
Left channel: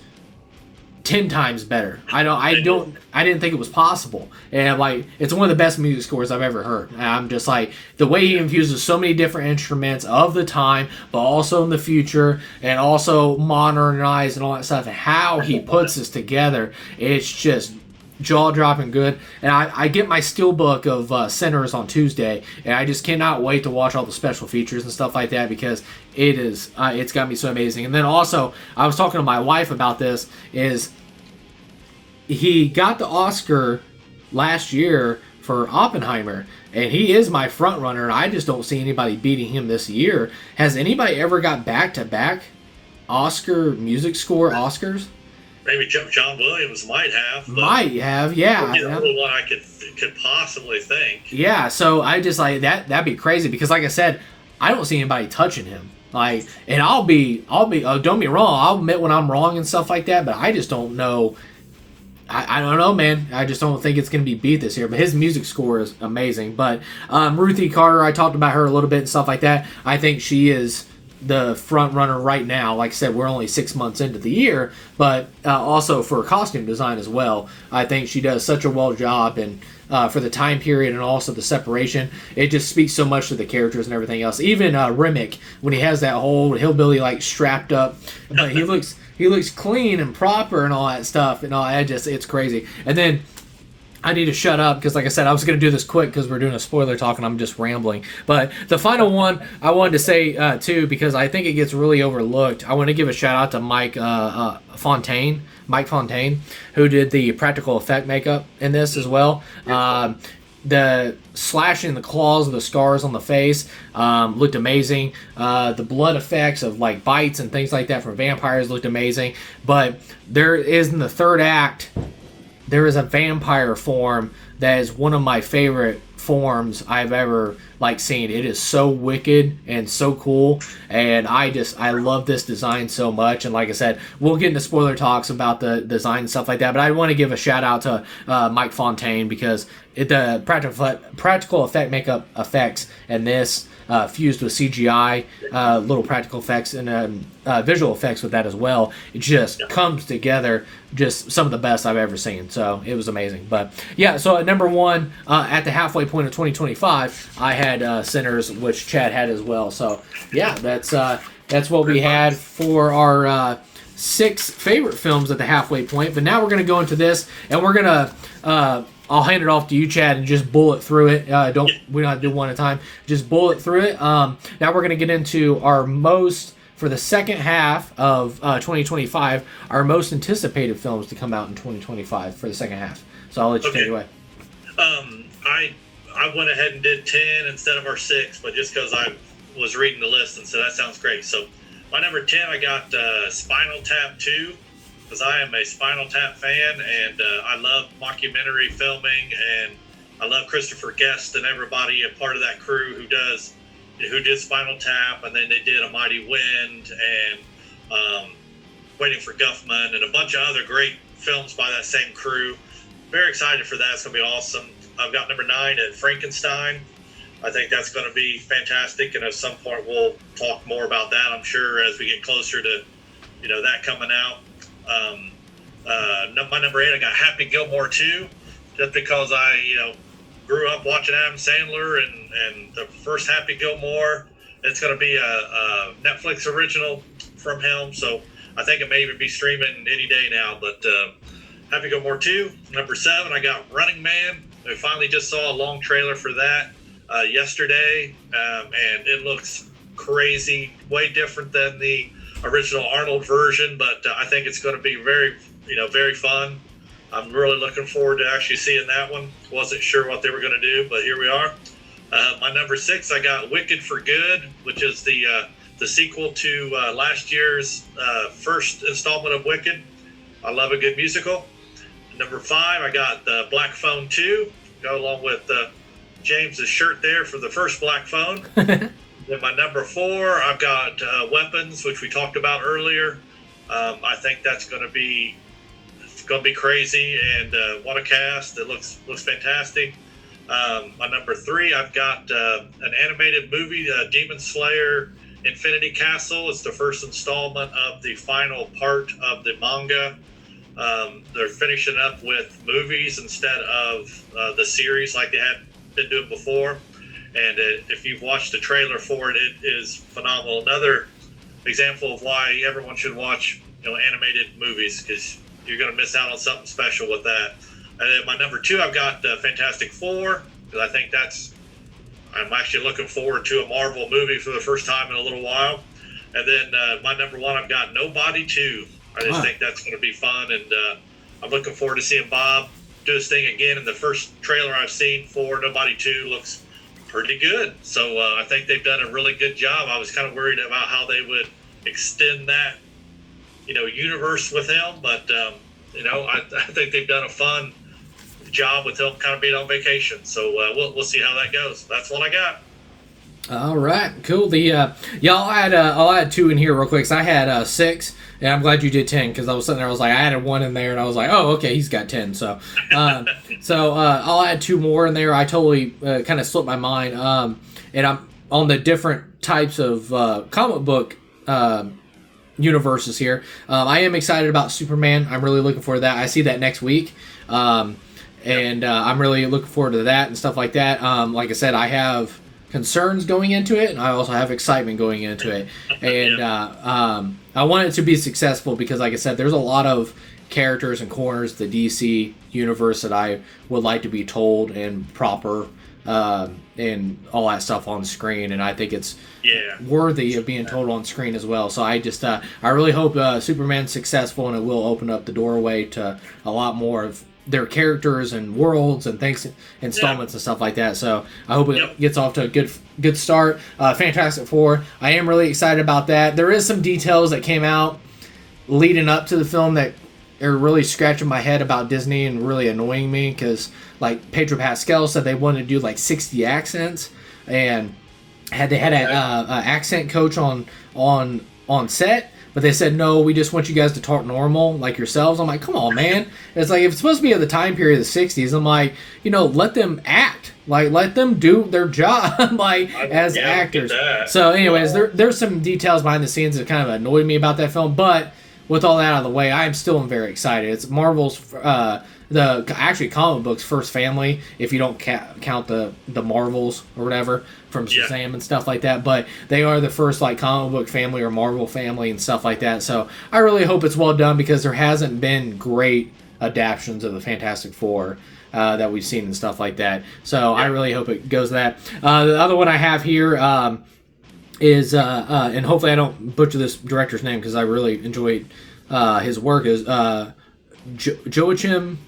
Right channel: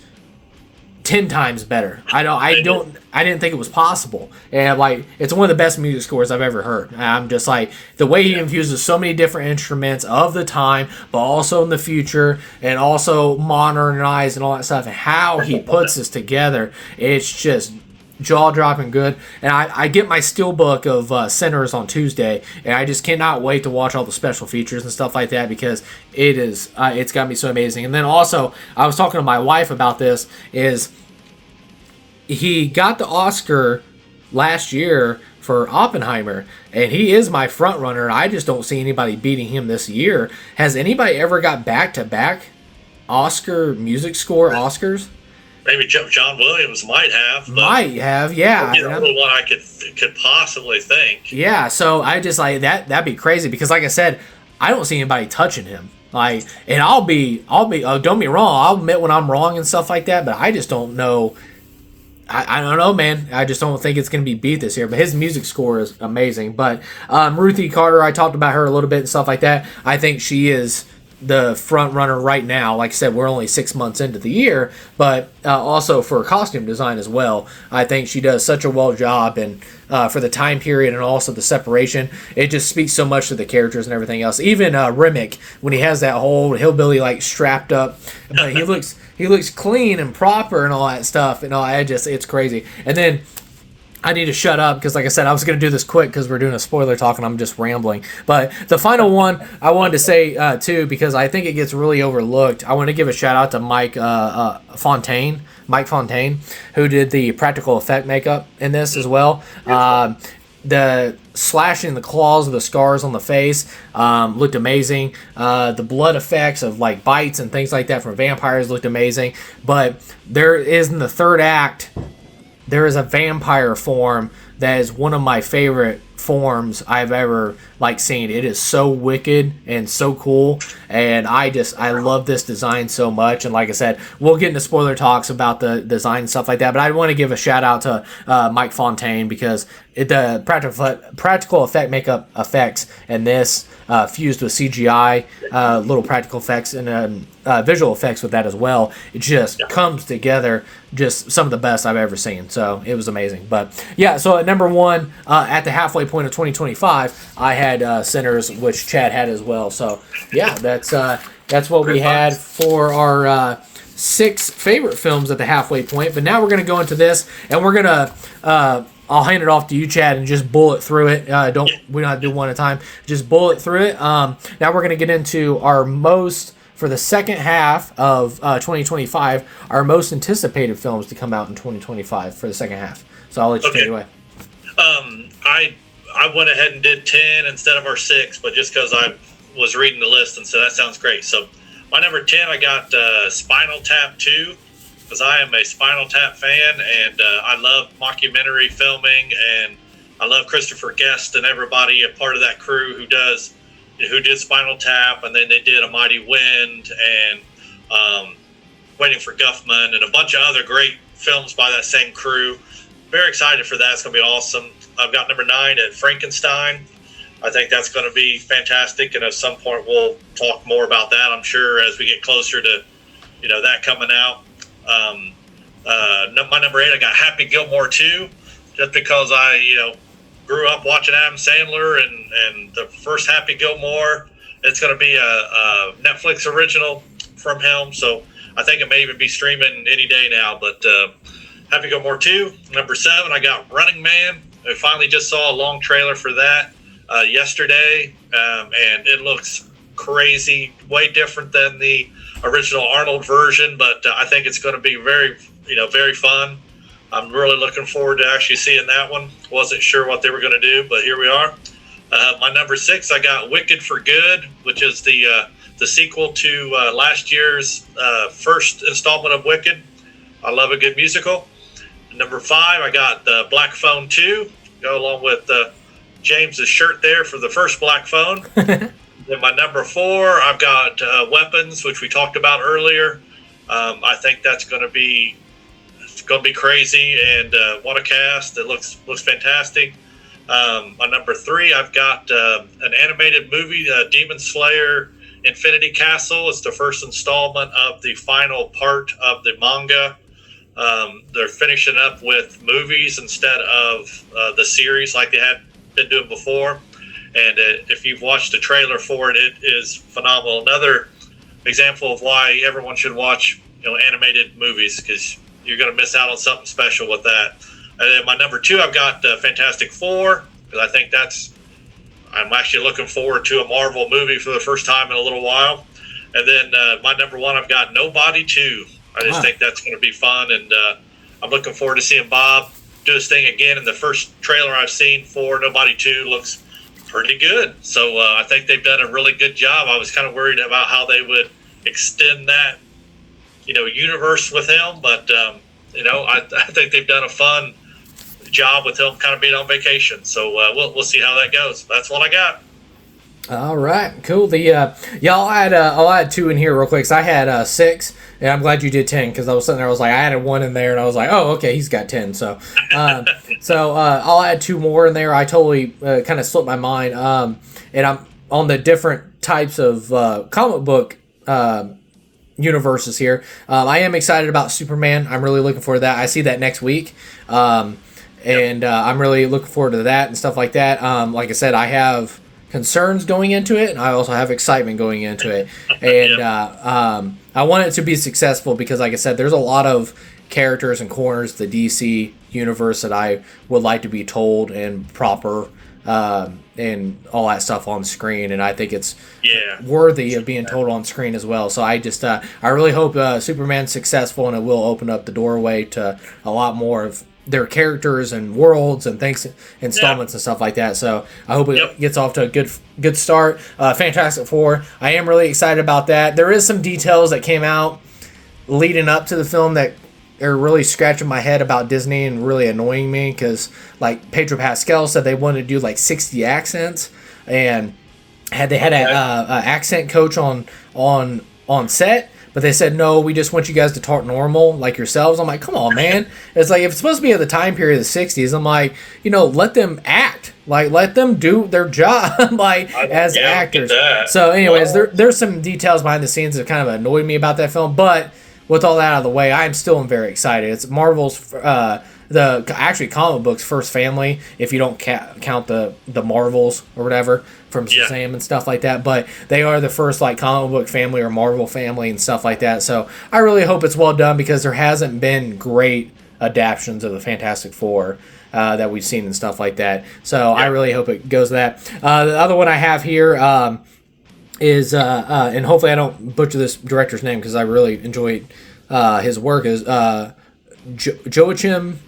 10 times better. I didn't think it was possible. And like, it's one of the best music scores I've ever heard. And I'm just like, the way he infuses so many different instruments of the time, but also in the future, and also modernized and all that stuff, and how he puts this together, it's just jaw-dropping good. And I get my steelbook of Sinners on Tuesday, and I just cannot wait to watch all the special features and stuff like that, because it's got me so amazing. And then also, I was talking to my wife about this, is he got the Oscar last year for Oppenheimer, and he is my front runner. I just don't see anybody beating him this year. Has anybody ever got back-to-back Oscar music score Oscars? Maybe John Williams might have. Might have, yeah. He's the only one I could possibly think. Yeah, so I just like that. That'd be crazy, because, like I said, I don't see anybody touching him. Like, and I'll be. Don't get me wrong. I'll admit when I'm wrong and stuff like that. But I just don't know. I don't know, man. I just don't think it's going to be beat this year. But his music score is amazing. But Ruthie Carter, I talked about her a little bit and stuff like that. I think she is the front runner right now. Like I said, we're only 6 months into the year, but also for costume design as well. I think she does such a well job, and for the time period and also the separation, it just speaks so much to the characters and everything else. Even Remick, when he has that whole hillbilly like strapped up, but he looks clean and proper and all that stuff, and all. It's crazy. And then I need to shut up, because, like I said, I was going to do this quick because we're doing a spoiler talk and I'm just rambling. But the final one I wanted to say, too, because I think it gets really overlooked, I want to give a shout out to Mike Fontaine, who did the practical effect makeup in this as well. The slashing, the claws, the scars on the face looked amazing. The blood effects of like bites and things like that from vampires looked amazing. But there is, in the third act, there is a vampire form that is one of my favorite forms I've ever seen. It is so wicked and so cool, and I love this design so much. And like I said, we'll get into spoiler talks about the design and stuff like that, but I want to give a shout out to Mike Fontaine, because the practical effect makeup effects in this fused with CGI, little practical effects and visual effects with that as well. It just comes together, just some of the best I've ever seen. So it was amazing. But yeah, so at number one, at the halfway point of 2025, I had Sinners, which Chad had as well. So yeah, that's what we had for our 6 favorite films at the halfway point. But now we're going to go into this, and we're going to I'll hand it off to you, Chad, and just bullet through it. We don't have to do one at a time. Just bullet through it. Now we're going to get into our most, for the second half of 2025, our most anticipated films to come out in 2025 for the second half. So I'll let you take it away. I went ahead and did 10 instead of our 6, but just because I was reading the list, and so that sounds great. So my number 10, I got Spinal Tap 2. Because I am a Spinal Tap fan, and I love mockumentary filming, and I love Christopher Guest and everybody, a part of that crew who did Spinal Tap, and then they did A Mighty Wind and Waiting for Guffman and a bunch of other great films by that same crew. Very excited for that. It's going to be awesome. I've got number 9 at Frankenstein. I think that's going to be fantastic, and at some point we'll talk more about that, I'm sure, as we get closer to that coming out. My number 8, I got Happy Gilmore 2, just because I grew up watching Adam Sandler and the first Happy Gilmore. It's going to be a Netflix original from him, so I think it may even be streaming any day now. But Happy Gilmore 2. Number 7, I got Running Man. I finally just saw a long trailer for that yesterday, and it looks crazy, way different than the original Arnold version, but I think it's going to be very fun. I'm really looking forward to actually seeing that one. Wasn't sure what they were going to do, but here we are. My number 6, I got Wicked for Good, which is the sequel to last year's first installment of Wicked. I love a good musical. Number 5, I got Black Phone 2, go along with James's shirt there for the first Black Phone. Then my number 4, I've got Weapons, which we talked about earlier. I think that's going to be crazy, and what a cast! It looks fantastic. My number 3, I've got an animated movie, Demon Slayer: Infinity Castle. It's the first installment of the final part of the manga. They're finishing up with movies instead of the series like they had been doing before. And if you've watched the trailer for it, it is phenomenal. Another example of why everyone should watch animated movies, because you're going to miss out on something special with that. And then my number 2, I've got Fantastic Four, because I think I'm actually looking forward to a Marvel movie for the first time in a little while. And then my number 1, I've got Nobody 2. I just think that's going to be fun, and I'm looking forward to seeing Bob do his thing again. And the first trailer I've seen for Nobody 2 looks pretty good. So I think they've done a really good job. I was kind of worried about how they would extend that, universe with him, but I think they've done a fun job with him kind of being on vacation. So we'll see how that goes. That's what I got. All right, cool. I'll add 2 in here real quick. 'Cause I had 6, and I'm glad you did 10, because I was sitting there. I was like, I added 1 in there, and I was like, oh, okay, he's got 10. So, I'll add 2 more in there. I totally kind of slipped my mind, and I'm on the different types of comic book universes here. I am excited about Superman. I'm really looking forward to that. I see that next week. And I'm really looking forward to that and stuff like that. Like I said, I have concerns going into it, and I also have excitement going into it. And I want it to be successful because, like I said, there's a lot of characters and corners the DC universe that I would like to be told and proper and all that stuff on screen, and I think it's worthy of being told on screen as well. So I just I really hope Superman's successful, and it will open up the doorway to a lot more of their characters and worlds and things, installments and stuff like that. So I hope it gets off to a good start. Fantastic Four, I am really excited about that. There is some details that came out leading up to the film that are really scratching my head about Disney and really annoying me, because like Pedro Pascal said they wanted to do like 60 accents, and they had an accent coach on set, but they said, no, we just want you guys to talk normal like yourselves. I'm like, come on, man. It's like, if it's supposed to be at the time period of the 60s, I'm like, let them act. Like, let them do their job like as actors. So anyways, there's some details behind the scenes that kind of annoyed me about that film, but with all that out of the way, I'm still very excited. It's Marvel's, the comic book's first family, if you don't count the Marvels or whatever from Shazam and stuff like that. But they are the first like comic book family or Marvel family and stuff like that. So I really hope it's well done, because there hasn't been great adaptions of the Fantastic Four that we've seen and stuff like that. So I really hope it goes to that. The other one I have here is and hopefully I don't butcher this director's name, because I really enjoyed his work, is Joachim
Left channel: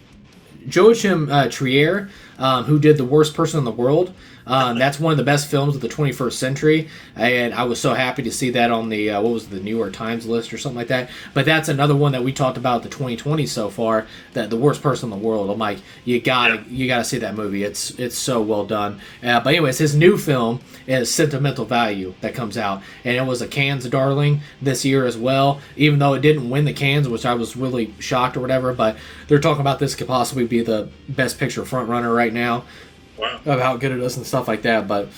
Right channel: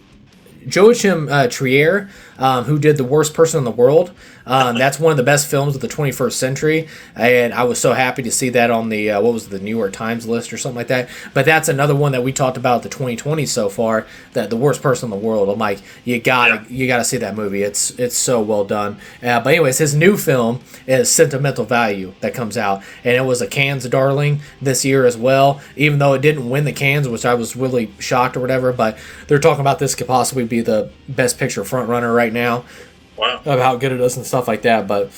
Trier, who did The Worst Person in the World. That's one of the best films of the 21st century, and I was so happy to see that on the the New York Times list or something like that. But that's another one that we talked about the 2020 so far, that The Worst Person in the World. I'm like, you gotta see that movie. It's so well done. But anyways, his new film is Sentimental Value that comes out, and it was a Cannes darling this year as well, even though it didn't win the Cannes, which I was really shocked or whatever. But they're talking about this could possibly be the best picture front runner right now. Wow. Of how good it is and stuff like that. But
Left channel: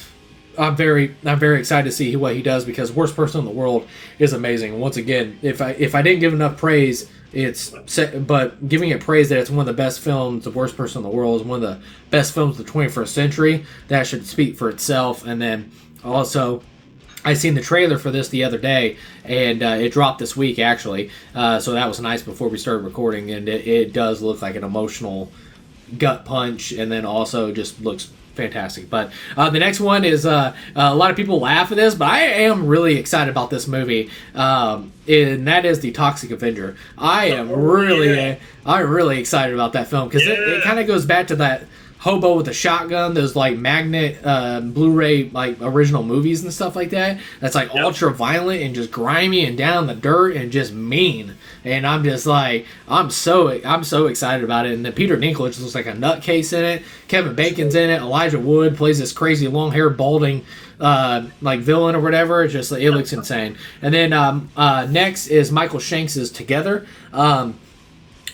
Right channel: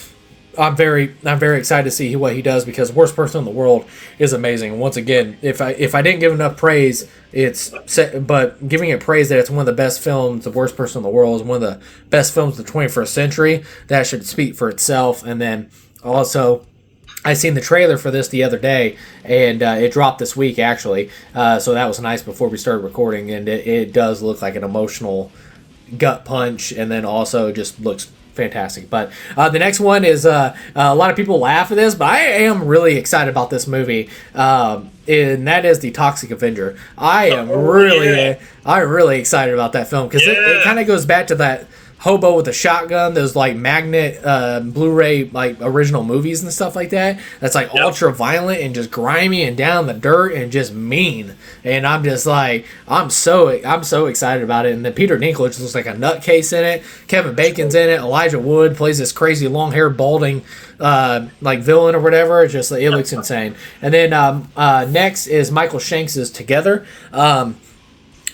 I'm very excited to see what he does, because Worst Person in the World is amazing. Once again, if I didn't give enough praise, but giving it praise that it's one of the best films, The Worst Person in the World is one of the best films of the 21st century, that should speak for itself. And then also, I seen the trailer for this the other day, and it dropped this week actually. So that was nice before we started recording, and it does look like an emotional gut punch, and then also just looks fantastic. But the next one is a lot of people laugh at this, but I am really excited about this movie, and that is The Toxic Avenger. I'm really excited about that film, because it kind of goes back to that hobo with a shotgun, those like magnet Blu-ray like original movies and stuff like that. That's like ultra violent and just grimy and down the dirt and just mean. And I'm just like, I'm so excited about it. And then Peter Dinklage looks like a nutcase in it. Kevin Bacon's in it. Elijah Wood plays this crazy long hair balding like villain or whatever. It's just, it looks insane. And then next is Michael Shanks' Together.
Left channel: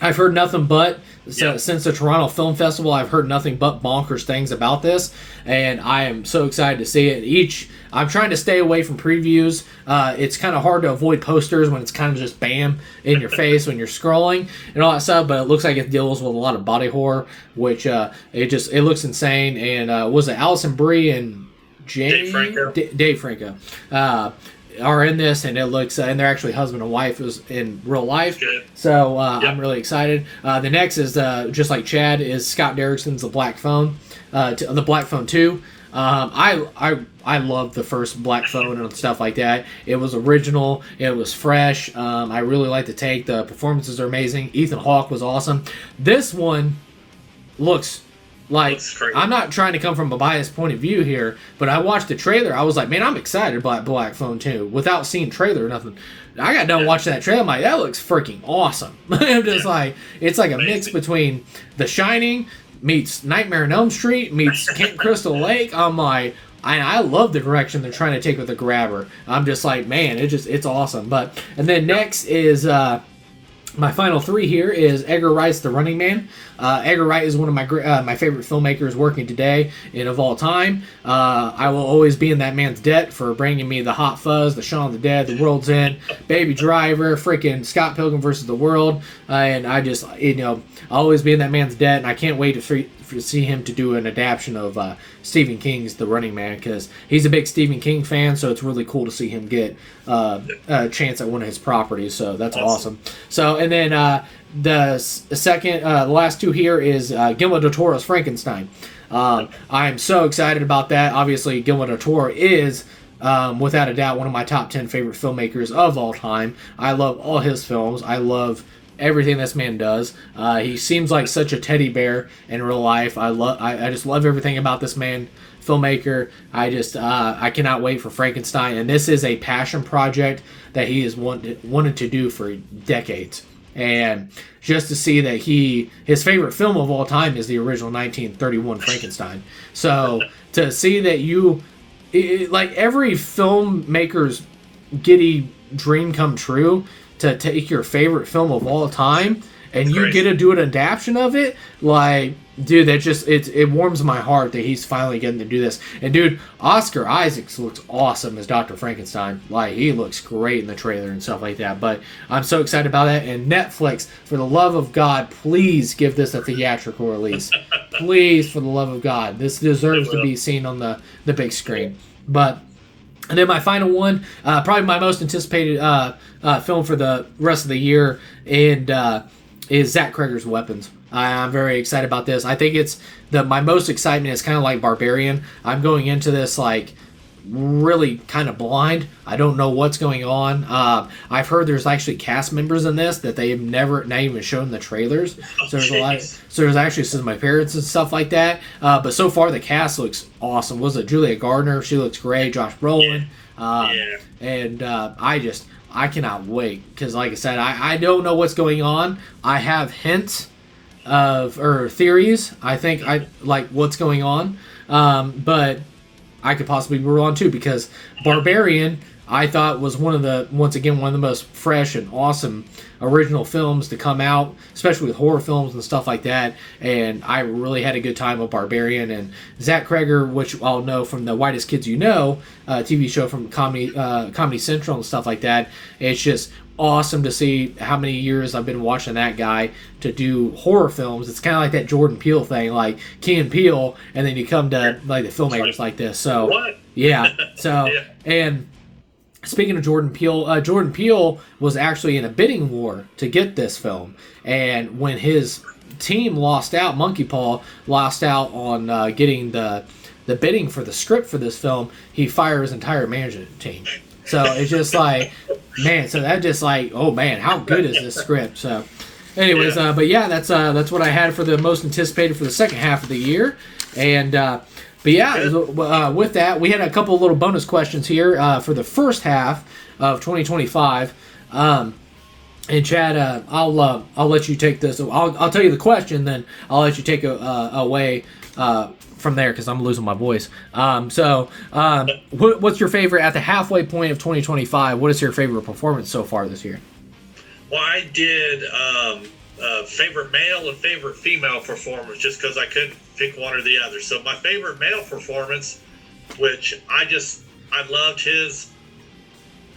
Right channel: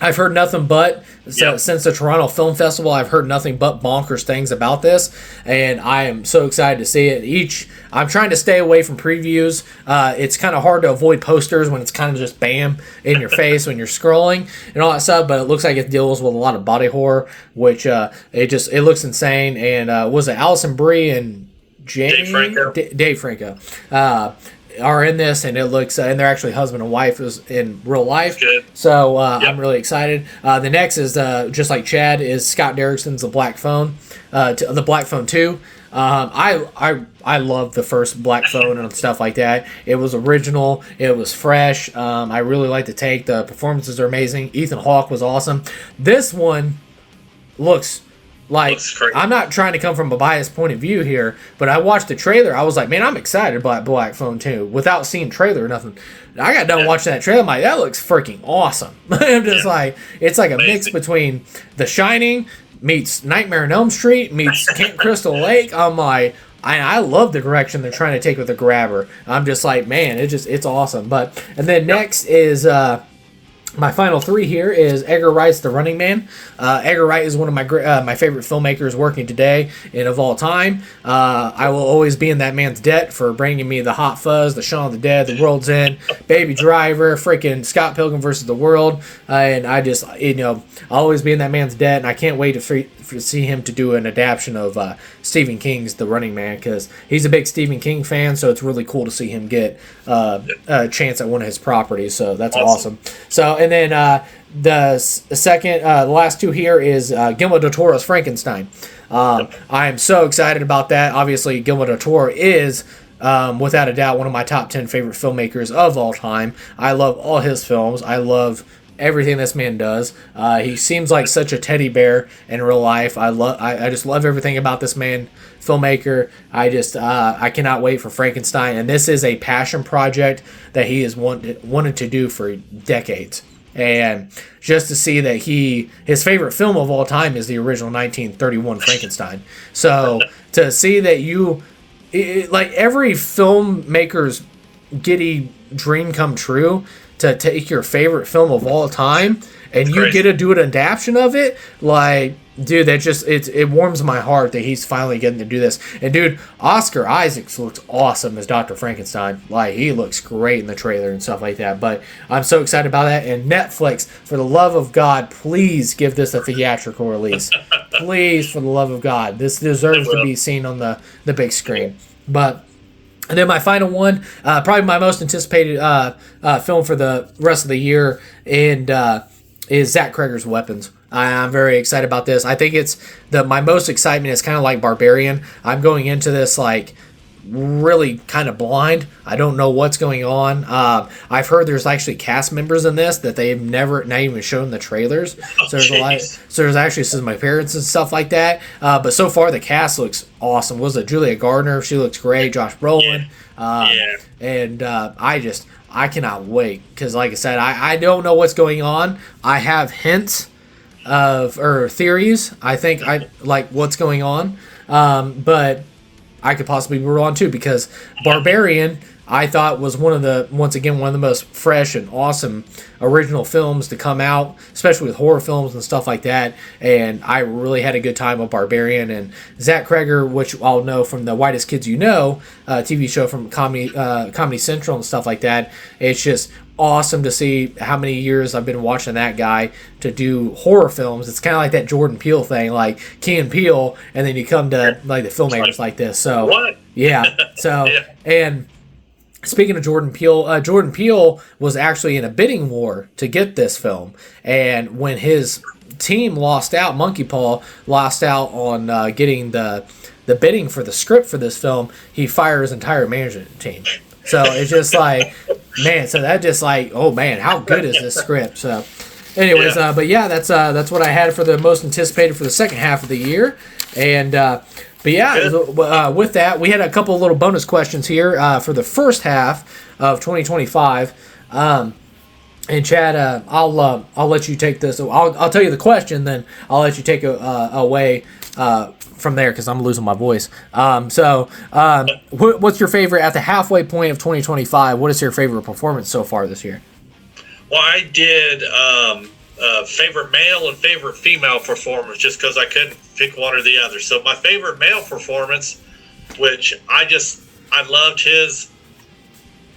I've heard nothing but since the Toronto Film Festival. I've heard nothing but bonkers things about this, and I am so excited to see it. I'm trying to stay away from previews. It's kind of hard to avoid posters when it's kind of just bam in your face when you're scrolling and all that stuff. But it looks like it deals with a lot of body horror, which it looks insane. And was it Allison Brie and Dave Franco? Are in this, and it looks and they're actually husband and wife in real life. So I'm really excited. The next is just like Chad is Scott Derrickson's The Black Phone, the Black Phone 2. I love the first Black Phone and stuff like that. It was original. It was fresh. I really like the take. The performances are amazing. Ethan Hawke was awesome. This one looks like, I'm not trying to come from a biased point of view here, but I watched the trailer. I was like, man, I'm excited about Black Phone 2 without seeing trailer or nothing. I got done watching that trailer. I'm like, that looks freaking awesome. I'm just like, it's like a mix between The Shining meets Nightmare on Elm Street meets Camp Crystal Lake. I'm like, I love the direction they're trying to take with the Grabber. I'm just like, man, it's awesome. And then next is my final three here is Edgar Wright's The Running Man. Edgar Wright is one of my favorite filmmakers working today and of all time. I will always be in that man's debt for bringing me The Hot Fuzz, The Shaun of the Dead, The World's End, Baby Driver, freaking Scott Pilgrim vs. the World. And I just, I'll always be in that man's debt, and I can't wait to see him to do an adaptation of Stephen King's The Running Man, because he's a big Stephen King fan, so it's really cool to see him get a chance at one of his properties. So that's awesome. So, and then the last two here is Guillermo del Toro's Frankenstein. I'm so excited about that. Obviously, Guillermo del Toro is, without a doubt, one of my top 10 favorite filmmakers of all time. I love all his films. I love everything this man does. He seems like such a teddy bear in real life. I just love everything about this man, filmmaker. I cannot wait for Frankenstein, and this is a passion project that he has wanted to do for decades. And just to see that his favorite film of all time is the original 1931 Frankenstein. So to see that like every filmmaker's giddy dream come true, to take your favorite film of all time and you get to do an adaptation of it, like, dude, that just it warms my heart that he's finally getting to do this. And dude, Oscar Isaacs looks awesome as Dr. Frankenstein. Like, he looks great in the trailer and stuff like that. But I'm so excited about that. And Netflix, for the love of God, please give this a theatrical release. Please, for the love of God, this deserves to be seen on the big screen. And then my final one, probably my most anticipated film for the rest of the year, and is Zach Cregger's Weapons. I'm very excited about this. I think it's my most excitement is kind of like Barbarian. I'm going into this like really kind of blind. I don't know what's going on. I've heard there's actually cast members in this that they've not even shown the trailers. So there's actually some appearances and stuff like that. But so far the cast looks awesome. Was it Julia Gardner? She looks great. Josh Brolin. And I cannot wait, because like I said, I don't know what's going on. I have hints or theories. I think I like what's going on, but I could possibly be wrong too, because Barbarian, I thought, was one of the most fresh and awesome original films to come out, especially with horror films and stuff like that. And I really had a good time with Barbarian. And Zach Cregger, which I'll know from the Whitest Kids You Know TV show from Comedy Central and stuff like that. It's just awesome to see how many years I've been watching that guy to do horror films. It's kind of like that Jordan Peele thing, like Key and Peele, and then you come to like the filmmakers like this. So what? Yeah. So and speaking of Jordan Peele was actually in a bidding war to get this film, and when his team lost out, Monkey Paw lost out on getting the bidding for the script for this film, he fired his entire management team. So it's just like, man, so that just like, oh man, how good is this script? So anyways, but yeah, that's what I had for the most anticipated for the second half of the year. And but yeah, with that, we had a couple of little bonus questions here for the first half of 2025. And Chad, I'll let you take this. I'll tell you the question, then I'll let you take away from there, because I'm losing my voice. What's your favorite at the halfway point of 2025? What is your favorite performance so far this year? Well, I did favorite male and favorite female performance, just because I couldn't pick one or the other. So my favorite male performance, which I loved his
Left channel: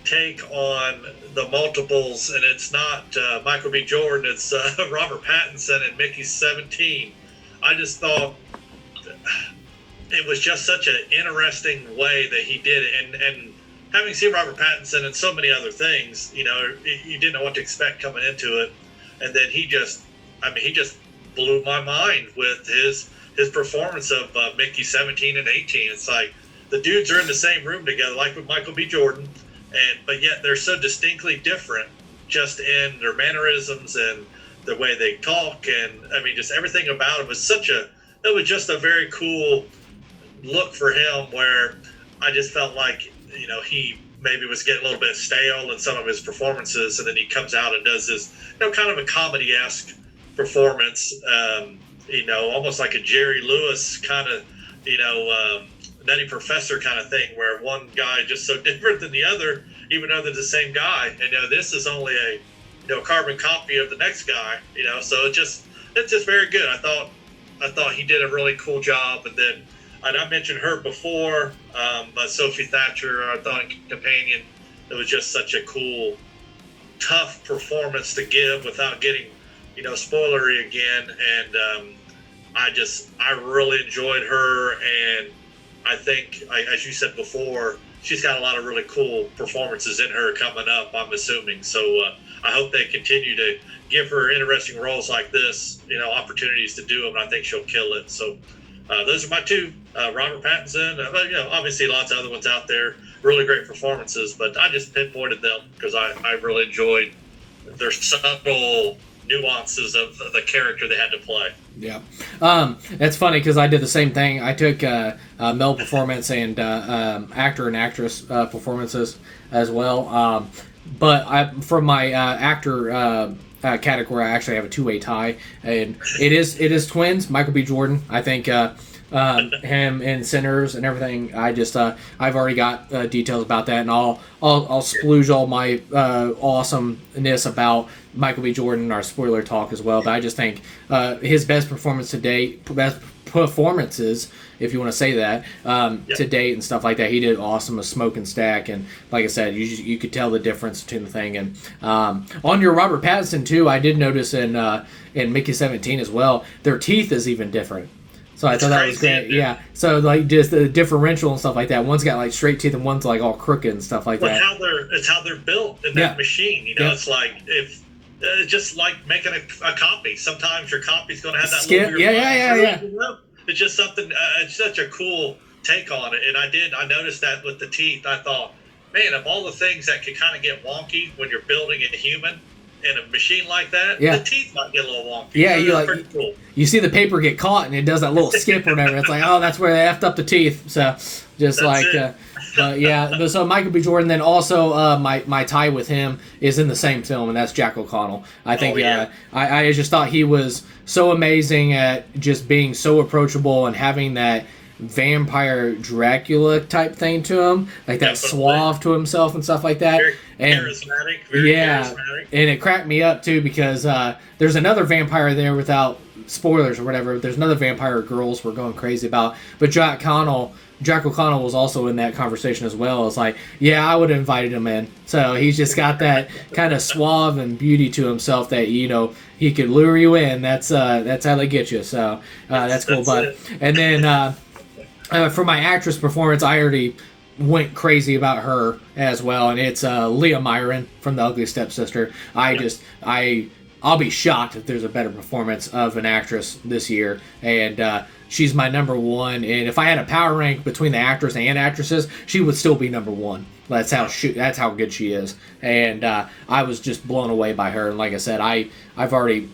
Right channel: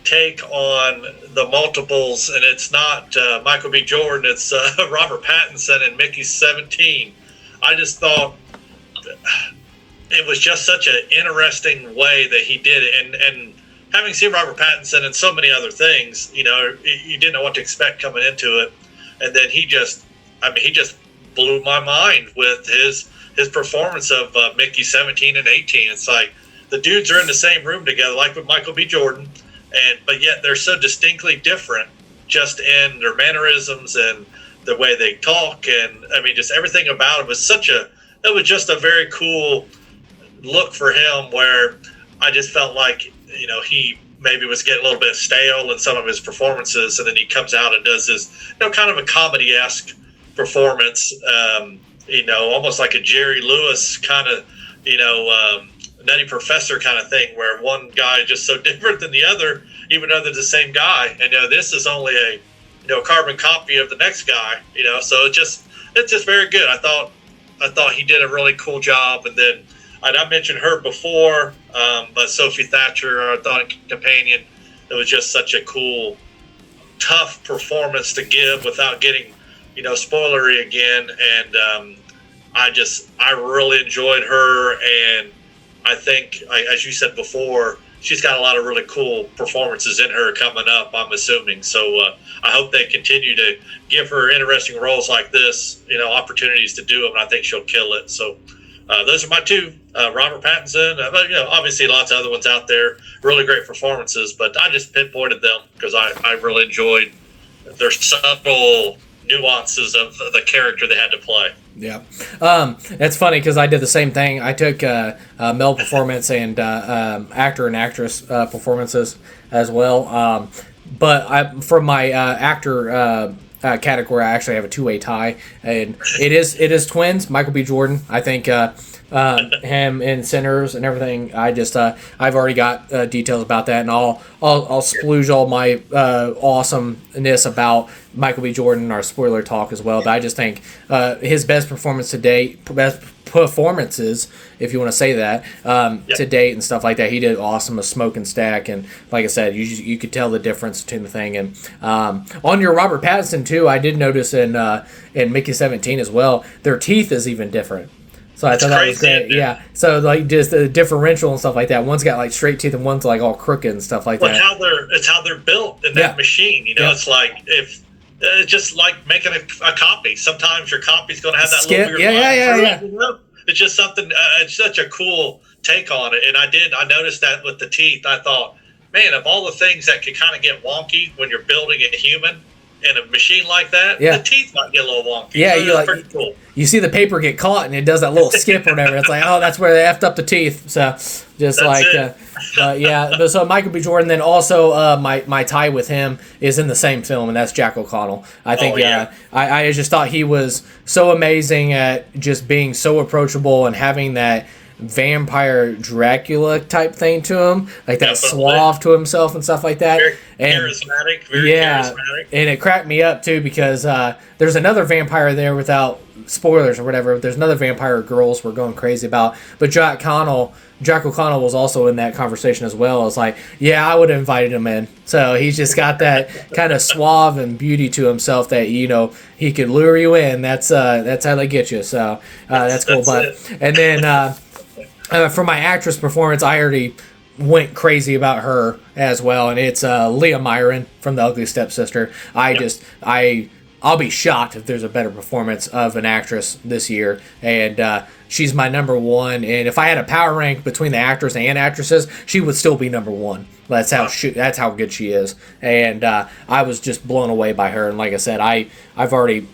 take on the multiples, and it's not Michael B. Jordan, it's Robert Pattinson and Mickey 17. I just thought it was just such an interesting way that he did it, and having seen Robert Pattinson and so many other things, you didn't know what to expect coming into it, and then he just blew my mind with his performance of Mickey 17 and 18. It's like the dudes are in the same room together, like with Michael B. Jordan, but yet they're so distinctly different, just in their mannerisms and the way they talk, and just everything about it was just a very cool look for him, where I just felt like he maybe was getting a little bit stale in some of his performances, and then he comes out and does this kind of a comedy-esque performance, almost like a Jerry Lewis kind of Nutty Professor kind of thing, where one guy is just so different than the other, even though they're the same guy, and this is only a carbon copy of the next guy, so it's just very good. I thought he did a really cool job. And then I mentioned her before, but Sophie Thatcher, I thought, companion, it was just such a cool, tough performance to give without getting spoilery again. And I really enjoyed her, and I think, as you said before, she's got a lot of really cool performances in her coming up, I'm assuming. So I hope they continue to give her interesting roles like this, opportunities to do them, and I think she'll kill it. So those are my two, Robert Pattinson. Obviously lots of other ones out there, really great performances, but I just pinpointed them because I really enjoyed their subtle nuances of the character they had to play. Yeah. That's funny because I did the same thing. I took male performance and actor and actress performances as well. But from my actor category, I actually have a two-way tie, and it is twins. Michael B. Jordan. I think him in Sinners and everything. I've already got details about that, and I'll splooge all my awesomeness about Michael B. Jordan in our spoiler talk as well. But I just think his best performance to date, best performances, if you want to say that, to date and stuff like that. He did awesome with Smoke and Stack, and like I said, you could tell the difference between the thing. And on your Robert Pattinson too, I did notice in Mickey 17 as well, their teeth is even different. So I thought that was great. Yeah. So like just the differential and stuff like that. One's got like straight teeth and one's like all crooked and stuff like that. It's how they're built in that machine. It's like if just like making a copy. Sometimes your copy's going to have that little weird line. It's just something. It's such a cool take on it. And I noticed that with the teeth. I thought, man, of all the things that could kind of get wonky when you're building a human in a machine like that, the teeth might get a little wonky. Yeah, so pretty cool. You see the paper get caught and it does that little skip or whatever. It's like, oh, that's where they effed up the teeth. So just But so Michael B. Jordan. Then also my tie with him is in the same film, and that's Jack O'Connell. I think I just thought he was so amazing at just being so approachable and having that vampire Dracula type thing to him, like that suave to himself and stuff like that. Very charismatic. Charismatic. And it cracked me up too because there's another vampire there, without spoilers or whatever. There's another vampire girls we're going crazy about, but Jack O'Connell was also in that conversation as well. It's like, I would have invited him in. So he's just got that kind of suave and beauty to himself that he could lure you in. That's how they get you. So that's cool. And then. For my actress performance, I already went crazy about her as well, and it's Leah Myron from The Ugly Stepsister. I'll be shocked if there's a better performance of an actress this year, and she's my number one. And if I had a power rank between the actors and actresses, she would still be number one. That's how good she is, and I was just blown away by her. And like I said, I've already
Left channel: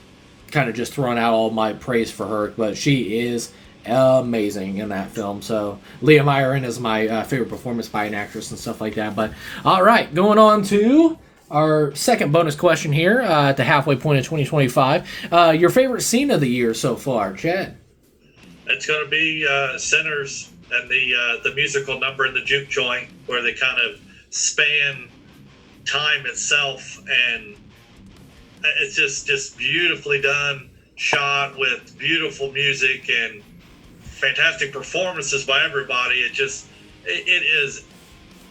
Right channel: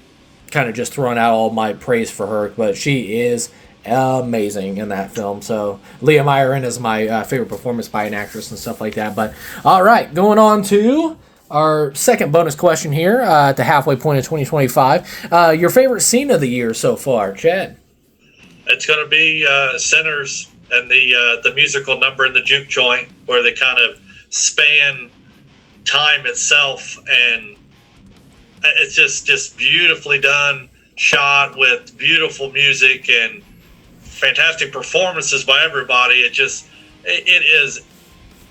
kind of just thrown out all my praise for her, but she is amazing in that film. So Leah Myron is my favorite performance by an actress and stuff like that. But all right, going on to our second bonus question here at the halfway point of 2025. Your favorite scene of the year so far, Chad? It's going to be Sinners and the musical number in the juke joint, where they kind of span time itself and it's just beautifully done, shot with beautiful music and fantastic performances by everybody. It is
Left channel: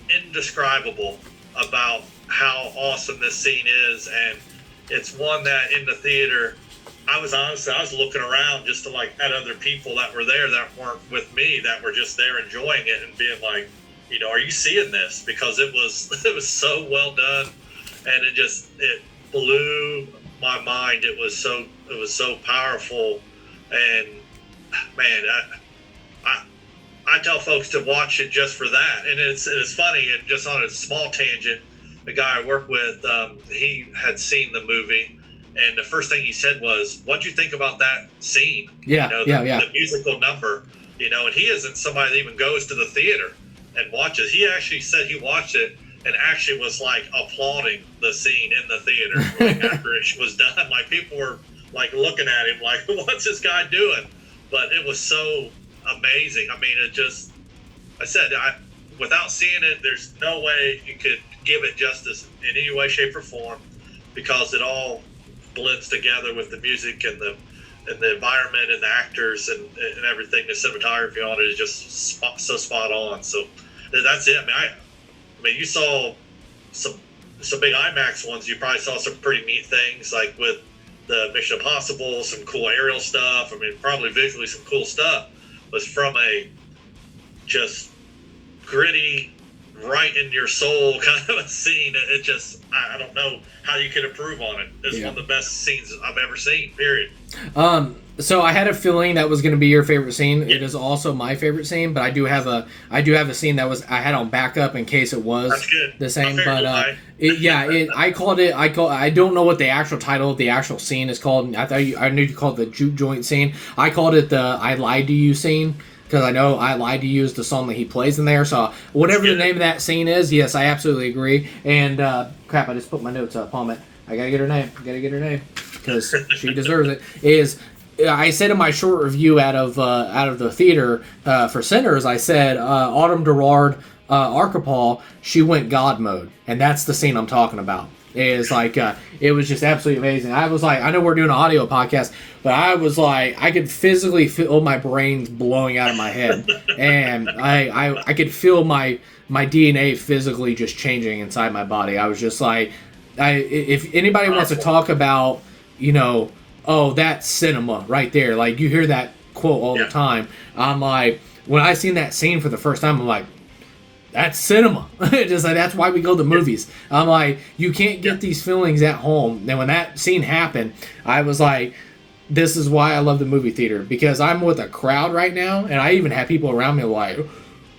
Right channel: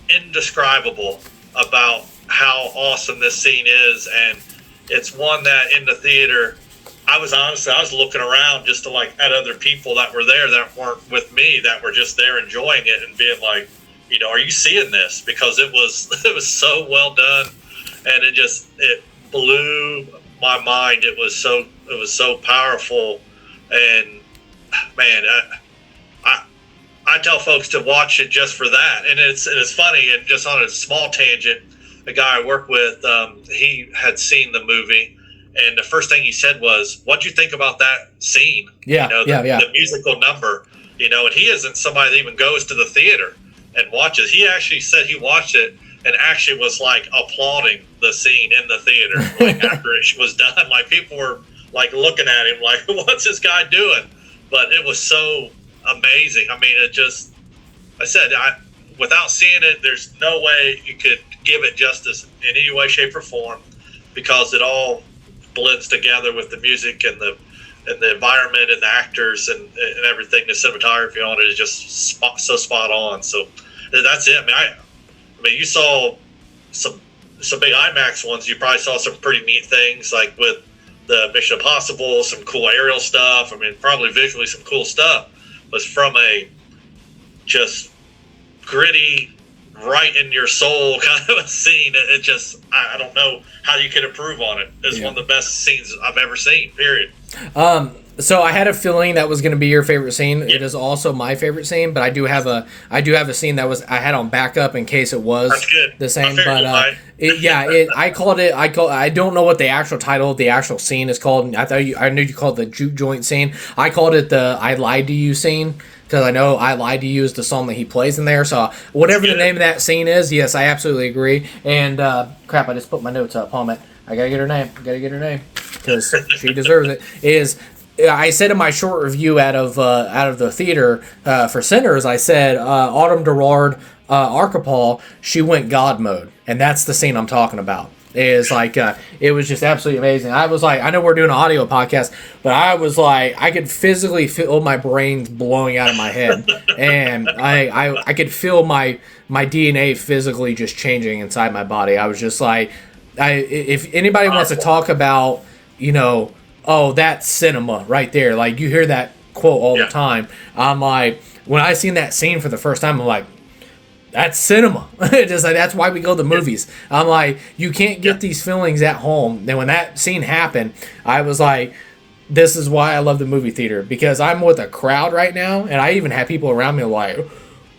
indescribable about how awesome this scene is, and it's one that in the theater, I was looking around just to at other people that were there that weren't with me, that were just there enjoying it and being like, are you seeing this? Because it was so well done, and it blew my mind. It was so powerful, and man, I tell folks to watch it just for that. And it's funny, and just on a small tangent, the guy I work with, he had seen the movie, and the first thing he said was, "What'd you think about that scene?" Yeah, the musical number. And he isn't somebody that even goes to the theater and watches. He actually said he watched it and actually was applauding the scene in the theater after it was done. People were looking at him "What's this guy doing?" But it was so amazing. I mean, without seeing it, there's no way you could give it justice in any way, shape, or form, because it all blends together with the music and the environment and the actors and everything. The cinematography on it is just so spot on. So that's it. I mean, you saw some big IMAX ones. You probably saw some pretty neat things, with the Mission Impossible, some cool aerial stuff. I mean, probably visually some cool stuff. Was from a just gritty, right in your soul kind of a scene. I don't know how you could improve on it. It's one of the best scenes I've ever seen, period. So I had a feeling that was going to be your favorite scene. Yeah. It is also my favorite scene, but I do have a scene that I had on backup in case it was the same. But I don't know what the actual title of the actual scene is called. I knew you called it the juke joint scene. I called it the "I Lied to You" scene, because I know "I Lied to You" is the song that he plays in there. So whatever the name of that scene is, yes, I absolutely agree. And crap, I just put my notes up. Hold on, I gotta get her name because she deserves it. I said in my short review out of the theater for Sinners, I said Autumn Gerard Archipel, she went God mode, and that's the scene I'm talking about. It was just absolutely amazing. I was I know we're doing an audio podcast, but I was I could physically feel my brains blowing out of my head, and I could feel my DNA physically just changing inside my body. I was just if anybody wants to talk about, oh, that's cinema right there. You hear that quote all the time. I'm when I seen that scene for the first time, I'm that's cinema. Just that's why we go to the movies. I'm you can't get these feelings at home. And when that scene happened, I was this is why I love the movie theater, because I'm with a crowd right now, and I even have people around me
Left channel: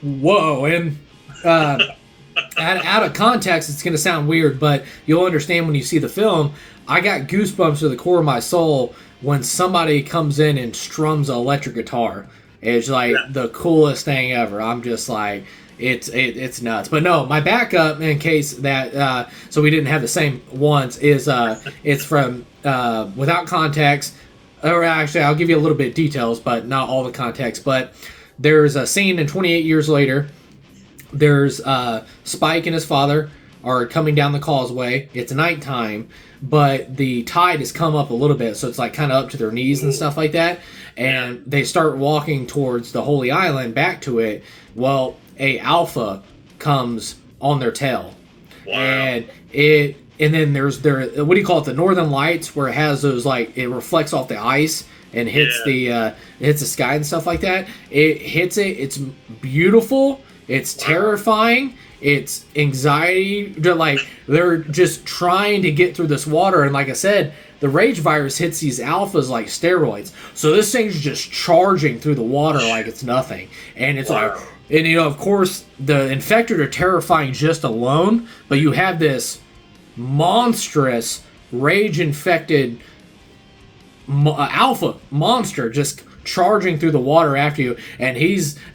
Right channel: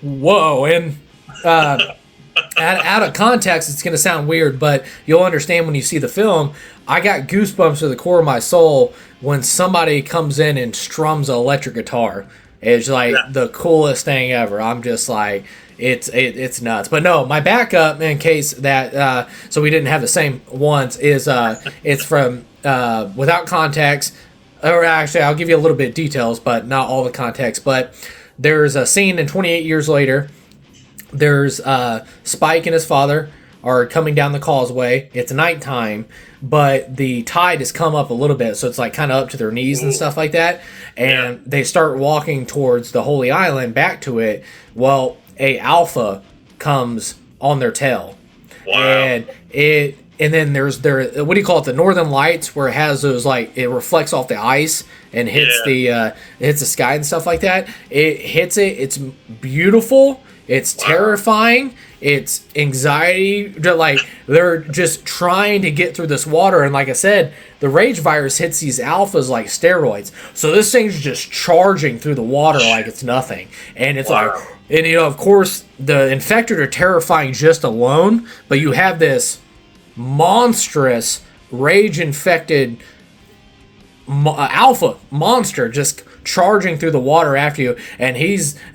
whoa. And out of context, it's going to sound weird, but you'll understand when you see the film. I got goosebumps to the core of my soul when somebody comes in and strums an electric guitar. It's the coolest thing ever. I'm just it's nuts. But no, my backup, in case that so we didn't have the same ones, is it's from Without Context. Or actually, I'll give you a little bit of details, but not all the context. But there's a scene in 28 Years Later. There's Spike and his father are coming down the causeway. It's nighttime, but the tide has come up a little bit, so it's kind of up to their knees and stuff like that. And they start walking towards the Holy Island, back to it. Well, a alpha comes on their tail. Wow. And then there's what do you call it? The Northern Lights, where it has those it reflects off the ice and hits the sky and stuff like that. It hits it. It's beautiful. It's terrifying. It's anxiety. They're just trying to get through this water. And like I said, the rage virus hits these alphas like steroids. So this thing's just charging through the water like it's nothing. And it's and of course, the infected are terrifying just alone. But you have this monstrous rage-infected alpha monster just charging through the water after you, and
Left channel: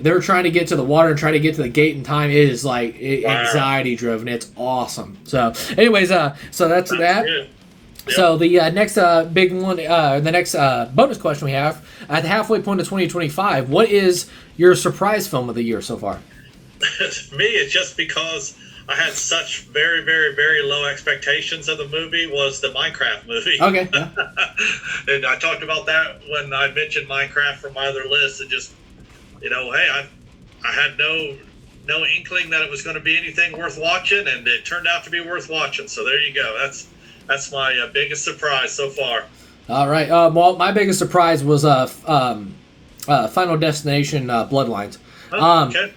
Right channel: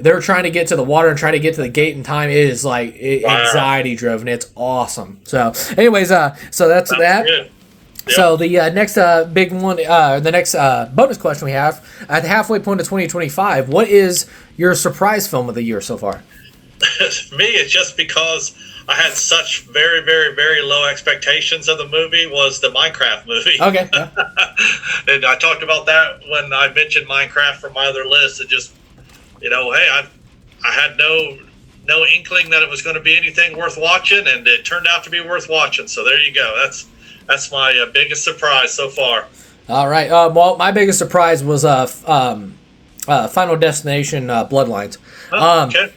they're trying to get to the water and try to get to the gate in time. It is anxiety driven. It's awesome. So anyways, so that's that. Yep. So the next big one, the next bonus question we have at the halfway point of 2025, what is your surprise film of the year so far? Me, it's just because I had such very, very, very low expectations of the movie was the Minecraft movie. Okay. Yeah. And I talked about that when I mentioned Minecraft from my other list. And just, hey, I had no inkling that it was going to be anything worth watching, and it turned out to be worth watching. So there you go. That's my biggest surprise so far. All right. Well, my biggest surprise was Final Destination Bloodlines. Okay.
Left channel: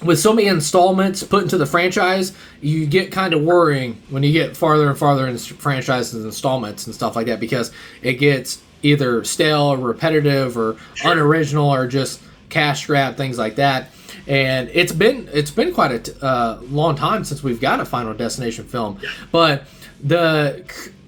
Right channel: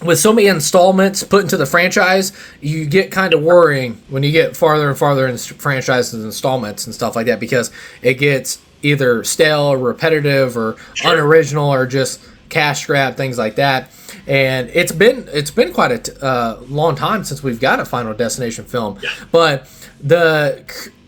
With so many installments put into the franchise, you get kind of worrying when you get farther and farther in franchises installments and stuff like that, because it gets either stale or repetitive or unoriginal or just cash grab, things like that. And it's been quite a long time since we've got a Final Destination film. Yeah. But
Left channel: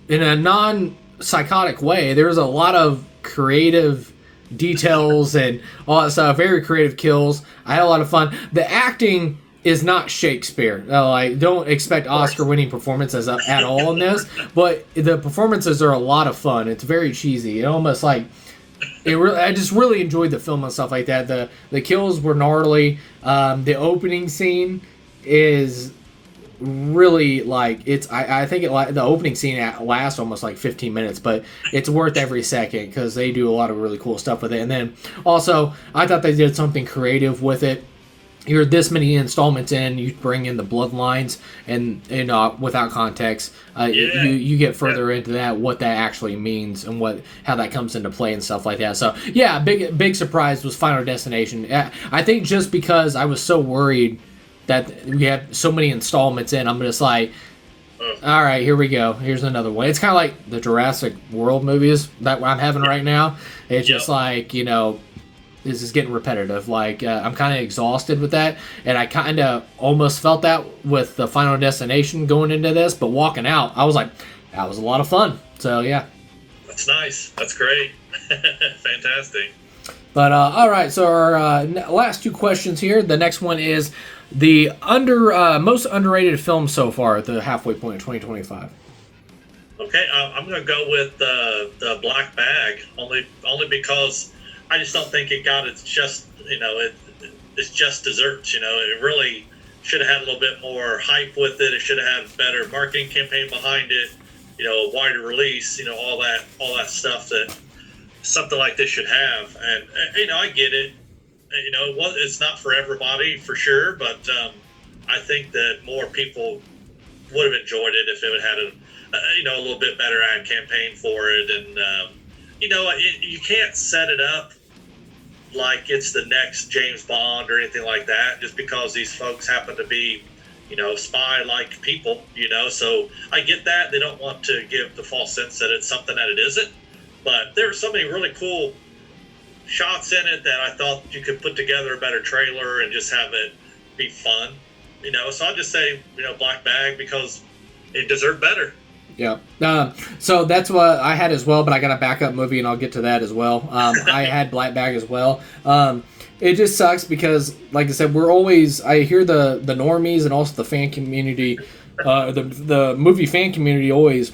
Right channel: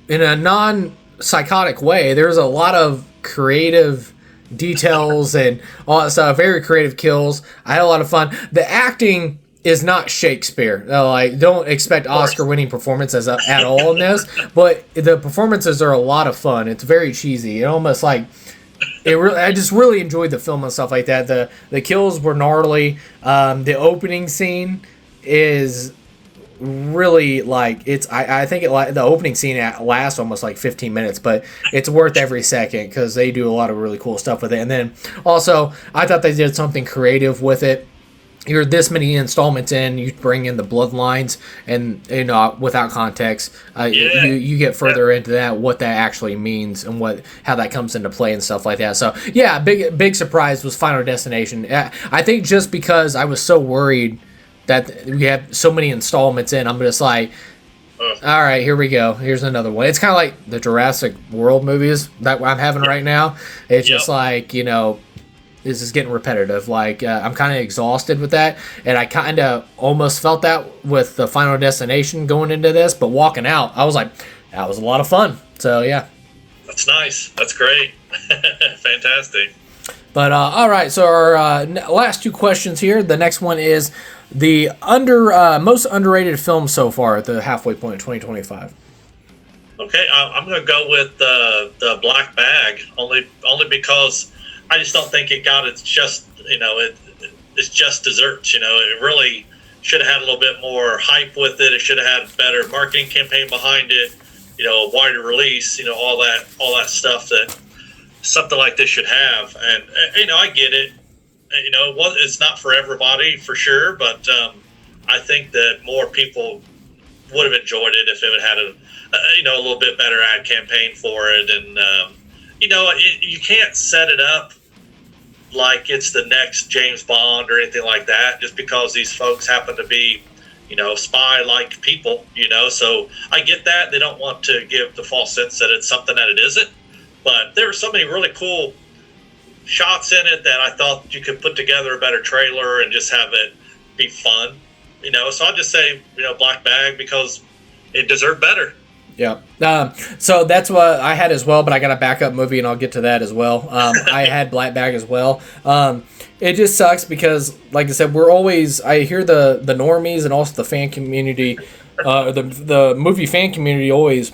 in a non-psychotic way, there's a lot of creative details and all that stuff, very creative kills. I had a lot of fun. The acting is not Shakespeare. Don't expect Oscar-winning performances at all in this, but the performances are a lot of fun. It's very cheesy. It almost I just really enjoyed the film and stuff like that. The kills were gnarly. The opening scene is really I think the opening scene lasts almost 15 minutes, but it's worth every second because they do a lot of really cool stuff with it. And then also I thought they did something creative with it. You're this many installments in, you bring in the bloodlines, and without context, you get further into that, what that actually means and how that comes into play and stuff like that. So yeah, big surprise was Final Destination. I think just because I was so worried that we have so many installments in, I'm just all right, here we go. Here's another one. It's kind of like the Jurassic World movies that I'm having right now. It's just this is getting repetitive. I'm kind of exhausted with that, and I kind of almost felt that with the Final Destination going into this, but walking out, I was like, that was a lot of fun. So yeah. That's nice. That's great. Fantastic. But all right, so our last two questions here. The next one is the most underrated film so far at the halfway point of 2025. Okay, I'm going to go with the Black Bag, only because I just don't think it got its just it's just desserts. It really should have had a little bit more hype with it. It should have had a better marketing campaign behind it. A wider release. All that stuff that something like this should have. And I get it. It's not for everybody for sure, but I think that more people would have enjoyed it if it had a little bit better ad campaign for it. And you can't set it up like it's the next James Bond or anything like that, just because these folks happen to be, spy-like people, So I get that. They don't want to give the false sense that it's something that it isn't. But there were so many really cool shots in it that I thought you could put together a better trailer and just have it be fun, So I'll just say, Black Bag, because it deserved better. Yeah. So that's what I had as well, but I got a backup movie, and I'll get to that as well. I had Black Bag as well. It just sucks because, like I said, I hear the normies and also the fan community, the movie fan community always,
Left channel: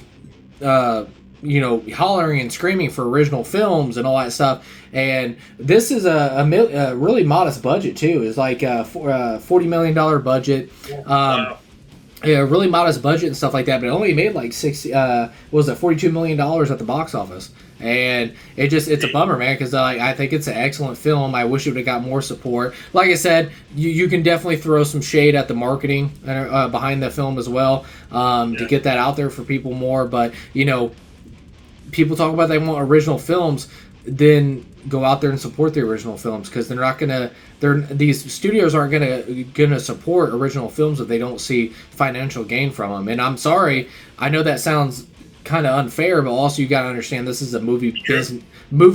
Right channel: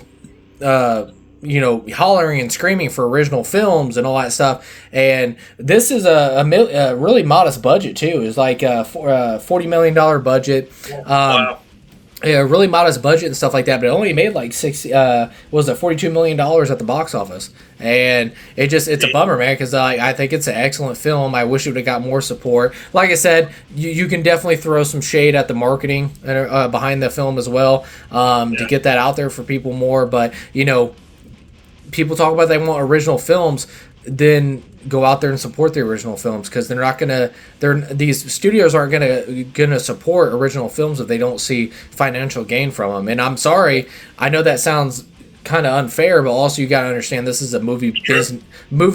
hollering and screaming for original films and all that stuff. And this is a really modest budget too. It's like a $40 million budget. Wow. Yeah, really modest budget and stuff like that, but it only made $42 million at the box office, and it's a bummer, man, because I think it's an excellent film. I wish it would have got more support. Like I said, you can definitely throw some shade at the marketing behind the film as well, to get that out there for people more. But people talk about they want original films, then go out there and support the original films, because these studios aren't gonna support original films if they don't see financial gain from them. And I'm sorry, I know that sounds kind of unfair, but also you gotta understand this is a movie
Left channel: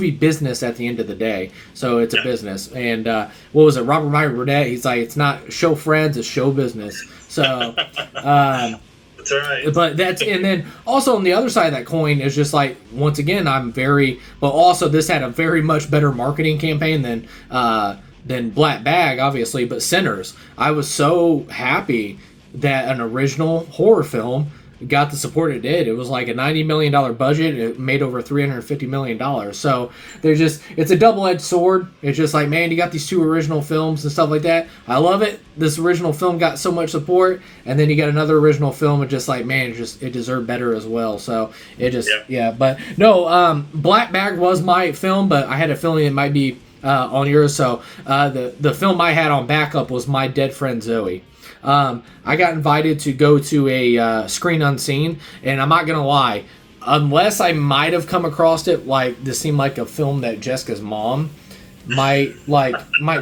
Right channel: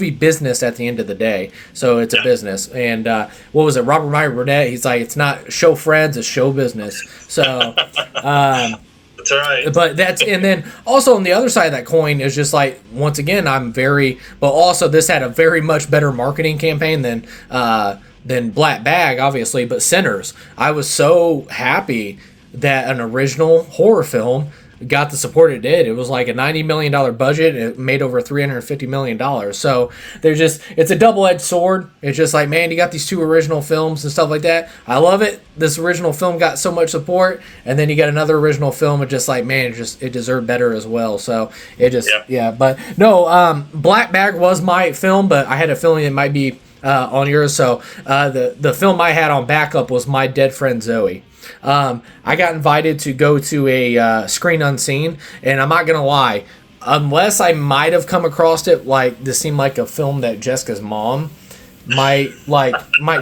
business at the end of the day. So it's a business. And what was it, Robert Meyer Burnett? He's like, it's not show friends, it's show business. So that's all right. But and then also on the other side of that coin is just once again, but also this had a very much better marketing campaign than Black Bag, obviously, but Sinners. I was so happy that an original horror film got the support it did. It was like a $90 million budget. It made over $350 million. So it's a double-edged sword. It's just like, man, you got these two original films and stuff like that. I love it. This original film got so much support, and then you got another original film, and just like, man, it deserved better as well. So it just, yeah. But no, Black Bag was my film, but I had a feeling it might be on yours. So the film I had on backup was My Dead Friend Zoe. I got invited to go to a screen unseen, and I'm not gonna lie, unless I might have come across it, like this seemed like a film that Jessica's mom might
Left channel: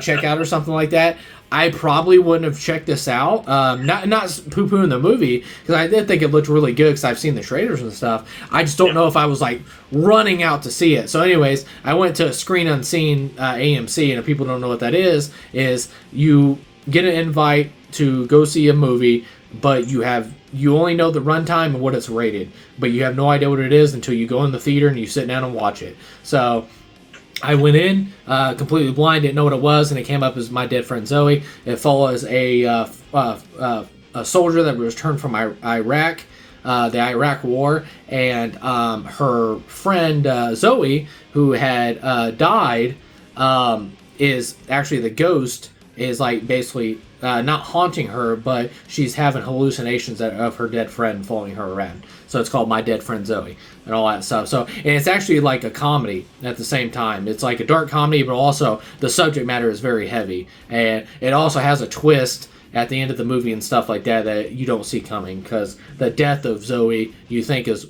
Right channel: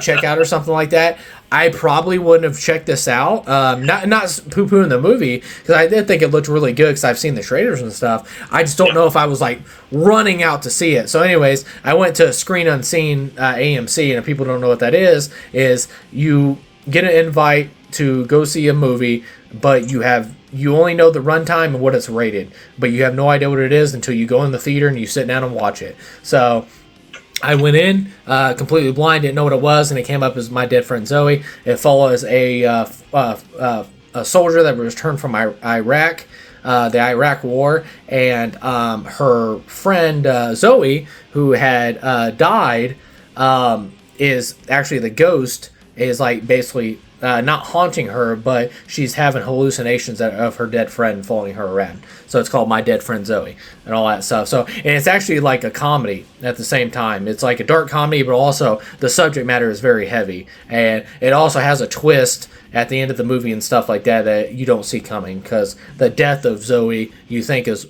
check out or something like that, I probably wouldn't have checked this out. Not poo-pooing the movie, because I did think it looked really good because I've seen the trailers and stuff. I just don't know if I was like running out to see it. So anyways, I went to Screen Unseen AMC, and if people don't know what that is you get an invite to go see a movie, but you only know the runtime and what it's rated, but you have no idea what it is until you go in the theater and you sit down and watch it. So I went in completely blind, didn't know what it was, and it came up as My Dead Friend Zoe. It follows a soldier that returned from Iraq, the Iraq War, and her friend Zoe, who had died, is actually the ghost, is like basically not haunting her, but she's having hallucinations of her dead friend following her around. So it's called My Dead Friend Zoe and all that stuff. So, and it's actually like a comedy at the same time. It's like a dark comedy, but also the subject matter is very heavy. And it also has a twist at the end of the movie and stuff like that you don't see coming, because the death of Zoe you think is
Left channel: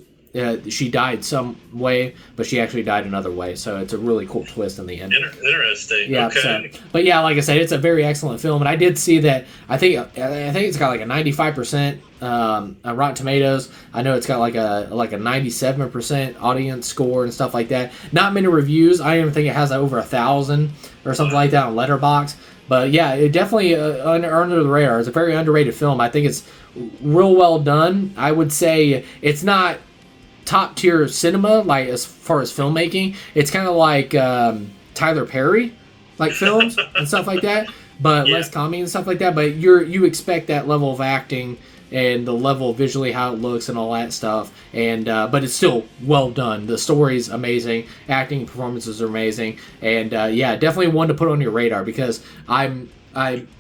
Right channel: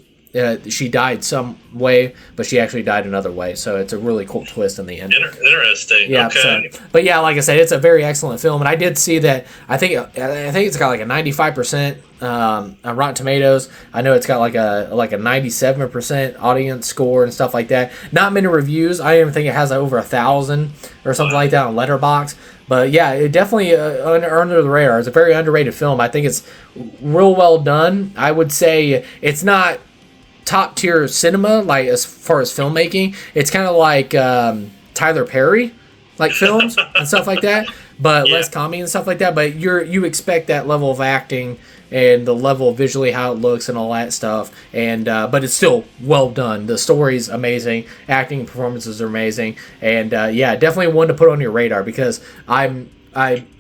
she died some way, but she actually died another way. So it's a really cool twist in the end. Interesting. Yeah. Okay. So, but yeah, like I said, it's a very excellent film, and I did see that. I think it's got like a 95% on Rotten Tomatoes. I know it's got like a 97% audience score and stuff like that. Not many reviews. I even think it has over 1,000 or something like that on Letterboxd. But yeah, it definitely under the radar. It's a very underrated film. I think it's real well done. I would say it's not top tier cinema, like as far as filmmaking. It's kind of like Tyler Perry like films and stuff like that, but less comedy and stuff like that. But you expect that level of acting and the level of visually how it looks and all that stuff, and but it's still well done. The story's amazing, acting performances are amazing, and yeah, definitely one to put on your radar, because I'm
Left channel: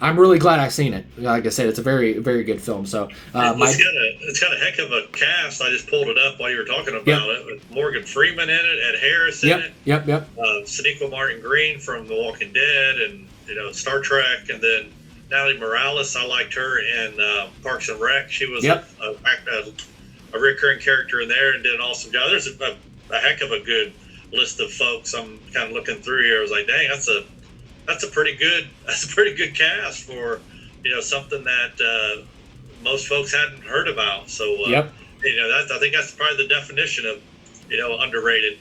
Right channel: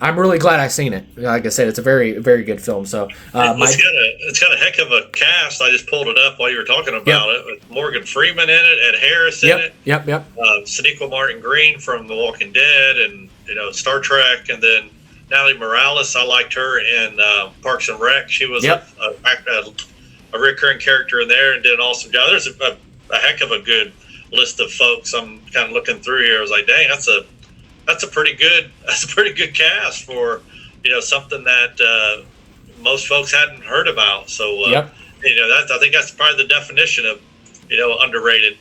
really glad I've seen it. Like I said, it's a very, very good film. So it's got a heck of a cast. I just pulled it up while you were talking about it. With Morgan Freeman in it, Ed Harris in it. Yep. Sonequa Martin Green from The Walking Dead and Star Trek, and then Natalie Morales. I liked her in Parks and Rec. She was a recurring character in there and did an awesome job. There's a heck of a good list of folks. I'm kind of looking through here. I was like, dang, that's a pretty good cast for something that most folks hadn't heard about. So I think that's probably the definition of underrated.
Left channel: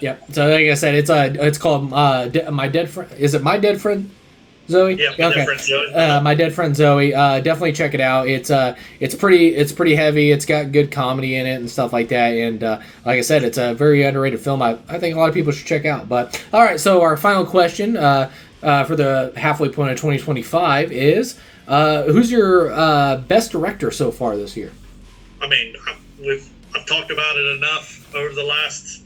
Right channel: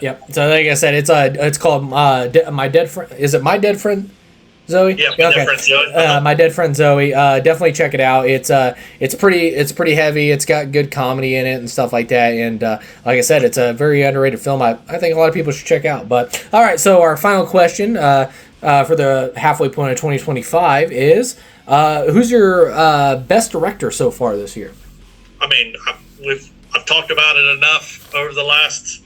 Yeah. So like I said, it's called My Dead Friend. Is it My Dead Friend Zoe? Yeah, My Dead Friend Zoe. My Dead Friend Zoe. Definitely check it out. It's pretty heavy. It's got good comedy in it and stuff like that. And like I said, it's a very underrated film. I think a lot of people should check out. But all right, so our final question for the halfway point of 2025 is who's your best director so far this year? I mean, I've talked about it enough over the last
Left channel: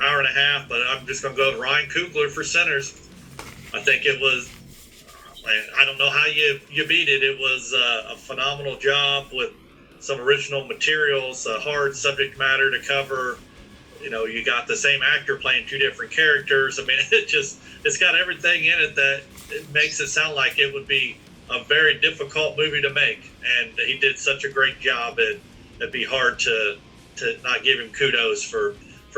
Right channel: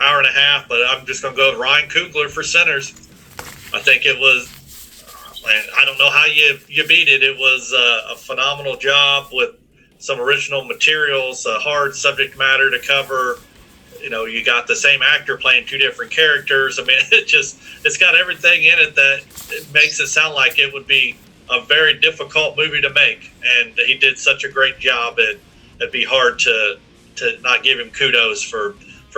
hour and a half, but I'm just going to go with Ryan Coogler for Sinners. I think it was, I don't know how you beat it. It was a phenomenal job with some original materials, a hard subject matter to cover. You got the same actor playing two different characters. I mean, it's got everything in it that it makes it sound like it would be a very difficult movie to make. And he did such a great job. It'd be hard to not give him kudos for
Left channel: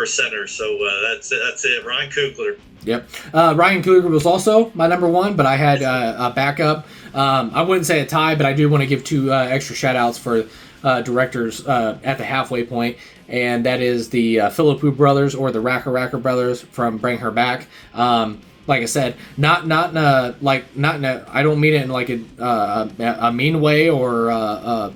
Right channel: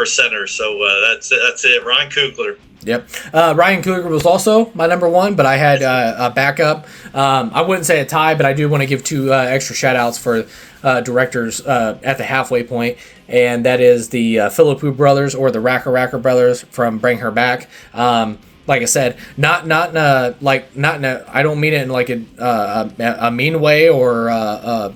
Sinners. So that's it. Ryan Coogler. Yep. Ryan Coogler was also my number one, but I had a backup. I wouldn't say a tie, but I do want to give two extra shout outs for directors at the halfway point, and that is the Philippou brothers, or the Racker brothers from Bring Her Back. Like I said, not in a, I don't mean it in like a mean way or a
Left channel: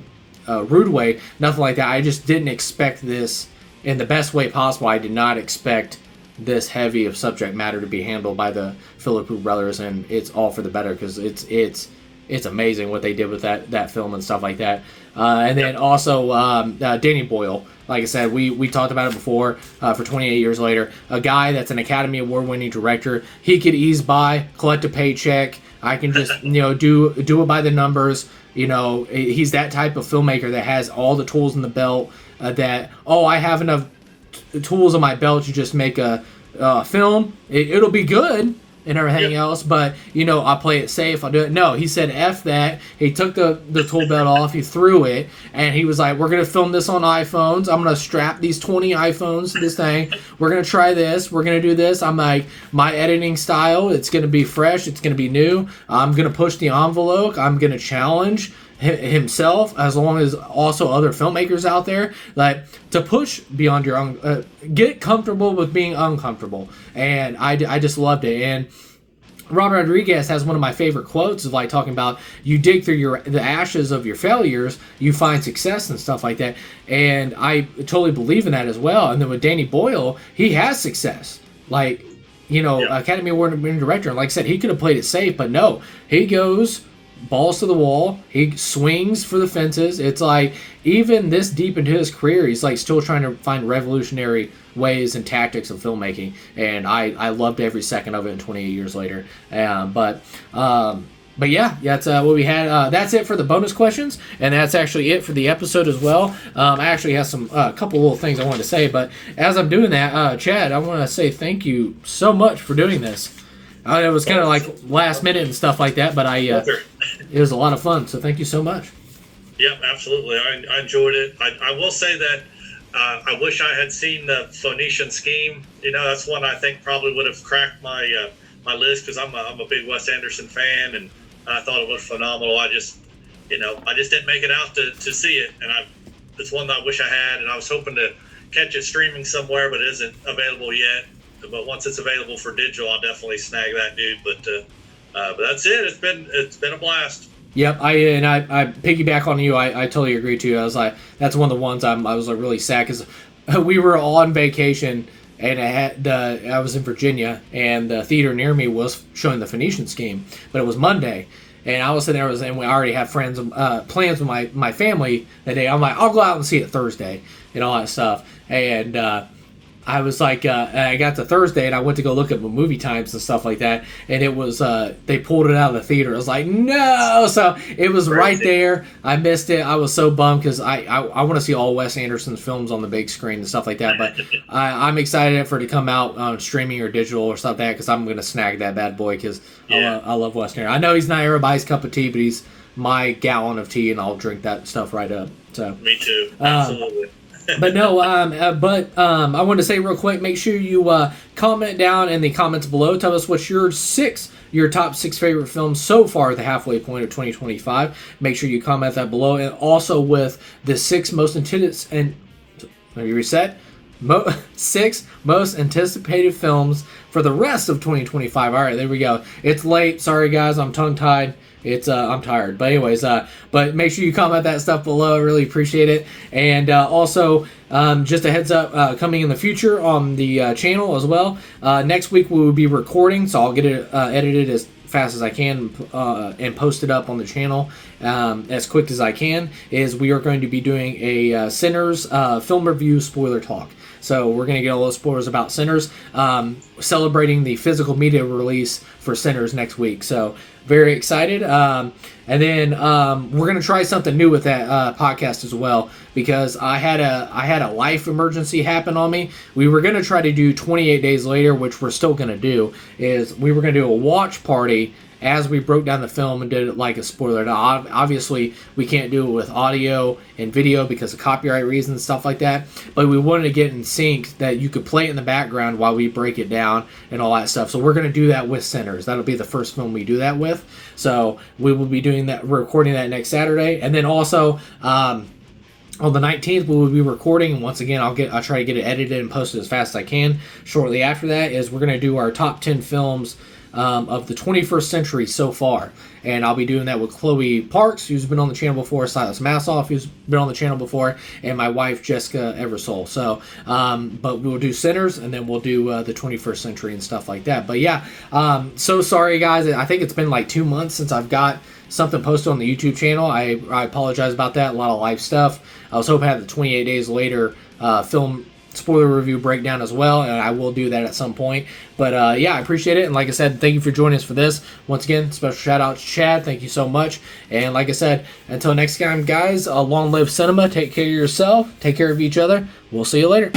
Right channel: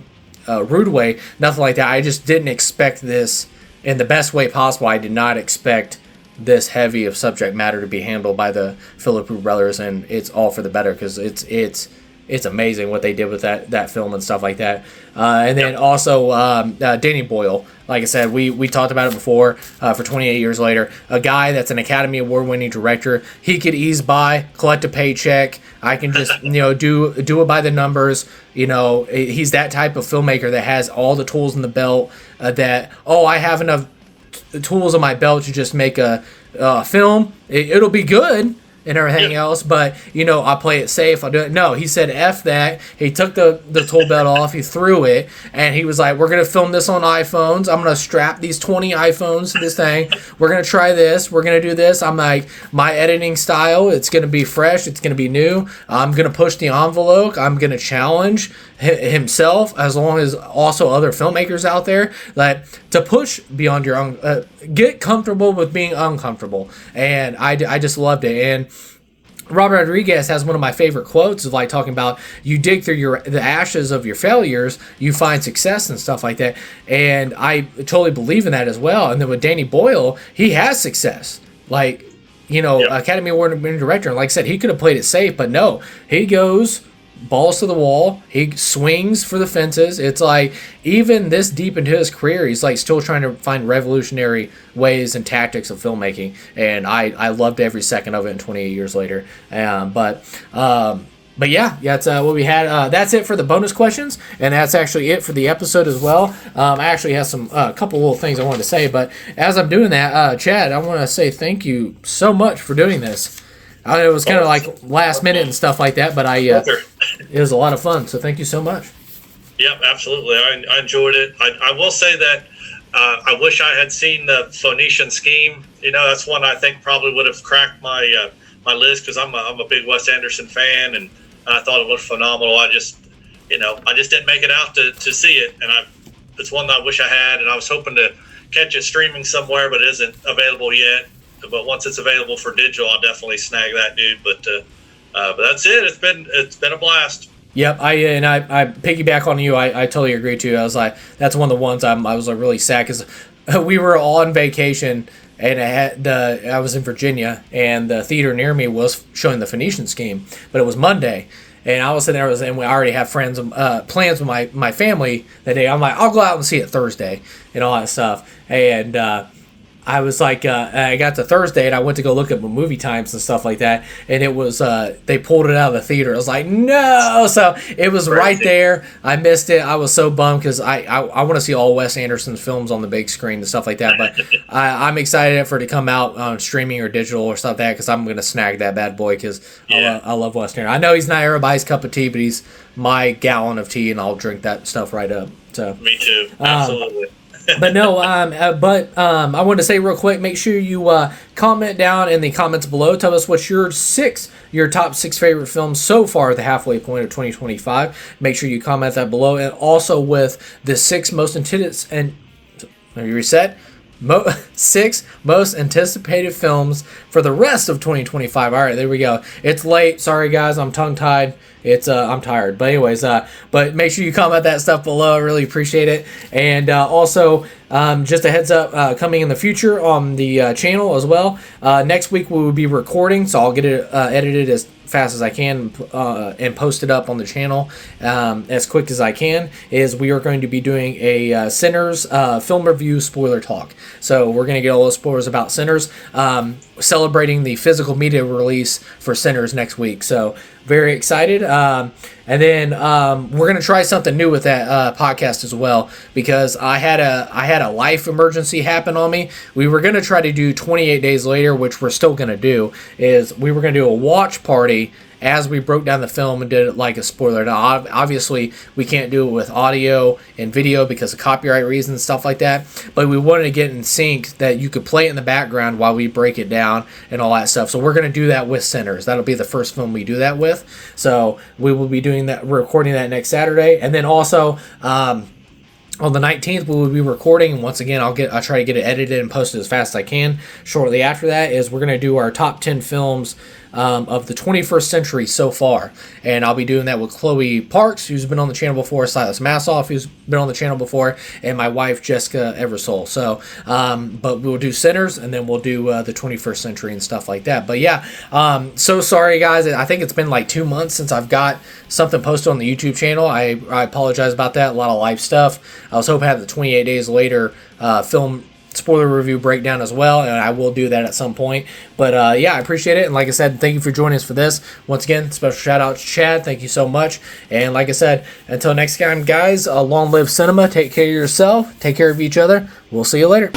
rude way, nothing like that. I just didn't expect this in the best way possible. I did not expect this heavy of subject matter to be handled by the Philippou brothers, and it's all for the better, because it's it's amazing what they did with that film and stuff like that. And then also Danny Boyle. Like I said, we talked about it before. For 28 Years Later, a guy that's an Academy Award winning director. He could ease by, collect a paycheck. I can just do it by the numbers. He's that type of filmmaker that has all the tools in the belt. I have enough tools in my belt to just make a film. It'll be good and everything else, but I play it safe. I'll do it. No, he said F that. He took the tool belt off, he threw it, and he was like, we're gonna film this on iPhones. I'm gonna strap these 20 iPhones to this thing. We're gonna try this, we're gonna do this. I'm like, my editing style, it's gonna be fresh, it's gonna be new. I'm gonna push the envelope, I'm gonna challenge himself, as long as also other filmmakers out there, like, to push beyond your own, get comfortable with being uncomfortable. And I just loved it. And Robert Rodriguez has one of my favorite quotes of, like, talking about, you dig through the ashes of your failures, you find success and stuff like that. And I totally believe in that as well. And then with Danny Boyle, he has success, like, Academy Award winning director. Like I said, he could have played it safe, but no, he goes balls to the wall. He swings for the fences. It's like, even this deep into his career, he's like still trying to find revolutionary ways and tactics of filmmaking. And I loved every second of it in 28 Years Later. But yeah, that's what we had. That's it for the bonus questions, and that's actually it for the episode as well. I actually have a couple little things I wanted to say, but as I'm doing that, Chad, I want to say thank you so much for doing this. It was kind of like last minute and stuff like that, but it was a lot of fun. So thank you so much. Yep, absolutely. I enjoyed it. I will say that I wish I had seen the Phoenician Scheme. That's one I think probably would have cracked my my list, because I'm a big Wes Anderson fan, and I thought it was phenomenal. I just didn't make it out to see it, and it's one that I wish I had, and I was hoping to catch it streaming somewhere, but it isn't available yet. But once it's available for digital, I'll definitely snag that, dude. But that's it. It's been a blast. Yep, I piggyback on you. I totally agree too. I was like, that's one of the ones I was like really sad, because we were on vacation, and I was in Virginia, and the theater near me was showing the Phoenician Scheme, but it was Monday. And I was sitting there, and we already have plans with my family that day. I'm like, I'll go out and see it Thursday and all that stuff. And I was like, I got to Thursday, and I went to go look at movie times and stuff like that, and it was, they pulled it out of the theater. I was like, no! So it was right there. I missed it. I was so bummed, because I want to see all Wes Anderson's films on the big screen and stuff like that, but I'm excited for it to come out on streaming or digital or stuff like that, because I'm going to snag that bad boy, because I love Wes Anderson. I know he's not everybody's cup of tea, but he's my gallon of tea, and I'll drink that stuff right up. So me too. Absolutely. But no, I wanted to say real quick, make sure you comment down in the comments below. Tell us what's your top 6 favorite films so far at the halfway point of 2025. Make sure you comment that below, and also with the 6 most anticipated, and have you reset? 6 most anticipated films for the rest of 2025. All right, there we go. It's late. Sorry, guys. I'm tongue-tied. I'm tired. But anyways, but make sure you comment that stuff below. I really appreciate it. And also, just a heads up, coming in the future on the channel as well. Next week we will be recording, so I'll get it edited as fast as I can and post it up on the channel as quick as I can. We are going to be doing a Sinners film review spoiler talk. So we're going to get all those spoilers about Sinners, celebrating the physical media release for Sinners next week. So very excited. And then we're going to try something new with that podcast as well, because I had a life emergency happen on me. We were going to try to do 28 Days Later, which we're still going to do. We were going to do a watch party as we broke down the film and did it like a spoiler. Now, obviously, we can't do it with audio and video because of copyright reasons and stuff like that, but we wanted to get in sync that you could play it in the background while we break it down and all that stuff. So we're going to do that with Sinners. That'll be the first film we do that with. So we will be doing that. We're recording that next Saturday. And then also, on the 19th, we will be recording, and once again, I'll try to get it edited and posted as fast as I can. Shortly after that we're going to do our top 10 films of the 21st century so far. And I'll be doing that with Chloe Parks, who's been on the channel before, Silas Massoff, who's been on the channel before, and my wife, Jessica Eversole. So, but we'll do Sinners, and then we'll do the 21st century and stuff like that. But yeah, so sorry, guys. I think it's been like 2 months since I've got something posted on the YouTube channel. I apologize about that. A lot of live stuff. I was hoping to have the 28 Days Later film spoiler review breakdown as well, and I will do that at some point. But yeah, I appreciate it, and like I said, thank you for joining us for this. Once again, special shout out to Chad. Thank you so much. And like I said, until next time, guys, long live cinema. Take care of yourself. Take care of each other. We'll see you later.